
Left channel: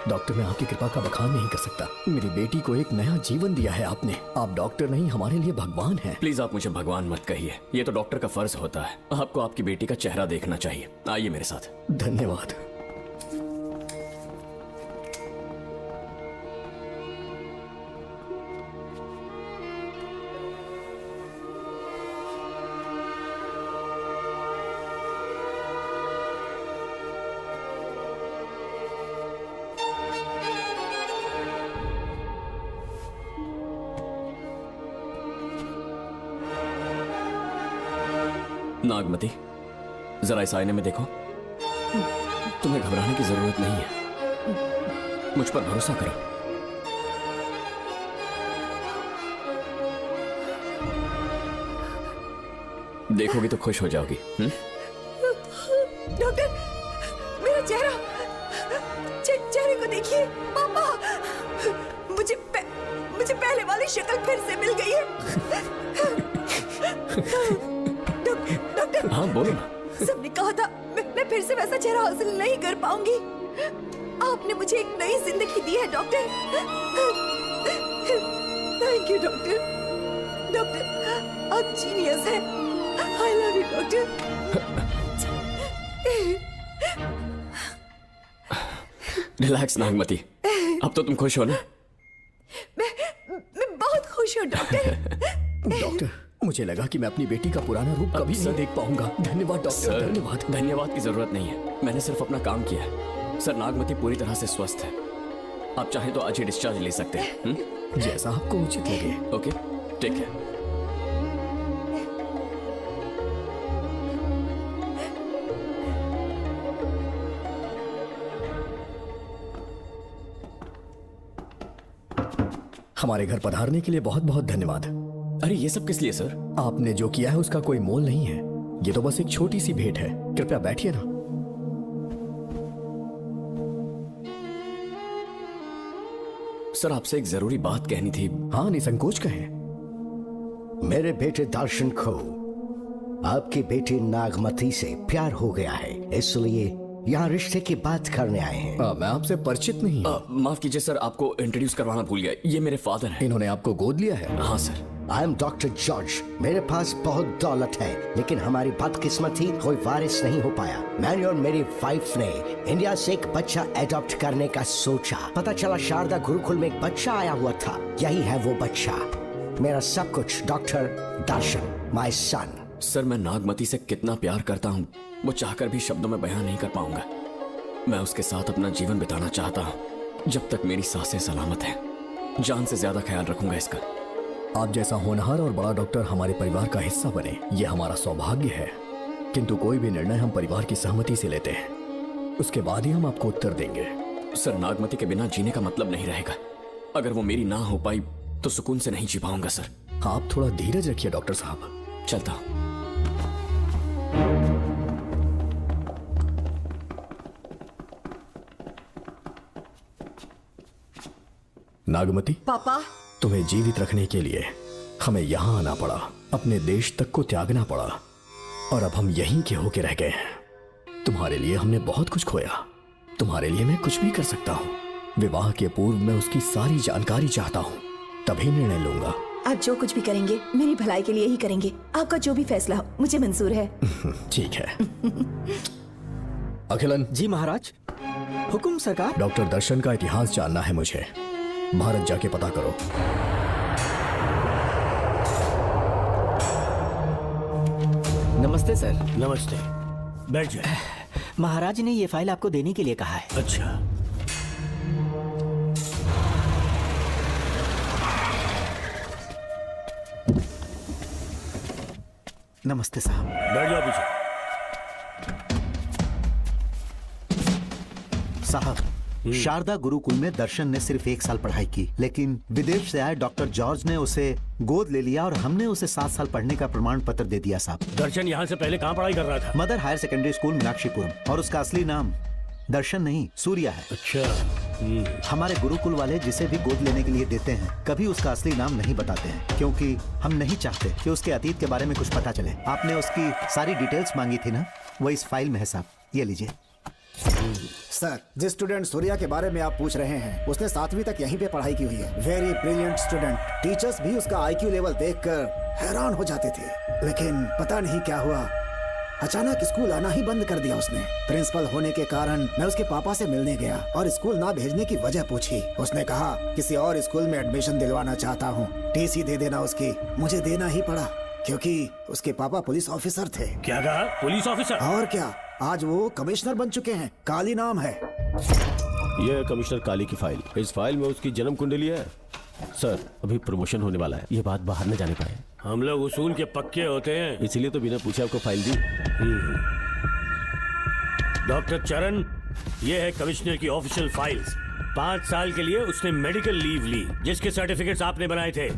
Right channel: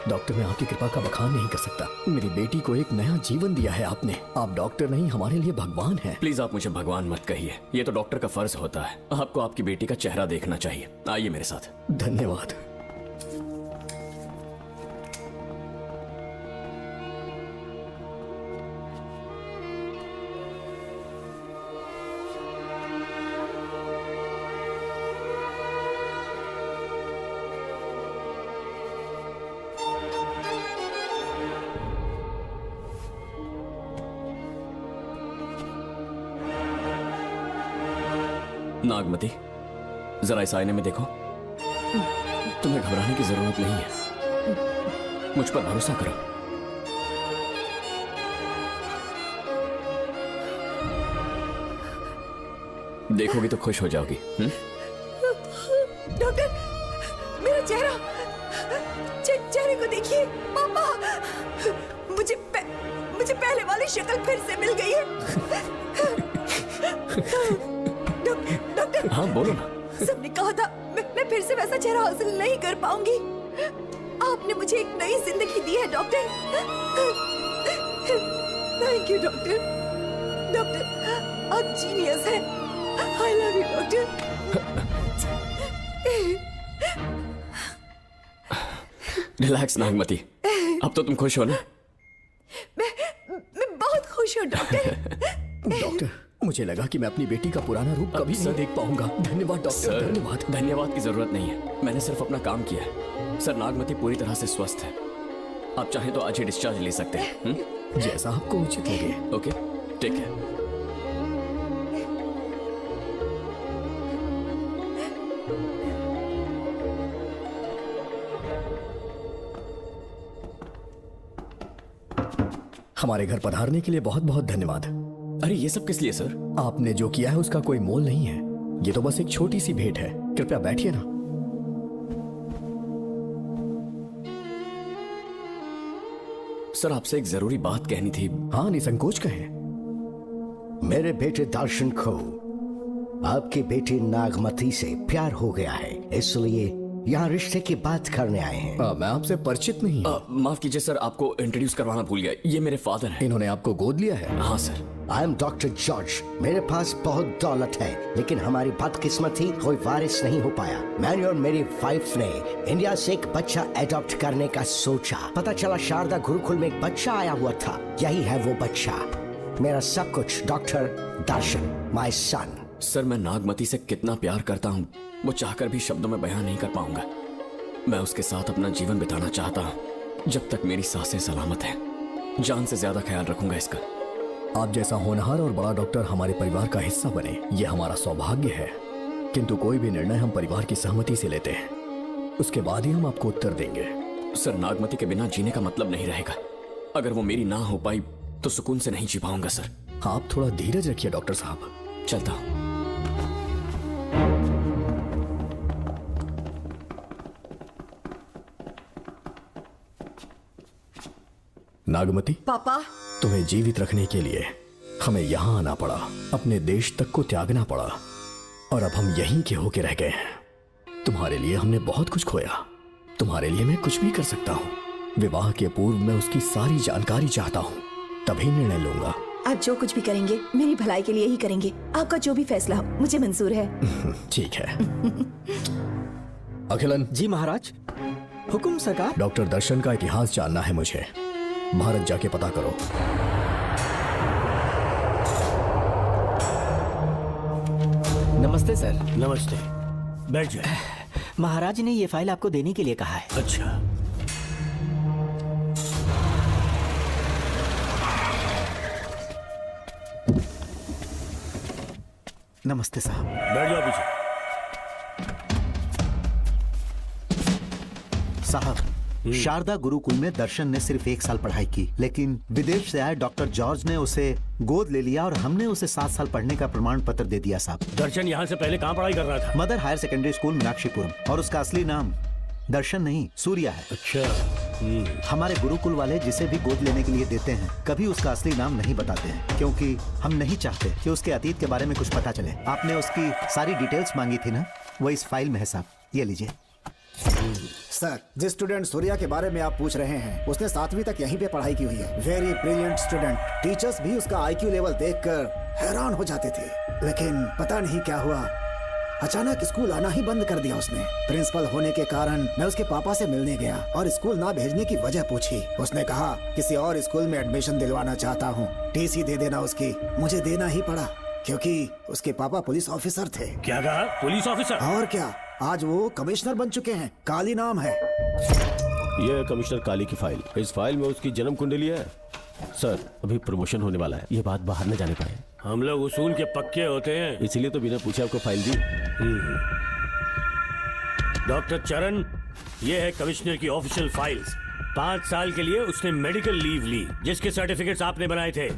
डॉक्टर, मैं आपकी कृपा का बखान नहीं कर सकता। मेरी बेटी को एक नया जीवन दिया है आपने। आप डॉक्टर नहीं, हमारे लिए भगवान हैं। प्लीज आप मुझे भगवान मत कहिए, ये तो डॉक्टर का फर्ज होता है। आपको आपकी बेटी का चेहरा देखना चाहिए। आइए मेरे साथ। धन्यवाद। नागमती, जरा इस आईने में देखो। तुम्हें घबराने की जरूरत नहीं है, मुझ पर भरोसा करो। देखोगी तो खुश हो जाओगी। डॉक्टर, मेरा चेहरा, चेहरे को देखिए। पापा, मुझे पहले वाली शक्ल फिर से मिल गई है। डॉक्टर, सबने कहा था मैं फिर से वैसा चेहरा हासिल नहीं कर पाऊंगी। आपने मुझे एक नई जिंदगी दी है doctor. Thank you doctor. Doctor, आप जीनियस हैं। I love you doctor. Relax Nagmati, अब तो तुम खुश हो ना? मैं बहुत खुश हूँ डॉक्टर। डॉक्टर, मुझे लगा कि मैं अपनी बेटी का पुराना रूप कभी न देख पाऊंगा। धन्यवाद डॉक्टर, धन्यवाद। धन्यवाद की जरूरत नहीं है, मैंने सिर्फ अपना काम किया है। सर, नागमती पूरी तरह से स्वस्थ है। आप चाहे तो आज ही डिस्चार्ज ले सकते हैं। जैसा आपको उचित लगे। Okay, take care. हमारे घर पधारने के लिए बहुत बहुत धन्यवाद। अरे ये सब किस लिए सर? आपने जो किया है उसका कोई मोल नहीं है। ये तो बस एक छोटी सी भेंट है। कृपया बैठिए ना। सर, आपसे एक जरूरी बात कहनी थी। हाँ, निसंकोच कहें। मेरे बेटे दर्शन को आपकी बेटी नागमती से प्यार हो गया है, इसलिए यहाँ रिश्ते की बात करने आए हैं। मैं आपसे परिचित नहीं हूँ। माफ कीजिए सर, आपको इंट्रोड्यूस करवाना भूल गया। ये मेरे फादर हैं। इन्होंने आपको गोद लिया है? हाँ sir. I am doctor George. मेरे पास बहुत दौलत है, लेकिन हमारी बदकिस्मती कोई वारिस नहीं हो पाया। मैंने और मेरी वाइफ ने इंडिया से एक बच्चा एडॉप्ट करने का सोचा। पता चला शारदा गुरुकुल में एक बच्चा आया हुआ था। यही है वो बच्चा, मेरा सब कुछ। Doctor Darshan, my son. Sir, मैं नागमती से कितना प्यार करता हूँ, वो चाहकर भी शब्दों में बयान नहीं कर पाऊंगा। मैं उसके साथ अपना जीवन बिताना चाहता हूँ, जब तक मेरी सांसें सलामत हैं। जान से ज्यादा ख्याल रखूंगा इसका। आप जैसा होनहार और बड़ा डॉक्टर हमारे परिवार का हिस्सा बने, ये हमारा सौभाग्य है। किंतु कोई भी निर्णय हम परिवार की सहमति से लेते हैं, उसके बाद ही हम आपको उत्तर देंगे। सर, नागमती के बिना जीने का मतलब नहीं रहेगा। अगर वो मेरी ना हो पाई तो सुकून से नहीं जी पाऊंगा सर। आप थोड़ा धीरज रखिए डॉक्टर साहब। चलता हूँ। नागमती, पापा, तुम्हें जीवित रखने के लिए हमें यहाँ आना पड़ा, अपने देश तक को त्यागना पड़ा, और अब हम यहीं के होके रह गए हैं। तुम्हारे लिए हमने बहुत कुछ खोया, तुम्हारे लिए मैं कुछ भी कर सकता हूँ। विवाह के पूर्व मैं उसकी सारी जानकारी चाहता हूँ, तभी निर्णय लूंगा। आप जो कुछ भी करेंगे मेरी भलाई के लिए ही करेंगे। आपका जो भी फैसला हो मुझे मंजूर है। ठीक है। अखिलन। जी महाराज। हुकुम सरकार। डॉक्टर दर्शन का इतिहास जानना है मुझे, भारत जाके पता करो। नमस्ते सर। नमस्ते, बैठ जाए। महाराज ने ये फाइल आपको देने के लिए कहा है। अच्छा, नमस्ते साहब। बैठ जाओ पीछे। साहब, शारदा गुरुकुल में दर्शन ने सिर्फ 1 साल पढ़ाई की, लेकिन विदेश से आए डॉक्टर जॉर्ज ने उसे गोद ले लिया और हमने उसे 7 साल पढ़ने का प्रमाण पत्र दे दिया साहब। दर्शन यहाँ से पहले कहाँ पढ़ाई कर रहा था? Mother higher secondary school Meenakshipuram, और उसका असली नाम दर्शन नहीं सूर्या है। अच्छा, हमारे गुरुकुल वाले जिसे भी गोद लेने के लिए देते हैं कभी उसका असली नाम नहीं बताते हैं, क्योंकि हम नहीं चाहते कि उसके अतीत के बारे में कुछ पता चले। आपने उसकी सारी डिटेल्स मांगी थी ना, वो इस फाइल में है साहब, ये लीजिए। सर, जिस स्टूडेंट सूर्या के बारे में आप पूछ रहे हैं उसने 7वीं तक यहीं पे पढ़ाई की हुई है। Very brilliant student. टीचर्स भी उसका IQ लेवल देखकर हैरान हो जाते थे, लेकिन पता नहीं क्या हुआ, अचानक स्कूल आना ही बंद कर दिया उसने। प्रिंसिपल होने के कारण मैं उसके पापा से मिलने गया और स्कूल ना भेजने की वजह पूछी। उसने कहा किसी और स्कूल में एडमिशन दिलवाना चाहता हूँ, TC दे देना उसकी। मुझे देना ही पड़ा क्योंकि उसके पापा पुलिस ऑफिसर थे। क्या कहा? Police officer? और क्या, आज वो कमिश्नर बन चुके हैं। काली नाम है। ये कमिश्नर काली की फाइल। इस फाइल में उसकी जन्म कुंडली है। सर, अभी प्रमोशन होने वाला है, ये बात बाहर न जाने पाए। हम लोग उसूल के पक्के होते हैं, इसीलिए तो बिना पूछे आपको फाइल दी। डॉक्टर चरण, ये है कमिश्नर की ऑफिशियल फाइल्स। 5 साल के लिए उसने मेडिकल लीव ली, जिसके सर्टिफिकेट्स आपने बनाए थे।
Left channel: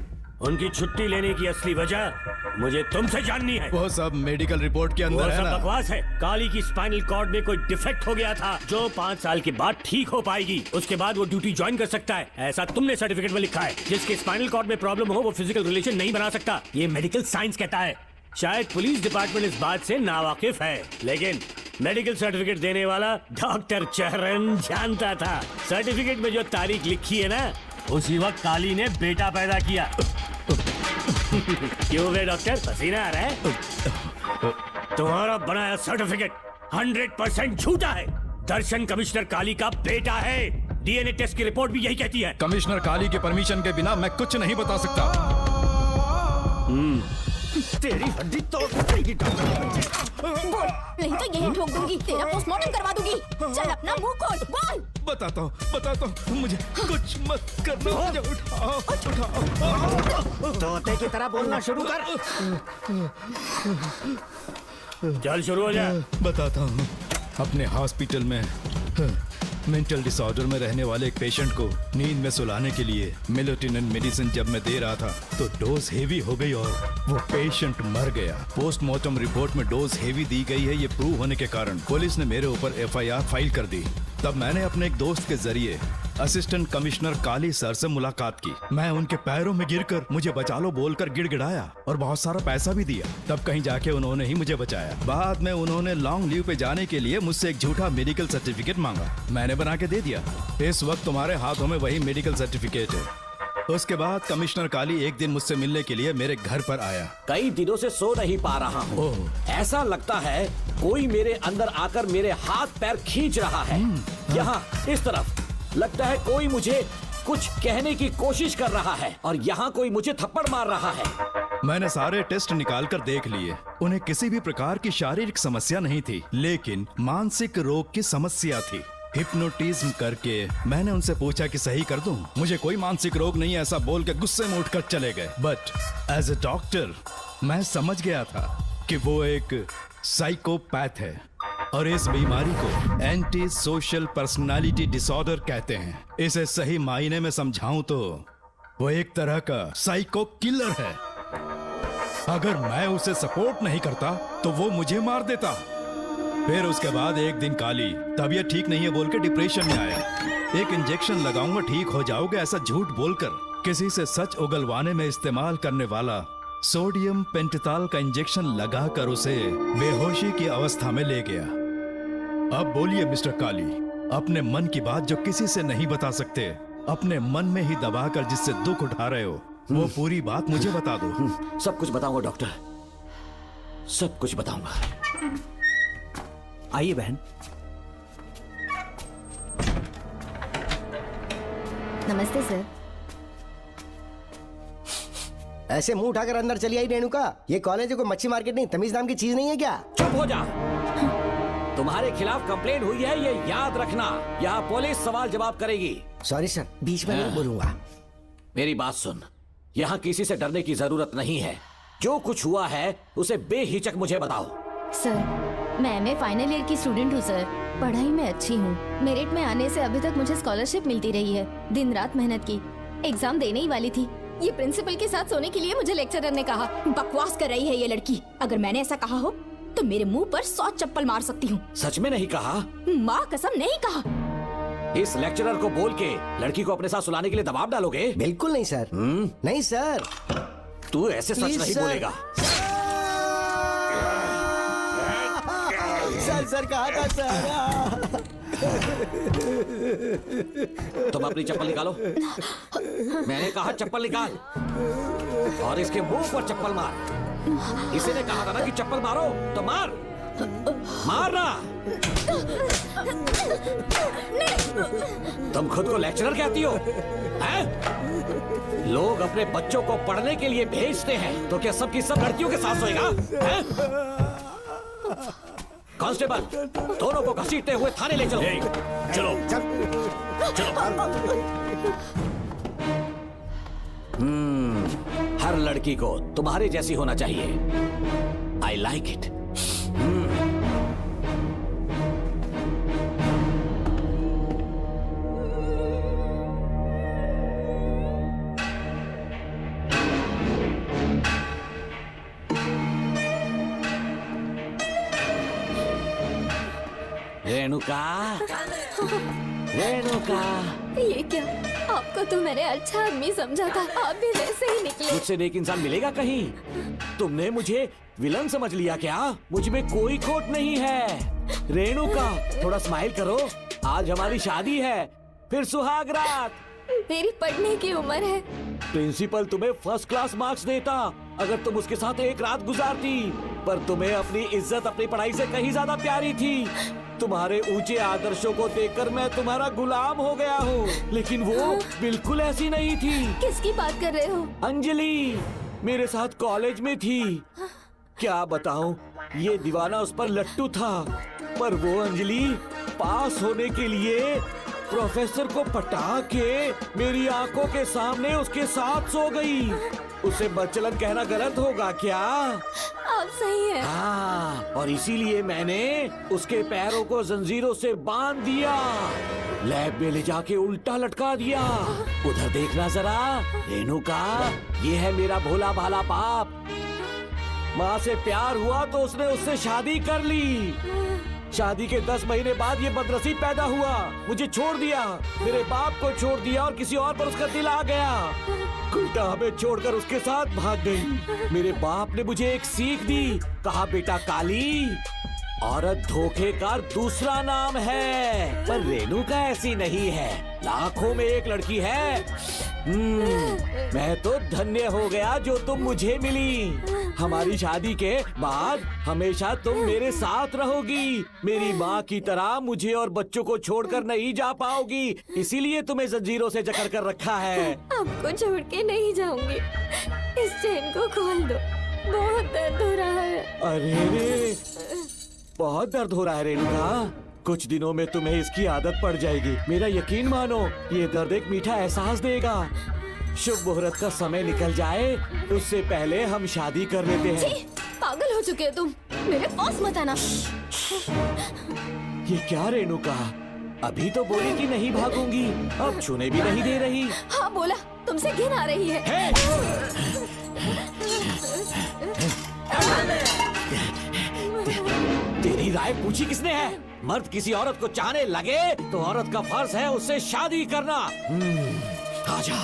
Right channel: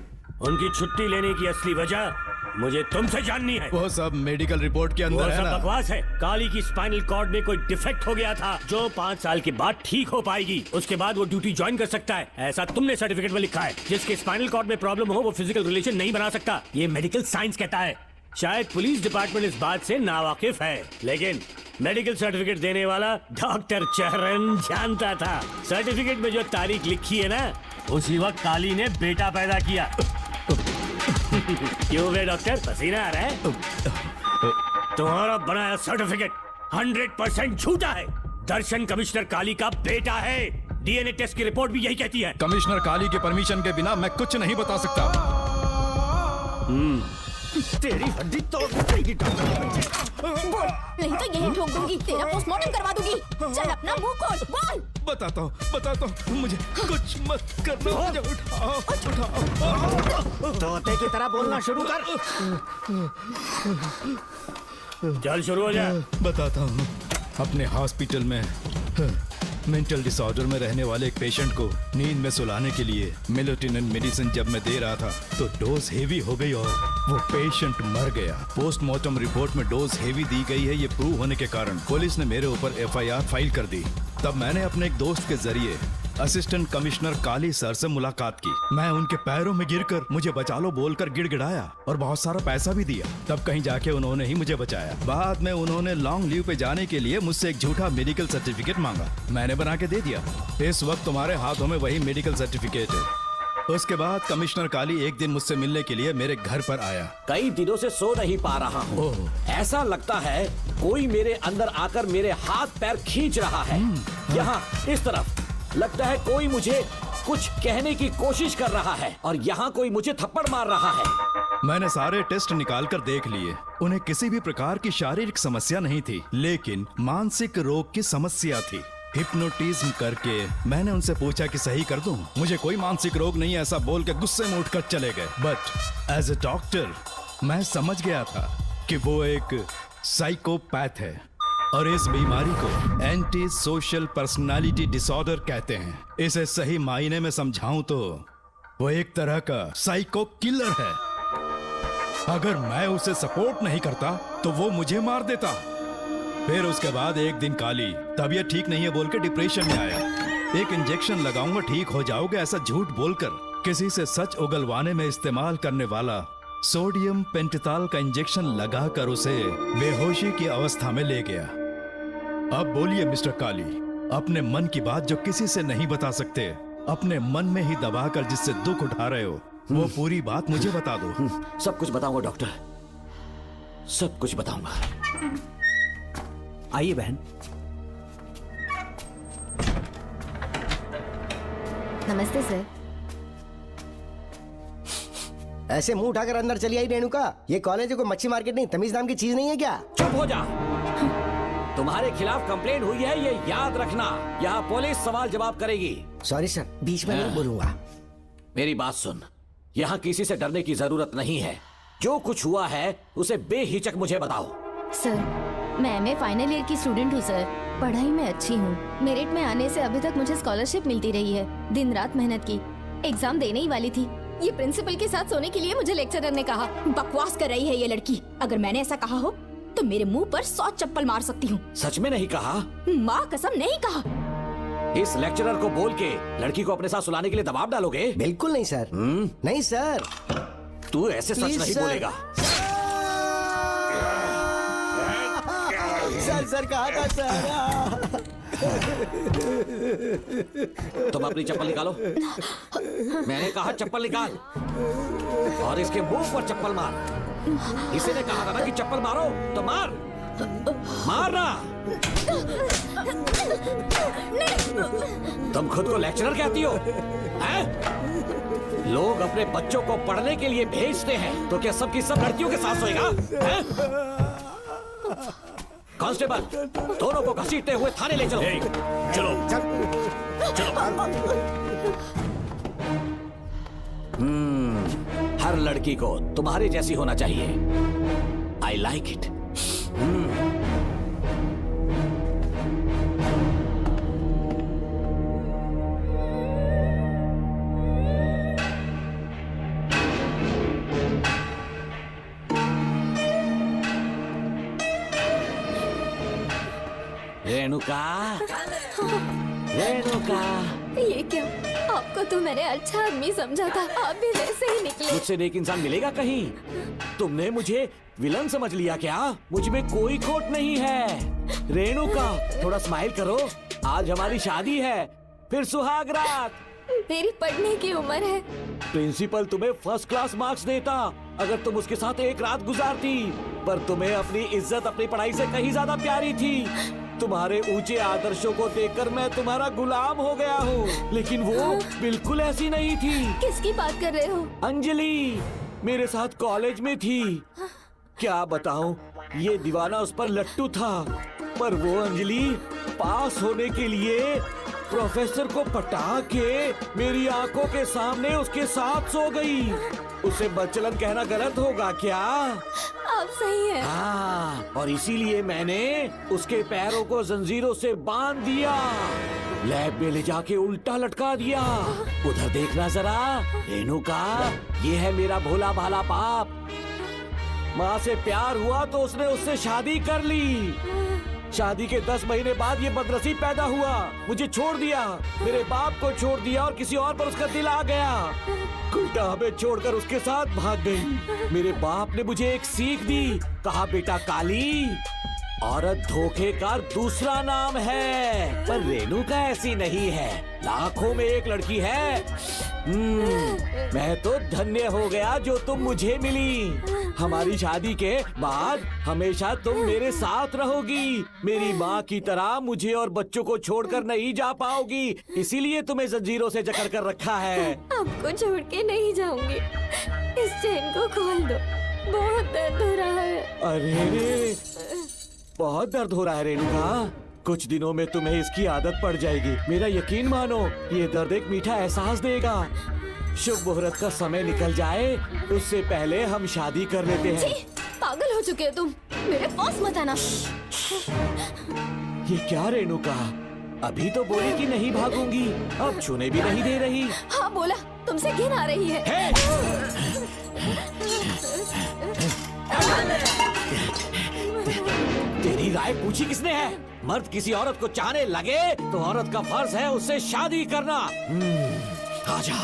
उनकी छुट्टी लेने की असली वजह मुझे तुमसे जाननी है। वो सब मेडिकल रिपोर्ट के वो अंदर है सब ना। बकवास है। काली की स्पाइनल कॉर्ड में कोई डिफेक्ट हो गया था जो 5 साल के बाद ठीक हो पाएगी। उसके बाद वो ड्यूटी ज्वाइन कर सकता है, ऐसा तुमने सर्टिफिकेट में लिखा है। जिसके स्पाइनल कॉर्ड में प्रॉब्लम हो वो फिजिकल रिलेशन नहीं बना सकता, ये मेडिकल साइंस कहता है। शायद पुलिस डिपार्टमेंट इस बात से नावाकिफ है, लेकिन मेडिकल सर्टिफिकेट देने वाला डॉक्टर चरण जानता था। सर्टिफिकेट में जो तारीख लिखी है ना, उसी वक्त काली ने बेटा पैदा किया। क्यों बे डॉक्टर, पसीना आ रहा है? तुम्हारा बनाया सर्टिफिकेट 100% झूठा है। दर्शन कमिश्नर काली का बेटा है। DNA टेस्ट की रिपोर्ट भी यही कहती है। कमिश्नर काली के परमिशन के बिना मैं कुछ नहीं बता सकता। तेरी हड्डी तोड़ ठोक दूंगी, तेरा पोस्टमार्टम करवा दूंगी। चल अपना मुंह खोल। बताता हूँ, मुझे कुछ मत कर। तोते की तरह बोलना शुरू कर। चल शुरू हो जा। बताता हूँ, अपने हॉस्पिटल में मेंटल डिसऑर्डर में रहने वाले एक पेशेंट को नींद में सुलाने के लिए मेलेटोनिन मेडिसिन जब मैं दे रहा था तो डोज हेवी हो गई और वो पेशेंट मर गया। पोस्टमार्टम रिपोर्ट में डोज हेवी दी गई है, ये प्रूव होने के कारण पुलिस ने मेरे ऊपर FIR फाइल कर दी। तब मैंने अपने एक दोस्त के जरिए असिस्टेंट कमिश्नर काली सर से मुलाकात की। मैं उनके पैरों में गिरकर मुझे बचा लो बोलकर गिड़गिड़ाया और बहुत सारा पैसा भी दिया। तब कहीं जाके उन्होंने ही मुझे बचाया। बाद में उन्होंने लॉन्ग लीव पे जाने के लिए मुझसे एक झूठा मेडिकल सर्टिफिकेट मांगा, मैंने बना के दे दिया। इस वक्त तुम्हारे हाथों में वही मेडिकल सर्टिफिकेट है। उसके बाद कमिश्नर काली एक दिन मुझसे मिलने के लिए मेरे घर पर आया। कई दिनों से सो नहीं पा रहा हूँ। ऐसा लगता है कोई मेरे अंदर आकर मेरे हाथ पैर खींच रहा है। यहाँ इस तरफ लगता है कोई मुझे कुछ कहने की कोशिश कर रहा है और यहाँ कोई मुझे थप्पड़ मार रहा है। मैंने सारे टेस्ट निकाल कर देख लिए, उन्हें किसी भी प्रकार की शारीरिक समस्या नहीं थी, लेकिन मानसिक रोग की समस्या थी। हिप्नोटिज्म करके मैंने उनसे पूछा कि सही कर दूं। मुझे कोई मानसिक रोग नहीं, ऐसा बोल के गुस्से में उठकर चले गए। बट एज ए डॉक्टर मैं समझ गया था कि वो एक साइकोपैथ है और इस बीमारी को एंटी सोशल पर्सनालिटी डिसऑर्डर कहते हैं। इसे सही मायने में समझाऊं तो वो एक तरह का साइको किलर है। अगर मैं उसे सपोर्ट नहीं करता तो वो मुझे मार देता। फिर उसके बाद एक दिन काली तबीयत ठीक नहीं है बोल के डिप्रेशन में आया। एक इंजेक्शन लगाऊंगा ठीक हो जाओगे, ऐसा झूठ बोलकर किसी से सच उगलवाने में इस्तेमाल करने वाला सोडियम पेंटोथॉल का इंजेक्शन लगाकर उसे बेहोशी की अवस्था में ले गया। अब बोलिए मिस्टर काली, अपने मन की बात जो किसी से नहीं बता सकते, अपने मन में ही दबाकर जिससे दुख उठा रहे हो, वो पूरी बात मुझे बता दो। सब कुछ बताऊंगा डॉक्टर, सब कुछ बताऊंगा। आइए बहन। नमस्ते सर। ऐसे मुंह उठाकर अंदर चली आई रेणुका। ये कॉलेज है कोई मच्छी मार्केट नहीं, तमीज नाम की चीज नहीं है क्या? चुप हो जा। तुम्हारे खिलाफ कंप्लेंट हुई है, ये याद रखना। यहाँ पुलिस सवाल जवाब करेगी। सॉरी सर, बीच में नहीं बोलूंगा। मेरी बात सुन, यहाँ किसी से डरने की जरूरत नहीं है। जो कुछ हुआ है उसे बेहिचक मुझे बताओ। सर, मैं एमए फाइनल ईयर की स्टूडेंट हूँ सर। पढ़ाई में अच्छी हूँ। मेरिट में आने से अभी तक मुझे स्कॉलरशिप मिलती रही है। दिन रात मेहनत की, एग्जाम देने ही वाली थी। ये प्रिंसिपल के साथ सोने के लिए मुझे लेक्चरर ने कहा बकवास कर रही है ये लड़की। अगर मैंने ऐसा कहा हो तो मेरे मुंह पर 100 चप्पल मार सकती हूँ। सच में नहीं कहा? माँ कसम नहीं कहा। इस लेक्चरर को बोल के लड़की को अपने साथ सुलाने के लिए दबाव डालोगे? बिल्कुल नहीं सर। नहीं सर। तू ऐसे सच नहीं बोलेगा। सर कहा था सर। तुम अपनी चप्पल निकालो। मैंने कहा चप्पल निकाल और इसके मुंह पर चप्पल मार। इसने कहा था ना कि चप्पल मारो तो मार, मारना। तुम खुद को लेक्चरर कहती हो हैं? लोग अपने बच्चों को पढ़ने के लिए भेजते हैं तो क्या सबकी सब लड़कियों के साथ सोएगा? कांस्टेबल, दोनों को घसीटते हुए थाने ले चलो। चलो हर लड़की को तुम्हारी जैसी होना चाहिए। I like it. Renuka, Renuka. ये क्या? आपको तो मैंने अच्छा आदमी समझा था, आप भी ऐसे ही निकले। मुझसे नेक इंसान मिलेगा कहीं? तुमने मुझे विलन समझ लिया क्या? मुझ में कोई खोट नहीं है। रेणुका, थोड़ा स्माइल करो। आज हमारी शादी है, फिर सुहाग रात। मेरी पढ़ने की उम्र है। प्रिंसिपल तुम्हें फर्स्ट क्लास मार्क्स देता अगर तुम उसके साथ एक रात गुजारती, पर तुम्हें अपनी इज्जत अपनी पढ़ाई से कहीं ज्यादा प्यारी थी। तुम्हारे ऊंचे आदर्शों को देखकर मैं तुम्हारा गुलाम हो गया हूँ, लेकिन वो बिल्कुल ऐसी नहीं थी। किसकी बात कर रहे हो? अंजलि मेरे साथ कॉलेज में थी। क्या बताऊं, ये दीवाना उस पर लट्टू था, पर वो अंजलि पास होने के लिए प्रोफेसर को पटा के मेरी आंखों के सामने उसके साथ सो गई। उसे बचलन कहना गलत होगा क्या? आप सही है। हाँ, और इसीलिए मैंने उसके पैरों को जंजीरों से बांध दिया, लैब में ले जाके उल्टा लटका दिया। उधर देखना जरा रेणुका, ये है मेरा भोला भाला बाप। माँ से प्यार हुआ तो उसने उससे शादी कर ली। शादी के 10 महीने बाद ये बदनसीब पैदा हुआ, मुझे छोड़ दिया, मेरे बाप को छोड़ दिया और किसी और पर उसका दिल आ गया। उल्टा हमें छोड़कर उसके साथ भाग गई। मेरे बाप ने मुझे एक सीख दी, कहा बेटा काली, औरत धोखे का दूसरा नाम है, पर रेणुका ऐसी नहीं है, लाखों में एक लड़की है। मैं तो धन्य हो गया जो तुम मुझे मिली। हमारी शादी के बाद हमेशा तुम मेरे साथ रहोगी। मेरी माँ की तरह मुझे और बच्चों को छोड़कर नहीं जा पाओगी, इसीलिए तुम्हें जंजीरों से जकड़ कर रखा है। आपको छोड़ के नहीं जाऊंगी। इस चेन को खोल दो, बहुत दर्द हो रहा है। अरे बहुत दर्द हो रहा है रेणुका, कुछ दिनों में तुम्हें इसकी आदत पड़ जाएगी। मेरा यकीन मानो, ये दर्द एक मीठा एहसास देगा। शुभ मुहूर्त का समय निकल जाए उससे पहले हम शादी कर लेते हैं। पागल हो चुके हो तुम, मेरे पास मत आना। ये क्या रेणुका, अभी तो बोली कि नहीं भागूंगी, अब छूने भी नहीं दे रही। हाँ बोला, तुमसे घिन आ रही है। तेरी राय पूछी किसने है? मर्द किसी औरत को चाहने लगे तो औरत का फर्ज है उससे शादी करना। आजा।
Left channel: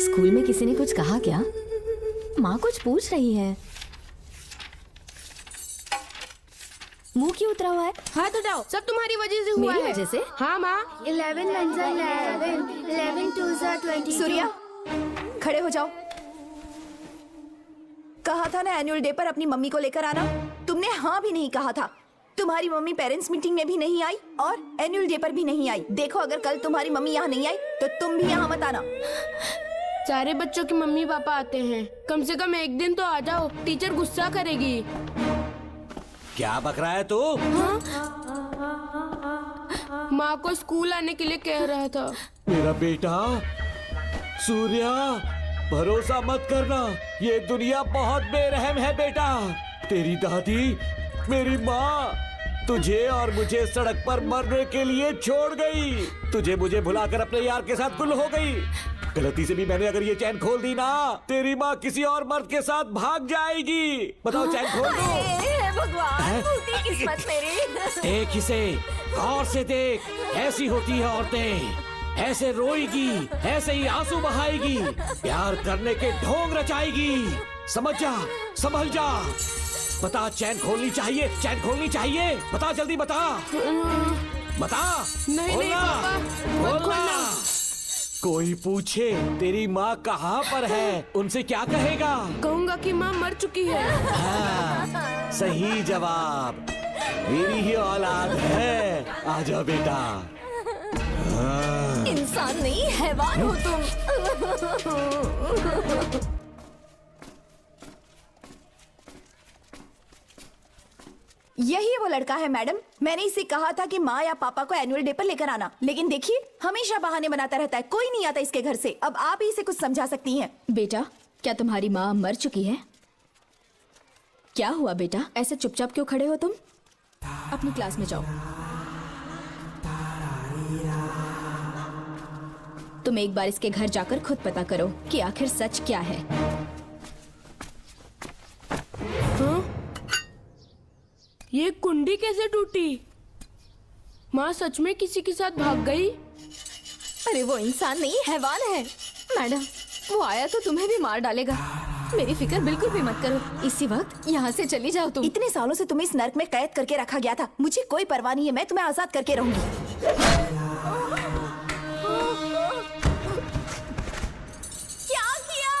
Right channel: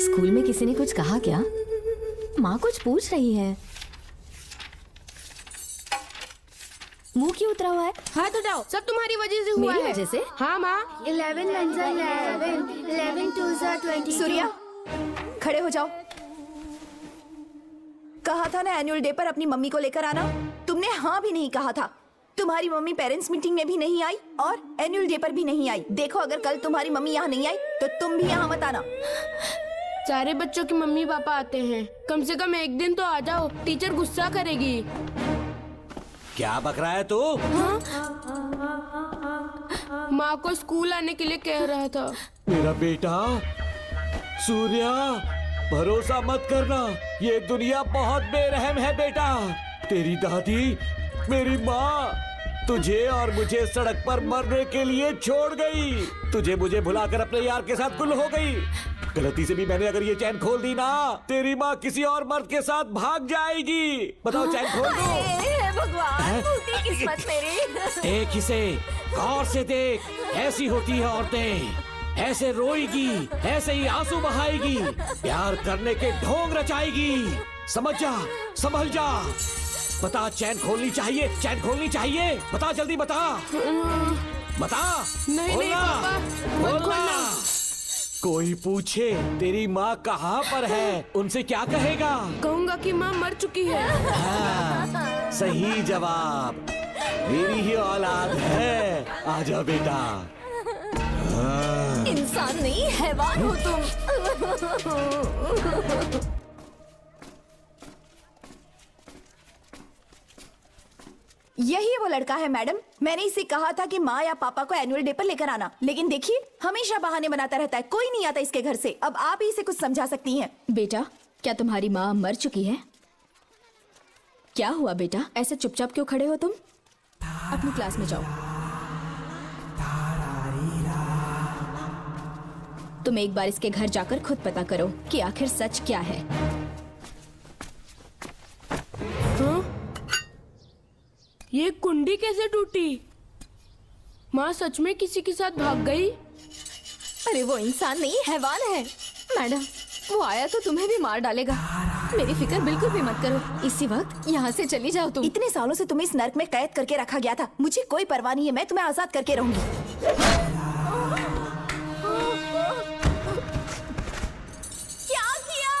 स्कूल में किसी ने कुछ कहा क्या? माँ कुछ पूछ रही है। मुंह क्यों उतरा हुआ है? हाथ उठाओ, सब तुम्हारी वजह से हुआ है। जैसे हाँ माँ। 11 सूर्या, खड़े हो जाओ। कहा था ना एनुअल डे पर अपनी मम्मी को लेकर आना। तुमने हाँ भी नहीं कहा था। तुम्हारी मम्मी पेरेंट्स मीटिंग में भी नहीं आई और एनुअल डे पर भी नहीं आई। देखो अगर कल तुम्हारी मम्मी यहाँ नहीं आई तो तुम भी यहाँ मत आना। सारे बच्चों की मम्मी पापा आते हैं, कम से कम एक दिन तो आ जाओ, टीचर गुस्सा करेगी। क्या बक रहा है तू? माँ को स्कूल आने के लिए कह रहा था। मेरा बेटा सूर्या, भरोसा मत करना, ये दुनिया बहुत बेरहम है बेटा। तेरी दादी, मेरी माँ तुझे और मुझे सड़क पर मरने के लिए छोड़ गई। तुझे मुझे भुलाकर अपने यार के साथ गुल हो गई। गलती से भी मैंने अगर ये चैन खोल दी ना, तेरी माँ किसी और मर्द के साथ भाग जाएगी। बताओ चैन खोल दो। भगवान, टूटी किस्मत तेरी। देख इसे, गौर से देख, ऐसी होती है औरतें। ऐसे रोएगी, ऐसे ही आंसू बहाएगी, प्यार करने के ढोंग रचाएगी। समझ जा, संभल जा। बता, चैन खोलनी चाहिए, चैन खोलनी चाहिए। बता जल्दी बता। बता। बोलना। कोई पूछे तेरी माँ कहाँ पर है, उनसे क्या कहेगा? कहूँगा कि माँ मर चुकी है। सही जवाब, मेरी ही औलाद है। आजा बेटा। इंसान नहीं हैवान हो तुम। यही वो लड़का है मैडम। मैंने इसे कहा था कि माँ या पापा को एनुअल डे पर लेकर आना, लेकिन देखिए हमेशा बहाने बनाता रहता है। कोई नहीं आता इसके घर से। अब आप ही इसे कुछ समझा सकती हैं। बेटा, क्या तुम्हारी माँ मर चुकी है? क्या हुआ बेटा, ऐसे चुपचाप क्यों खड़े हो तुम? अपनी क्लास में जाओ। तुम एक बार इसके घर जाकर खुद पता करो कि आखिर सच क्या है। ये कुंडी कैसे टूटी? माँ सच में किसी के साथ भाग गई? अरे वो इंसान नहीं हैवान है मैडम। वो आया तो तुम्हें भी मार डालेगा। मेरी फिक्र बिल्कुल भी मत करो। इसी वक्त यहाँ से चली जाओ तुम। इतने सालों से तुम्हें इस नर्क में कैद करके रखा गया था। मुझे कोई परवाह नहीं है, मैं तुम्हें आजाद करके रहूंगी। क्या किया?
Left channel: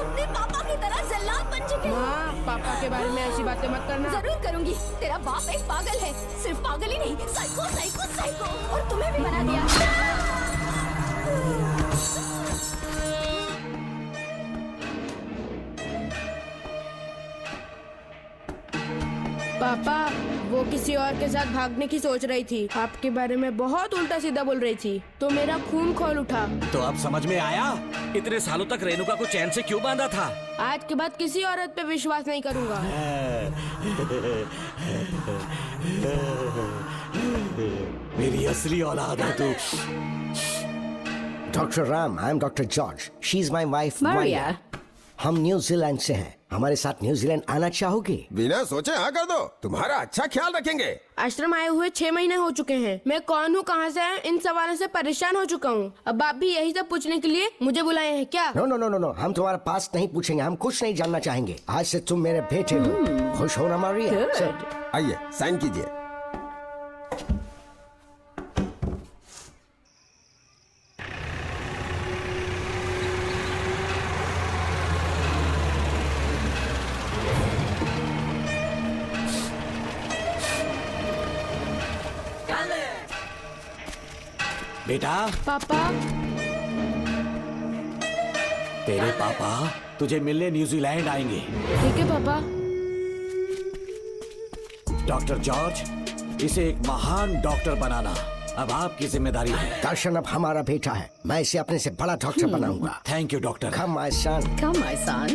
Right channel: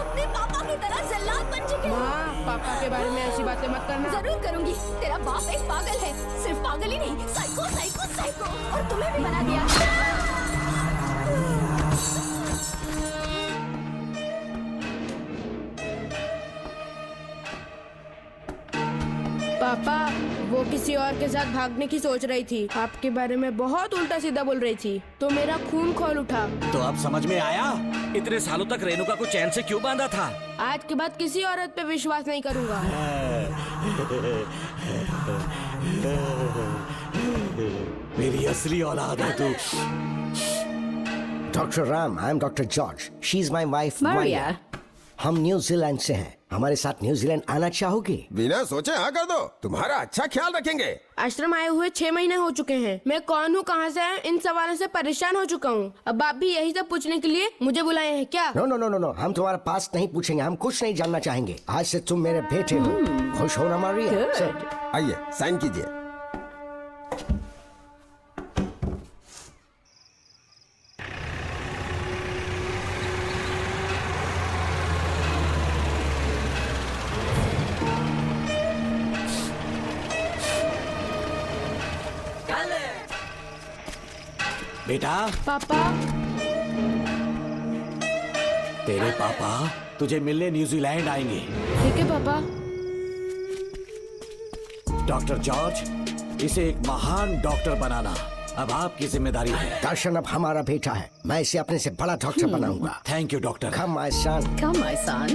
अपने पापा की तरह जल्लाद बन चुके हो। पापा के बारे में ऐसी बातें मत करना। जरूर करूंगी। तेरा बाप एक पागल है, सिर्फ पागल ही नहीं, साइको साइको साइको। और तुम्हें भी बना दिया। पापा, वो किसी और के साथ भागने की सोच रही थी। आपके बारे में बहुत उल्टा सीधा बोल रही थी, तो मेरा खून खौल उठा। तो अब समझ में आया इतने सालों तक रेणुका को चैन से क्यों बांधा था। आज के बाद किसी औरत पे विश्वास नहीं करूंगा। मेरी असली औलाद है तू। Doctor Ram, I am doctor George. She is my wife Maria. हम न्यूजीलैंड से हैं। हमारे साथ न्यूजीलैंड आना चाहोगे? बिना सोचे हाँ कर दो, तुम्हारा अच्छा ख्याल रखेंगे। आश्रम आए हुए 6 महीने हो चुके हैं। मैं कौन हूँ, कहाँ से है, इन सवालों से परेशान हो चुका हूँ। अब आप भी यही सब पूछने के लिए मुझे बुलाए हैं क्या? No no no no no, हम तुम्हारा पास नहीं पूछेंगे, हम कुछ नहीं जानना चाहेंगे। आज से तुम मेरे बेटे हो। खुश हो ना मारिया? आइए साइन कीजिए। बेटा, पापा, तेरे पापा तुझे मिलने न्यूजीलैंड आएंगे। ठीक है पापा। डॉक्टर जॉर्ज, इसे एक महान डॉक्टर बनाना अब आपकी जिम्मेदारी है। दर्शन अब हमारा बेटा है, मैं इसे अपने से बड़ा डॉक्टर बनाऊंगा। Thank you doctor. Come my son. Come my son.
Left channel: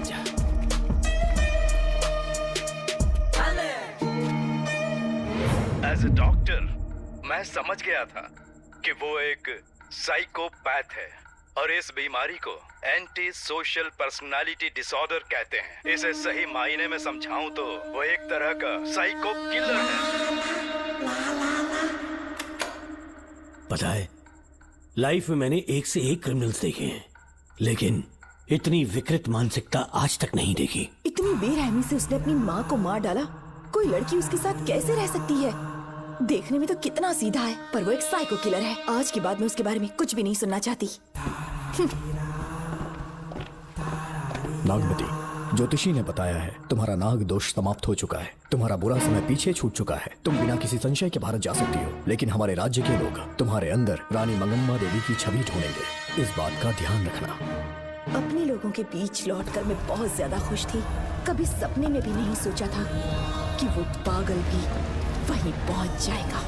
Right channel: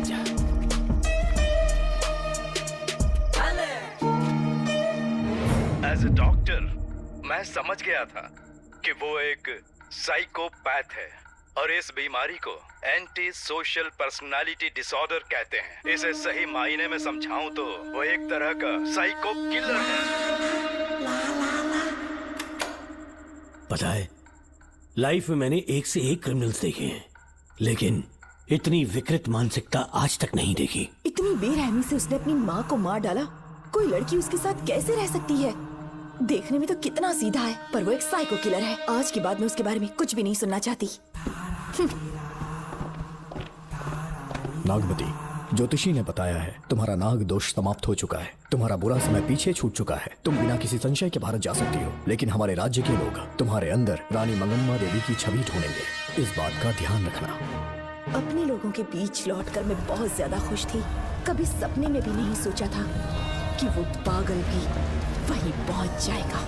As a doctor मैं समझ गया था कि वो एक साइकोपैथ है और इस बीमारी को एंटी सोशल पर्सनालिटी डिसऑर्डर कहते हैं। इसे सही मायने में समझाऊं तो वो एक तरह का साइको किलर है। पता है, लाइफ में मैंने एक से एक क्रिमिनल्स देखे हैं, लेकिन इतनी विकृत मानसिकता आज तक नहीं देखी। इतनी बेरहमी से उसने अपनी माँ को मार डाला। कोई लड़की उसके साथ कैसे रह सकती है? देखने में तो कितना सीधा है, पर वो एक साइको किलर है। आज के बाद मैं उसके बारे में कुछ भी नहीं सुनना चाहती। नागमती, ज्योतिषी ने बताया है तुम्हारा नाग दोष समाप्त हो चुका है, तुम्हारा बुरा समय पीछे छूट चुका है, तुम बिना किसी संशय के भारत जा सकती हो। लेकिन हमारे राज्य के लोग तुम्हारे अंदर रानी मंगम्मा देवी की छवि ढूंढेंगे, इस बात का ध्यान रखना। अपने लोगों के बीच लौटकर मैं बहुत ज्यादा खुश थी। कभी सपने में भी नहीं सोचा था कि वो पागल भी वहीं पहुंच जाएगा।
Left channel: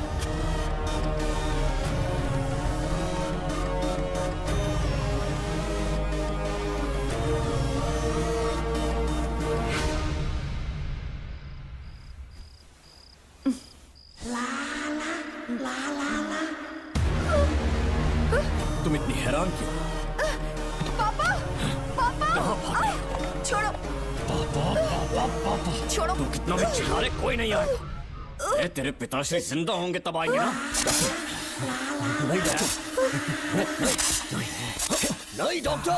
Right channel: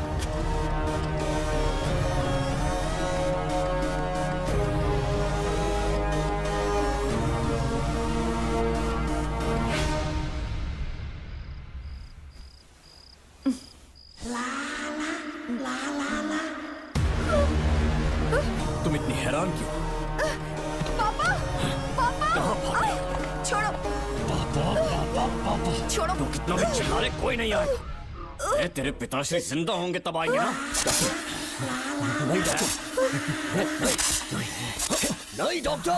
तुम इतनी हैरान क्यों? छोड़ो, छोड़ो। अरे कोई नहीं हो। तेरे पिताश्री जिंदा होंगे तब आएंगे ना। नहीं डॉक्टर, नहीं डॉक्टर।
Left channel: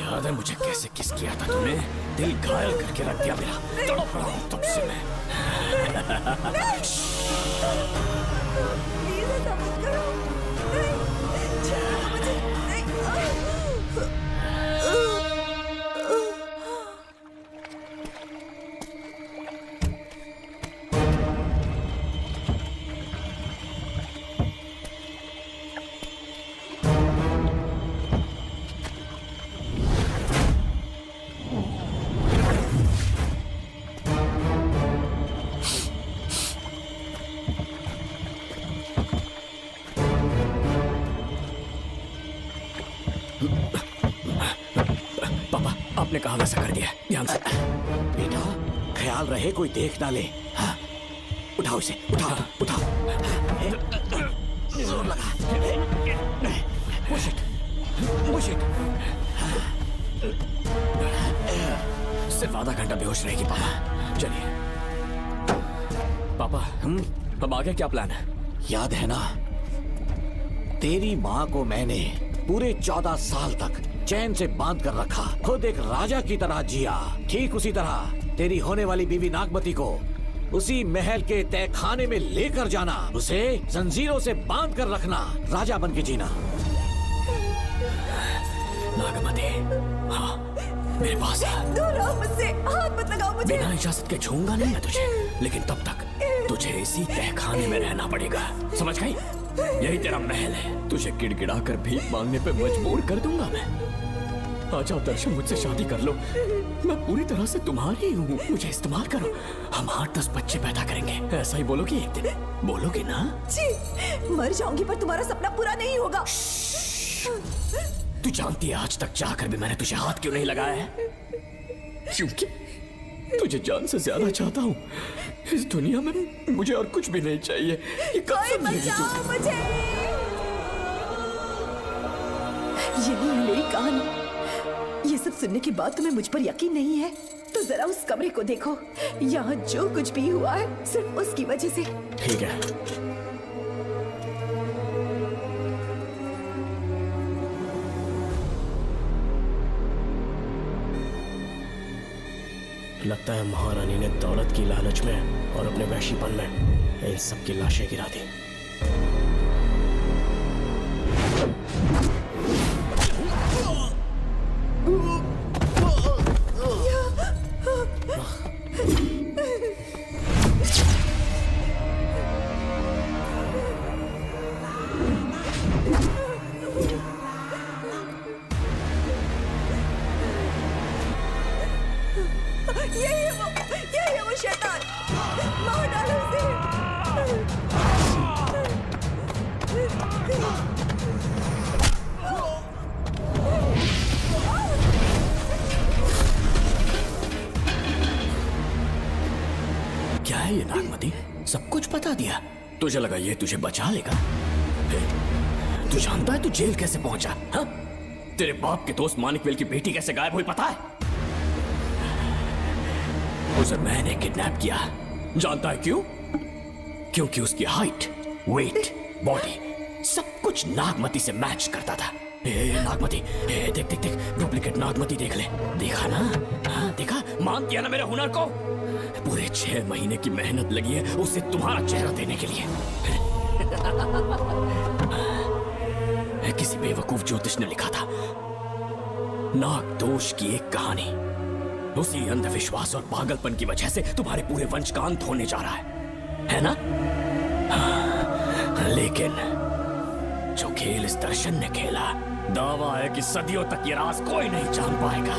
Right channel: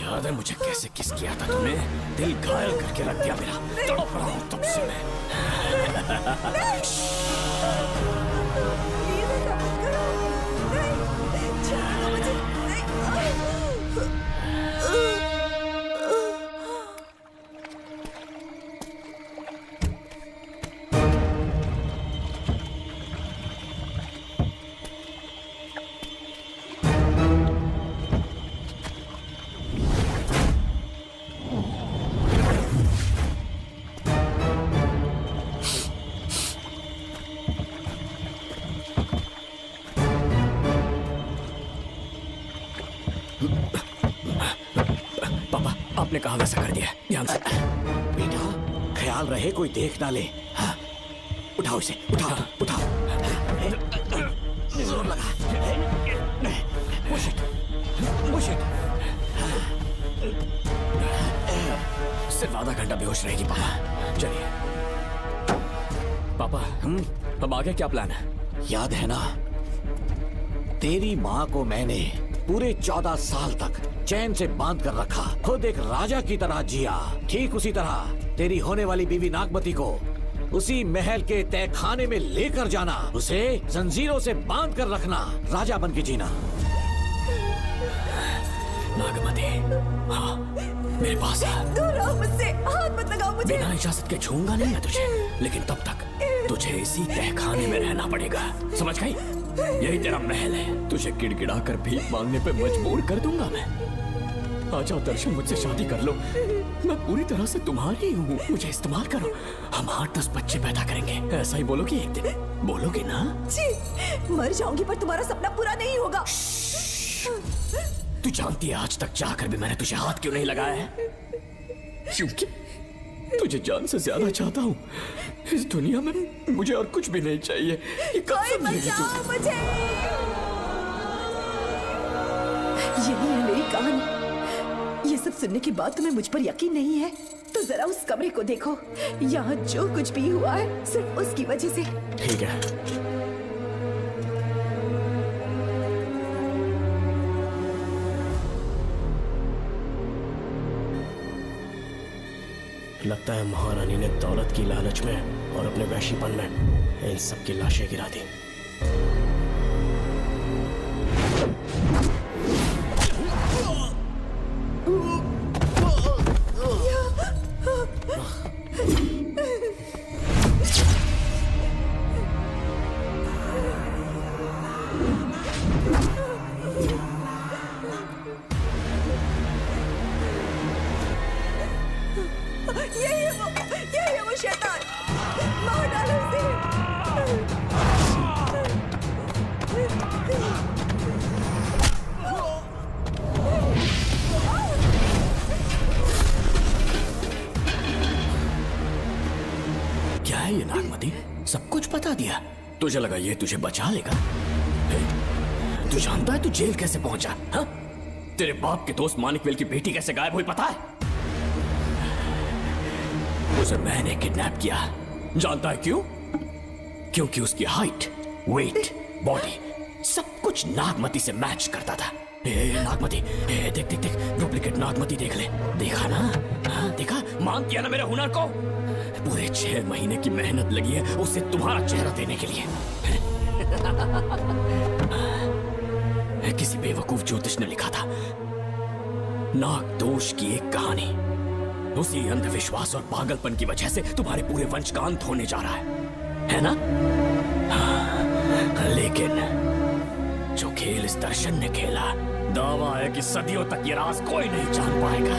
याद है मुझे कैसे किस किया था तूने? दिल घायल करके रख दिया मेरा। तड़प रहा हूं तब से मैं। आपने कहा वैसा कर दिया। बेटा, ख्याल रहे कोई देख डाले। हाँ, उठाओ इसे, उठाओ, उठाओ। जोर लगा। Push it, push it। सिर्फ आधा घंटा बेहोश रहेगी पापा। चलिए पापा, तब आगे क्या प्लान है? याद है ना, तेरी माँ को मैंने पूरे 14 साल तक चैन से बांध कर रखा, खुद एक राजा की तरह जिया। ठीक उसी तरह तेरी होने वाली बीवी नागमती को उसी महल के तहखाने में लेकर जाना, उसे जंजीरों से बांध कर रखना, राजा बन के जीना। नागमती, हाँ, मेरे पास मुझसे हाथ मत लगाओ मुझे। बिना इजाजत के छूऊंगा नहीं मैं तुझे, लेकिन तब तक तुझे इसी तहखाने में रहना पड़ेगा, समझ गई? यही तेरा महल है। तुझे गिड़गिड़ा कर भीख मांगने पे मजबूर कर दूंगा मैं। आ जाओ दर्शन, मुझसे शादी कर लो। मैं पूरी तरह से तुम्हारी हूँ, मुझे इस्तेमाल करो। हम 8-10 बच्चे पैदा करेंगे। ऐसा ही बोलोगी एक दिन? बोलोगी ना? जी, मर जाऊंगी पर तुम्हारा सपना पूरा नहीं होगा। तू जानती है आज तक जाकर भी मैंने तुझे हाथ क्यों नहीं लगाया है? क्योंकि तुझे जान से ज्यादा चाहता हूँ। इस दुनिया में मुझे और कुछ भी नहीं चाहिए। ये कसम मेरी मुझे। यही है मेरी कहानी। ये सब सुनने के बाद तुम्हें मुझ पर यकीन नहीं है तो जरा उस कमरे को देखो। यहाँ जो कुछ भी हुआ है सिर्फ उसकी वजह से। ठीक है, लगता है महारानी ने दौलत की लालच में और अपने वैशीपन में इन सबकी लाशें गिरा दी। शैतान, मार डालो क्या है ये नागमती? सब कुछ बता दिया। तुझे लगा ये तुझे बचा लेगा? तू जानता है तू जेल कैसे पहुंचा? हाँ? तेरे बाप के दोस्त मानिकवेल की बेटी कैसे गायब हुई पता है? उसे मैंने किडनैप किया। जानता है क्यों? क्योंकि उसकी हाइट, वेट, बॉडी सब कुछ नागमती से मैच करता था। ए नागमती, देख देख देख, डुप्लीकेट नागमती देख ले। देखा ना? हाँ, देखा? मान दिया ना मेरे हुनर को? पूरे 6 महीने की मेहनत लगी है उसे तुम्हारा चेहरा देने के लिए। किसी बेवकूफ ज्योतिष ने लिखा था, नाग दोष की एक कहानी। उसी अंधविश्वास और पागलपन की वजह से तुम्हारे पूरे वंश का अंत होने जा रहा है ना? लेकिन जो खेल इस दर्शन ने खेला, दावा है कि सदियों तक ये राज कोई नहीं जान पाएगा।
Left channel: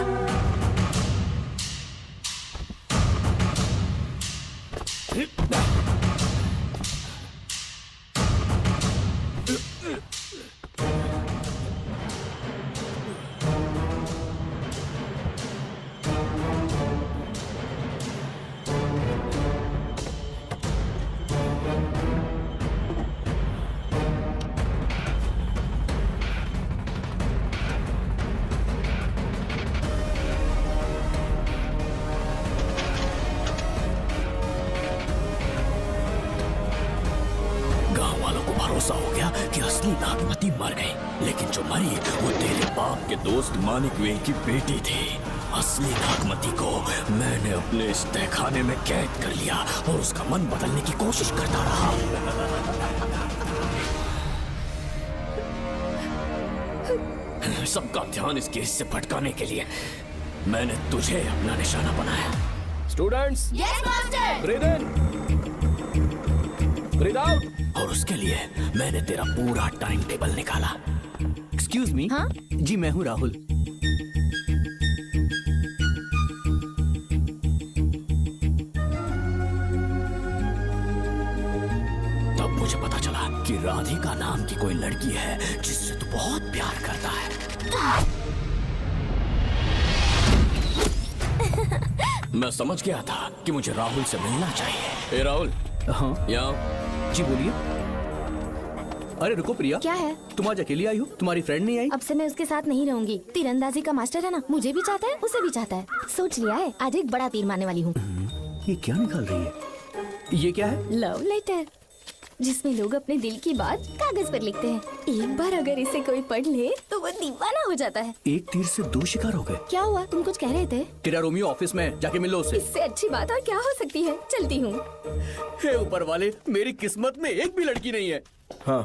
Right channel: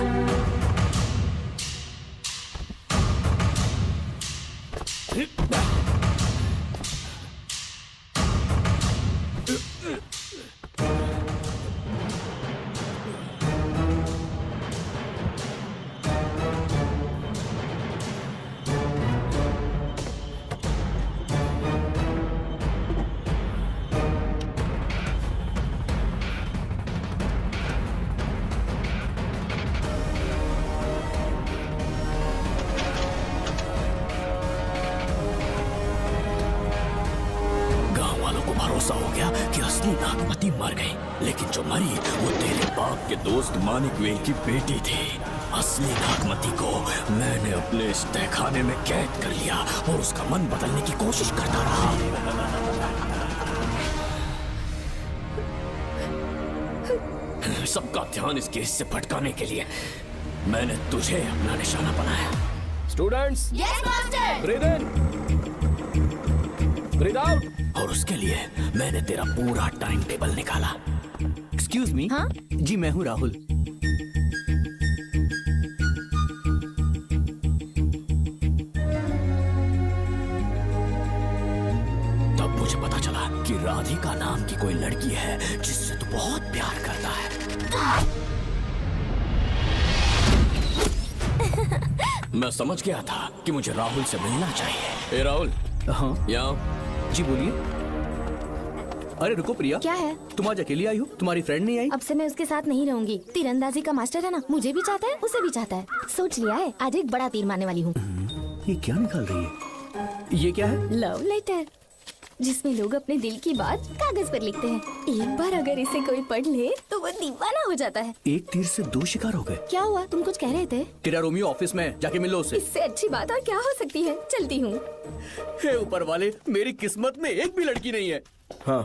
भरोसा हो गया कि असली नागमती मर गई, लेकिन जो मरी वो तेरे बाप के दोस्त मानिकवेल की बेटी थी। असली नागमती को मैंने अपने इस तहखाने में कैद कर लिया और उसका मन बदलने की कोशिश करता रहा। सबका ध्यान इस केस से भटकाने के लिए मैंने तुझे अपना निशाना बनाया। Students, yes master. और उसके लिए मैंने तेरा पूरा टाइम टेबल निकाला। Excuse me. हाँ? जी मैं हूँ राहुल। तब मुझे पता चला कि राधिका नाम की कोई लड़की है जिससे तू बहुत प्यार करता है। मैं समझ गया था कि मुझे राहुल से मिलना चाहिए। ए राहुल। हाँ यहाँ। जी बोलिए। अरे रुको प्रिया, क्या है? तुम आज अकेली आई हो? तुम्हारी फ्रेंड नहीं आई? अब से मैं उसके साथ नहीं रहूंगी। तीरंदाजी का मास्टर है ना, मुझे भी चाहता है, उसे भी चाहता है। सोच लिया है, आज एक बड़ा तीर मारने वाली हूँ। ये क्या निकाल रही है? ये क्या है? लव लेटर, जिसमें लोग अपने दिल की बात कागज पर लिखते हैं। एक बार अगर इसे कोई पढ़ ले तो वो दीवाना हो जाता है। एक तीर से 2 शिकार हो गए। क्या हुआ? तुम कुछ कह रहे थे? तेरा रोमियो ऑफिस में, जाके मिल लो उससे। इससे अच्छी बात और क्या हो सकती है? चलती है। ऊपर वाले, मेरी किस्मत में एक भी लड़की नहीं है। हाँ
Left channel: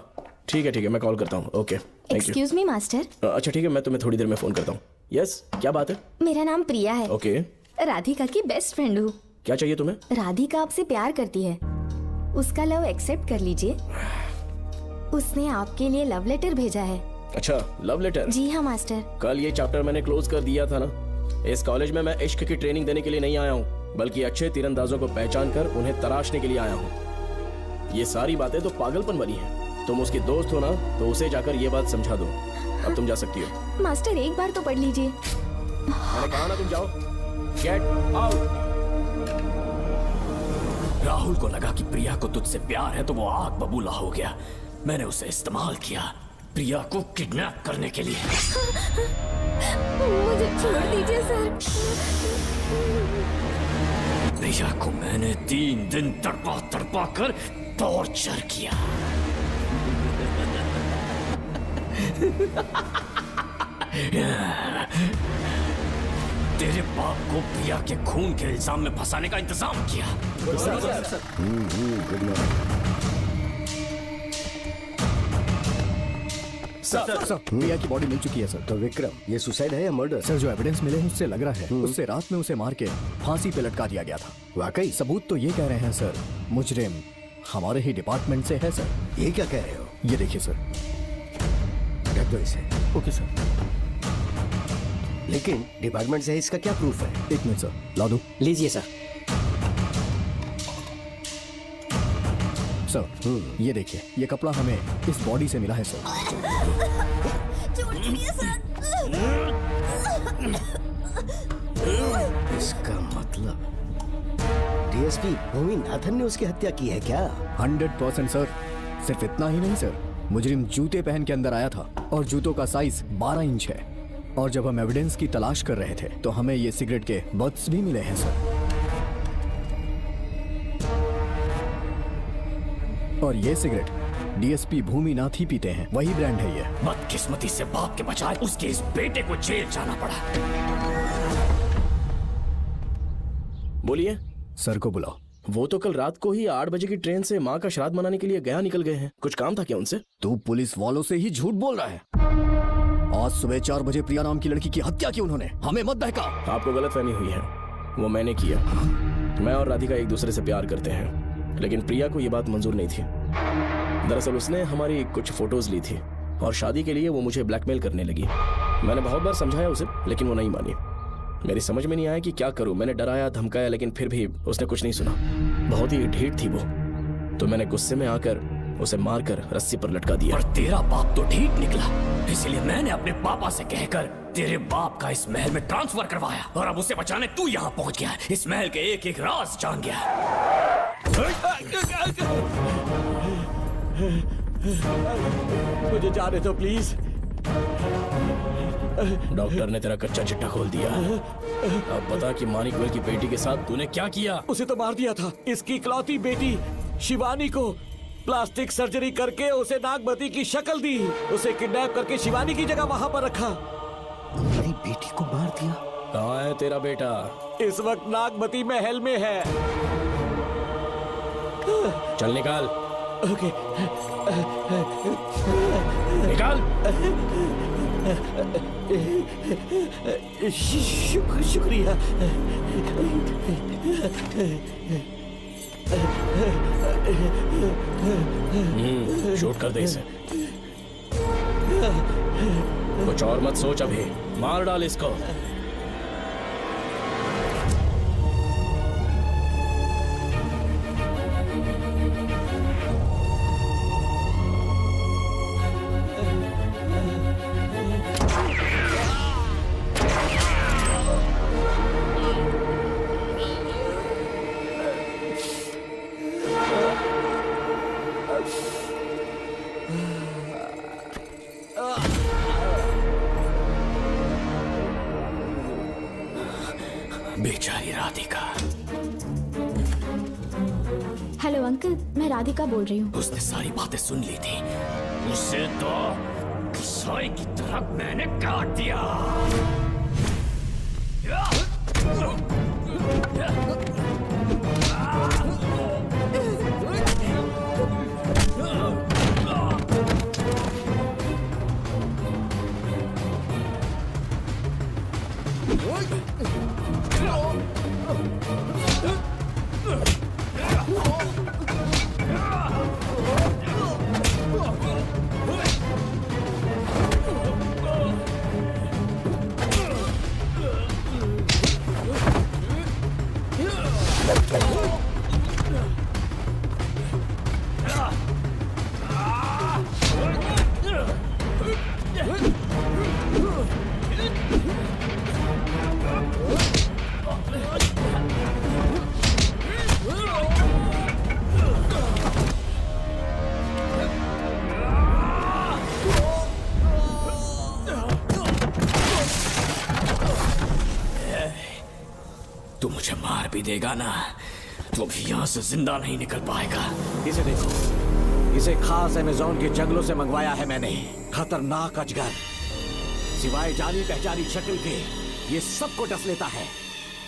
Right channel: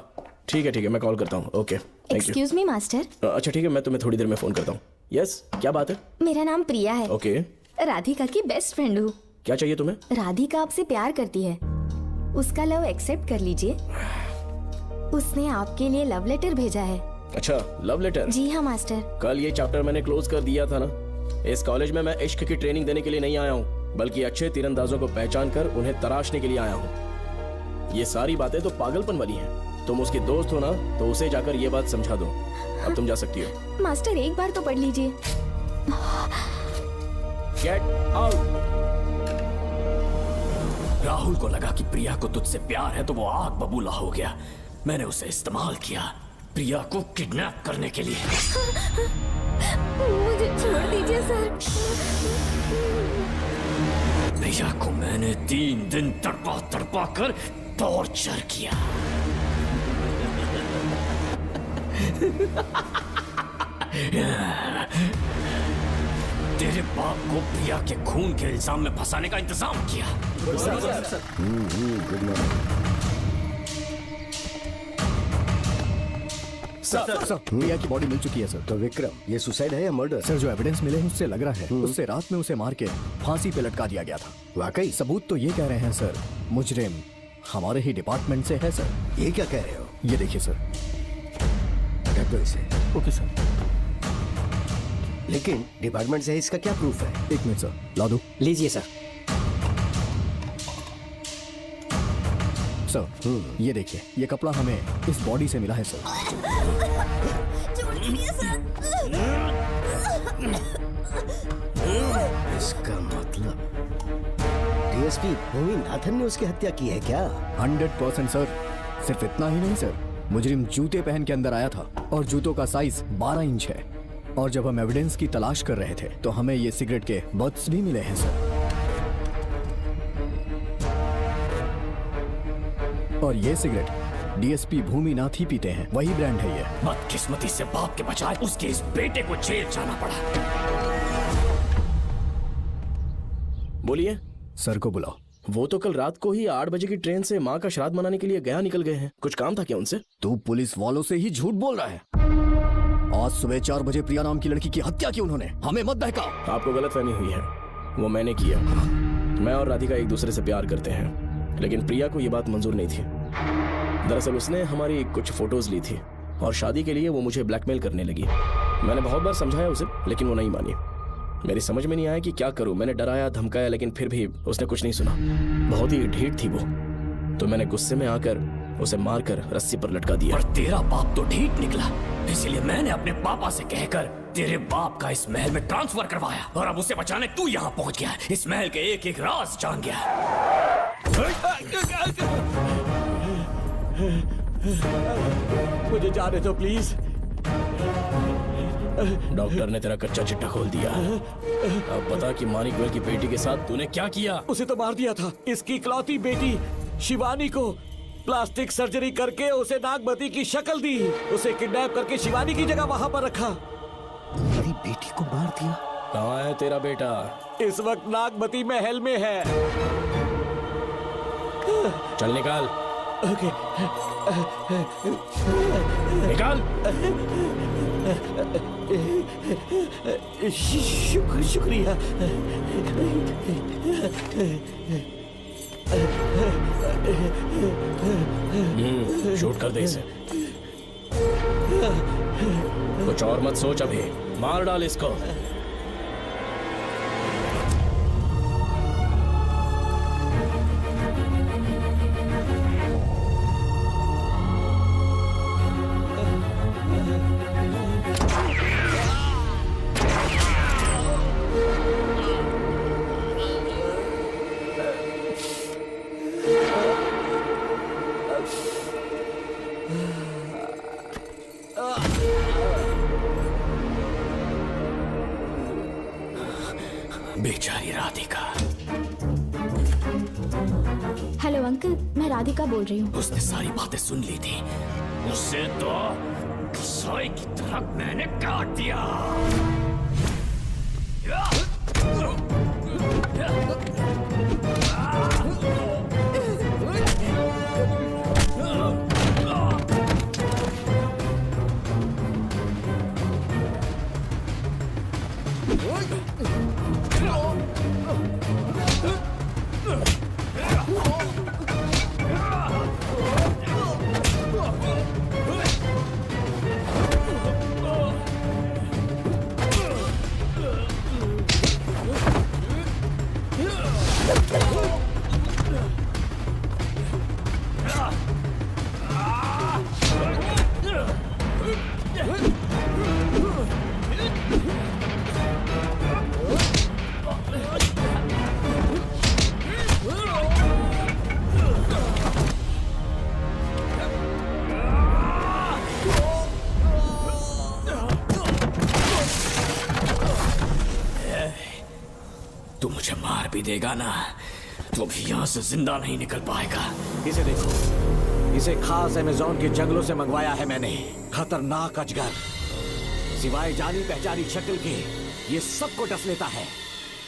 ठीक है मैं कॉल करता हूँ। ओके। Excuse me master. अच्छा ठीक है, मैं तुम्हें थोड़ी देर में फोन करता हूँ। यस, क्या बात है? मेरा नाम प्रिया है। ओके। राधिका की बेस्ट फ्रेंड हूँ। क्या चाहिए तुम्हें? राधिका आपसे प्यार करती है, उसका लव एक्सेप्ट कर लीजिए। उसने आपके लिए लव लेटर भेजा है। अच्छा, लव लेटर? जी हाँ मास्टर। कल ये चैप्टर मैंने क्लोज कर दिया था ना। इस कॉलेज में मैं इश्क की ट्रेनिंग देने के लिए नहीं आया हूँ, बल्कि अच्छे तीरंदाजों को पहचान कर उन्हें तराशने के लिए आया हूँ। ये सारी बातें तो पागलपन वाली हैं। तुम उसकी दोस्त हो ना, तो उसे जाकर ये बात समझा दो। अब तुम जा सकती हो। मास्टर एक बार तो पढ़ लीजिए। मैंने कहा ना तुम जाओ। Get out. राहुल को लगा कि प्रिया को तुझसे प्यार है तो वो आप बबूला हो गया। मैंने उसे इस्तेमाल किया प्रिया को किडनैप करने के लिए। मुझे छोड़ दीजिए सर। प्रिया को मैंने 3 दिन तड़पा कर टॉर्चर किया। तेरे बाप को प्रिया के खून के इल्जाम में फंसाने का इंतजाम किया। सर, प्रिया की बॉडी मिल चुकी है सर। तो विक्रम, ये सुसाइड है या मर्डर? सर, जो एविडेंस मिले हैं उससे लग रहा है उससे रात में उसे मार के फांसी पे लटका दिया गया था। वाकई सबूत तो ये कह रहे हैं सर, मुजरिम हमारे ही डिपार्टमेंट से है सर। ये क्या कह रहे हो? ये देखिए सर, हटा दो इसे। Okay sir. लेकिन डिपार्टमेंट से इसका क्या प्रूफ है? 1 मिनट सर, ला दो। लीजिए सर। सर ये देखिए, ये कपड़ा हमें इस बॉडी से मिला है सर। इसका मतलब डीएसपी नाथन ने उसकी हत्या की है क्या? 100% सर। सिर्फ इतना ही नहीं सर, मुजरिम जूते पहन के अंदर आया था और जूतों का साइज 12 इंच है। और जब हम एविडेंस की तलाश कर रहे थे तो हमें ये सिगरेट के बट्स भी मिले हैं सर। और ये सिगरेट डीएसपी भूमिनाथ ही पीते हैं, वही ब्रांड है ये। बदकिस्मती से बाप के बचाए उसके इस बेटे को जेल जाना पड़ा। बोलिए। सर को बुलाओ। वो तो कल रात को ही 8 बजे की ट्रेन से माँ का श्राद्ध मनाने के लिए गया निकल गए हैं। कुछ काम था क्या उनसे? तू पुलिस वालों से ही झूठ बोल रहा है। आज सुबह 4 बजे प्रिया नाम की लड़की की हत्या की उन्होंने, हमें मत बहका। आपको गलतफहमी हुई है, वो मैंने किया। मैं और राधिका एक दूसरे से प्यार करते हैं, लेकिन प्रिया को ये बात मंजूर नहीं थी। दरअसल उसने हमारी कुछ फोटोज ली थी और शादी के लिए वो मुझे ब्लैकमेल करने लगी। मैंने बहुत बार समझाया उसे, लेकिन वो नहीं मानी। मेरी समझ में नहीं आया कि क्या करूं। मैंने डराया धमकाया, लेकिन फिर भी उसने कुछ नहीं सुना। बहुत ही ढीठ थी वो, तो मैंने गुस्से में आकर उसे मारकर रस्सी पर लटका दिया। तेरा बाप तो ठीक निकला, इसलिए मैंने अपने पापा से कहकर तेरे बाप का इस महल में ट्रांसफर करवाया, और अब उसे बचाने तू यहाँ पहुँच गया। इस महल के एक एक राज जान गया। मुझे जाने दो प्लीज। डॉक्टर ने तेरा कच्चा चिट्ठा खोल दिया। अब बता कि मानिक भाई की बेटी के साथ तूने क्या किया? उसे तो मार दिया था। इसकी इकलौती बेटी शिवानी को प्लास्टिक सर्जरी करके उसे नागमती की शक्ल दी। उसे किडनैप करके शिवानी की जगह वहाँ पर रखा। मेरी बेटी को मार दिया? कहाँ है तेरा बेटा? इस वक्त नागमती महल में है। चल निकाल। निकाल। शुक्रिया। शूट कर दे इसे। कुछ और मत सोच, अभी मार डाल इसको। बेचारी राधिका। हेलो अंकल, मैं राधिका बोल रही हूँ। उसने सारी बातें सुन ली थी। उसे तो साई की तरह मैंने काट दिया। तू मुझे मार भी देगा ना, तो भी यहाँ से जिंदा नहीं निकल पाएगा। इसे देखो, इसे खास अमेज़न के जंगलों से मंगवाया है मैंने। खतरनाक अजगर, सिवाय जानी पहचानी शक्ल के ये सबको डस लेता है।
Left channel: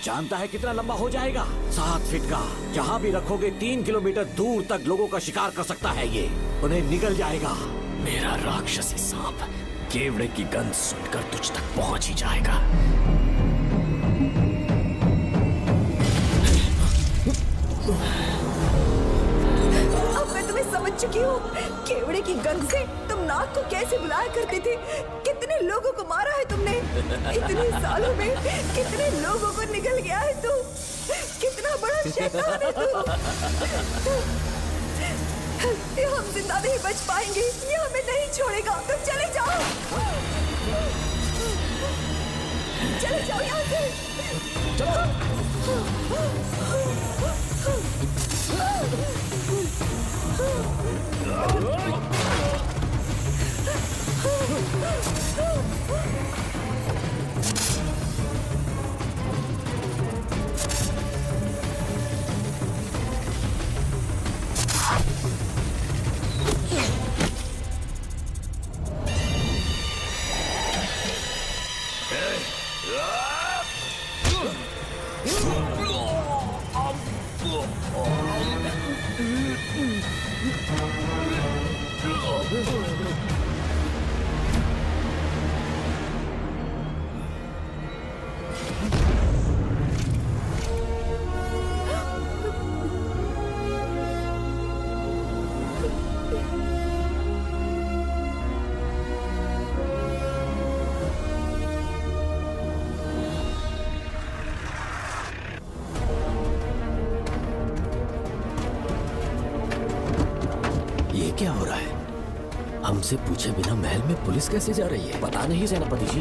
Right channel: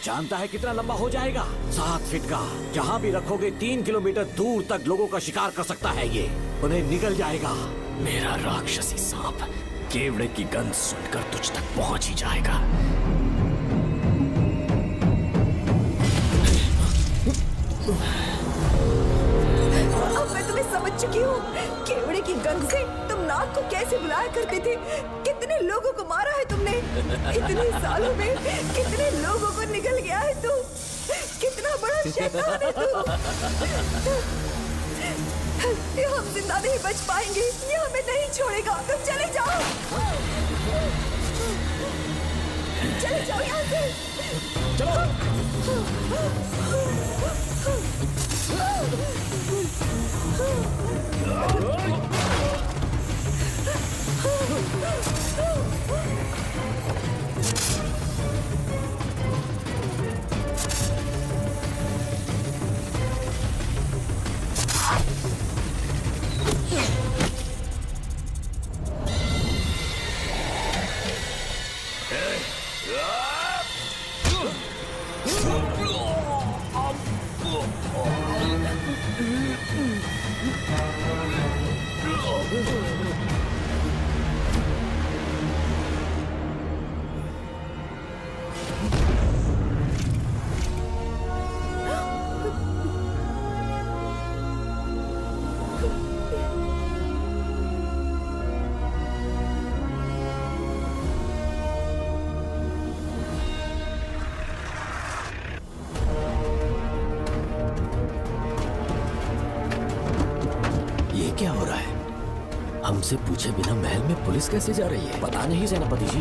जानता है कितना लंबा हो जाएगा? 7 फीट का। जहाँ भी रखोगे 3 किलोमीटर दूर तक लोगों का शिकार कर सकता है ये। उन्हें निगल जाएगा। मेरा राक्षसी सांप केवड़े की गंध सुनकर तुझ तक पहुंच ही जाएगा। मैं तुम्हें समझ चुकी हूँ। केवड़े की गंध से तुम नाव को कैसे बुलाया करते थे। कितने लोगों को मारा है तुमने। इतने सालों में कितने लोगों को निकल गया है तू। कितना बड़ा शैतान है तू। हम जिंदा नहीं बच पाएंगे, ये हमें नहीं छोड़ेगा। चले जाओ, चले जाओ यहाँ से। ये क्या हो रहा है? हमसे पूछे बिना महल में पुलिस कैसे जा रही है? पता नहीं सेनापति जी।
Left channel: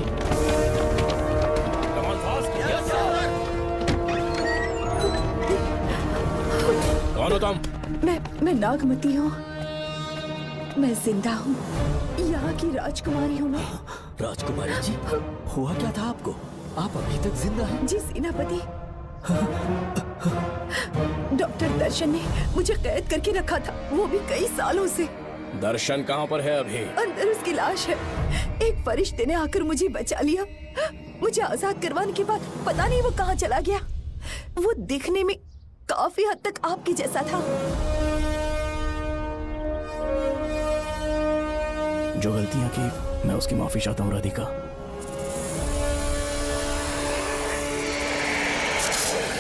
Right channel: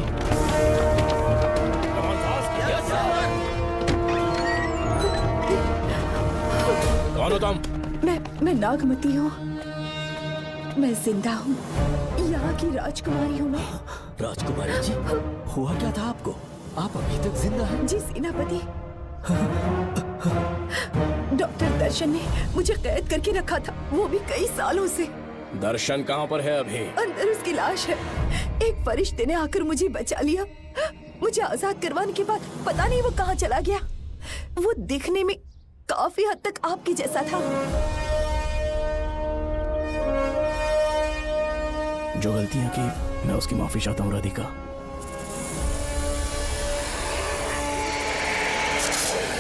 कौन हो तुम? मैं नागमती हूँ, मैं जिंदा हूँ, यहाँ की राजकुमारी हूँ मैं। राजकुमारी जी, हुआ क्या था आपको? आप अभी तक जिंदा हैं? जी सेनापति, डॉक्टर दर्शन ने मुझे कैद करके रखा था, वो भी कई सालों से। दर्शन कहाँ पर है अभी? अंदर उसकी लाश है। एक फरिश्ते ने आकर मुझे बचा लिया। मुझे आजाद करवाने के बाद पता नहीं वो कहाँ चला गया। वो दिखने में काफी हद तक आपके जैसा था। जो गलतियां की मैं उसकी माफी चाहता हूँ राधिका।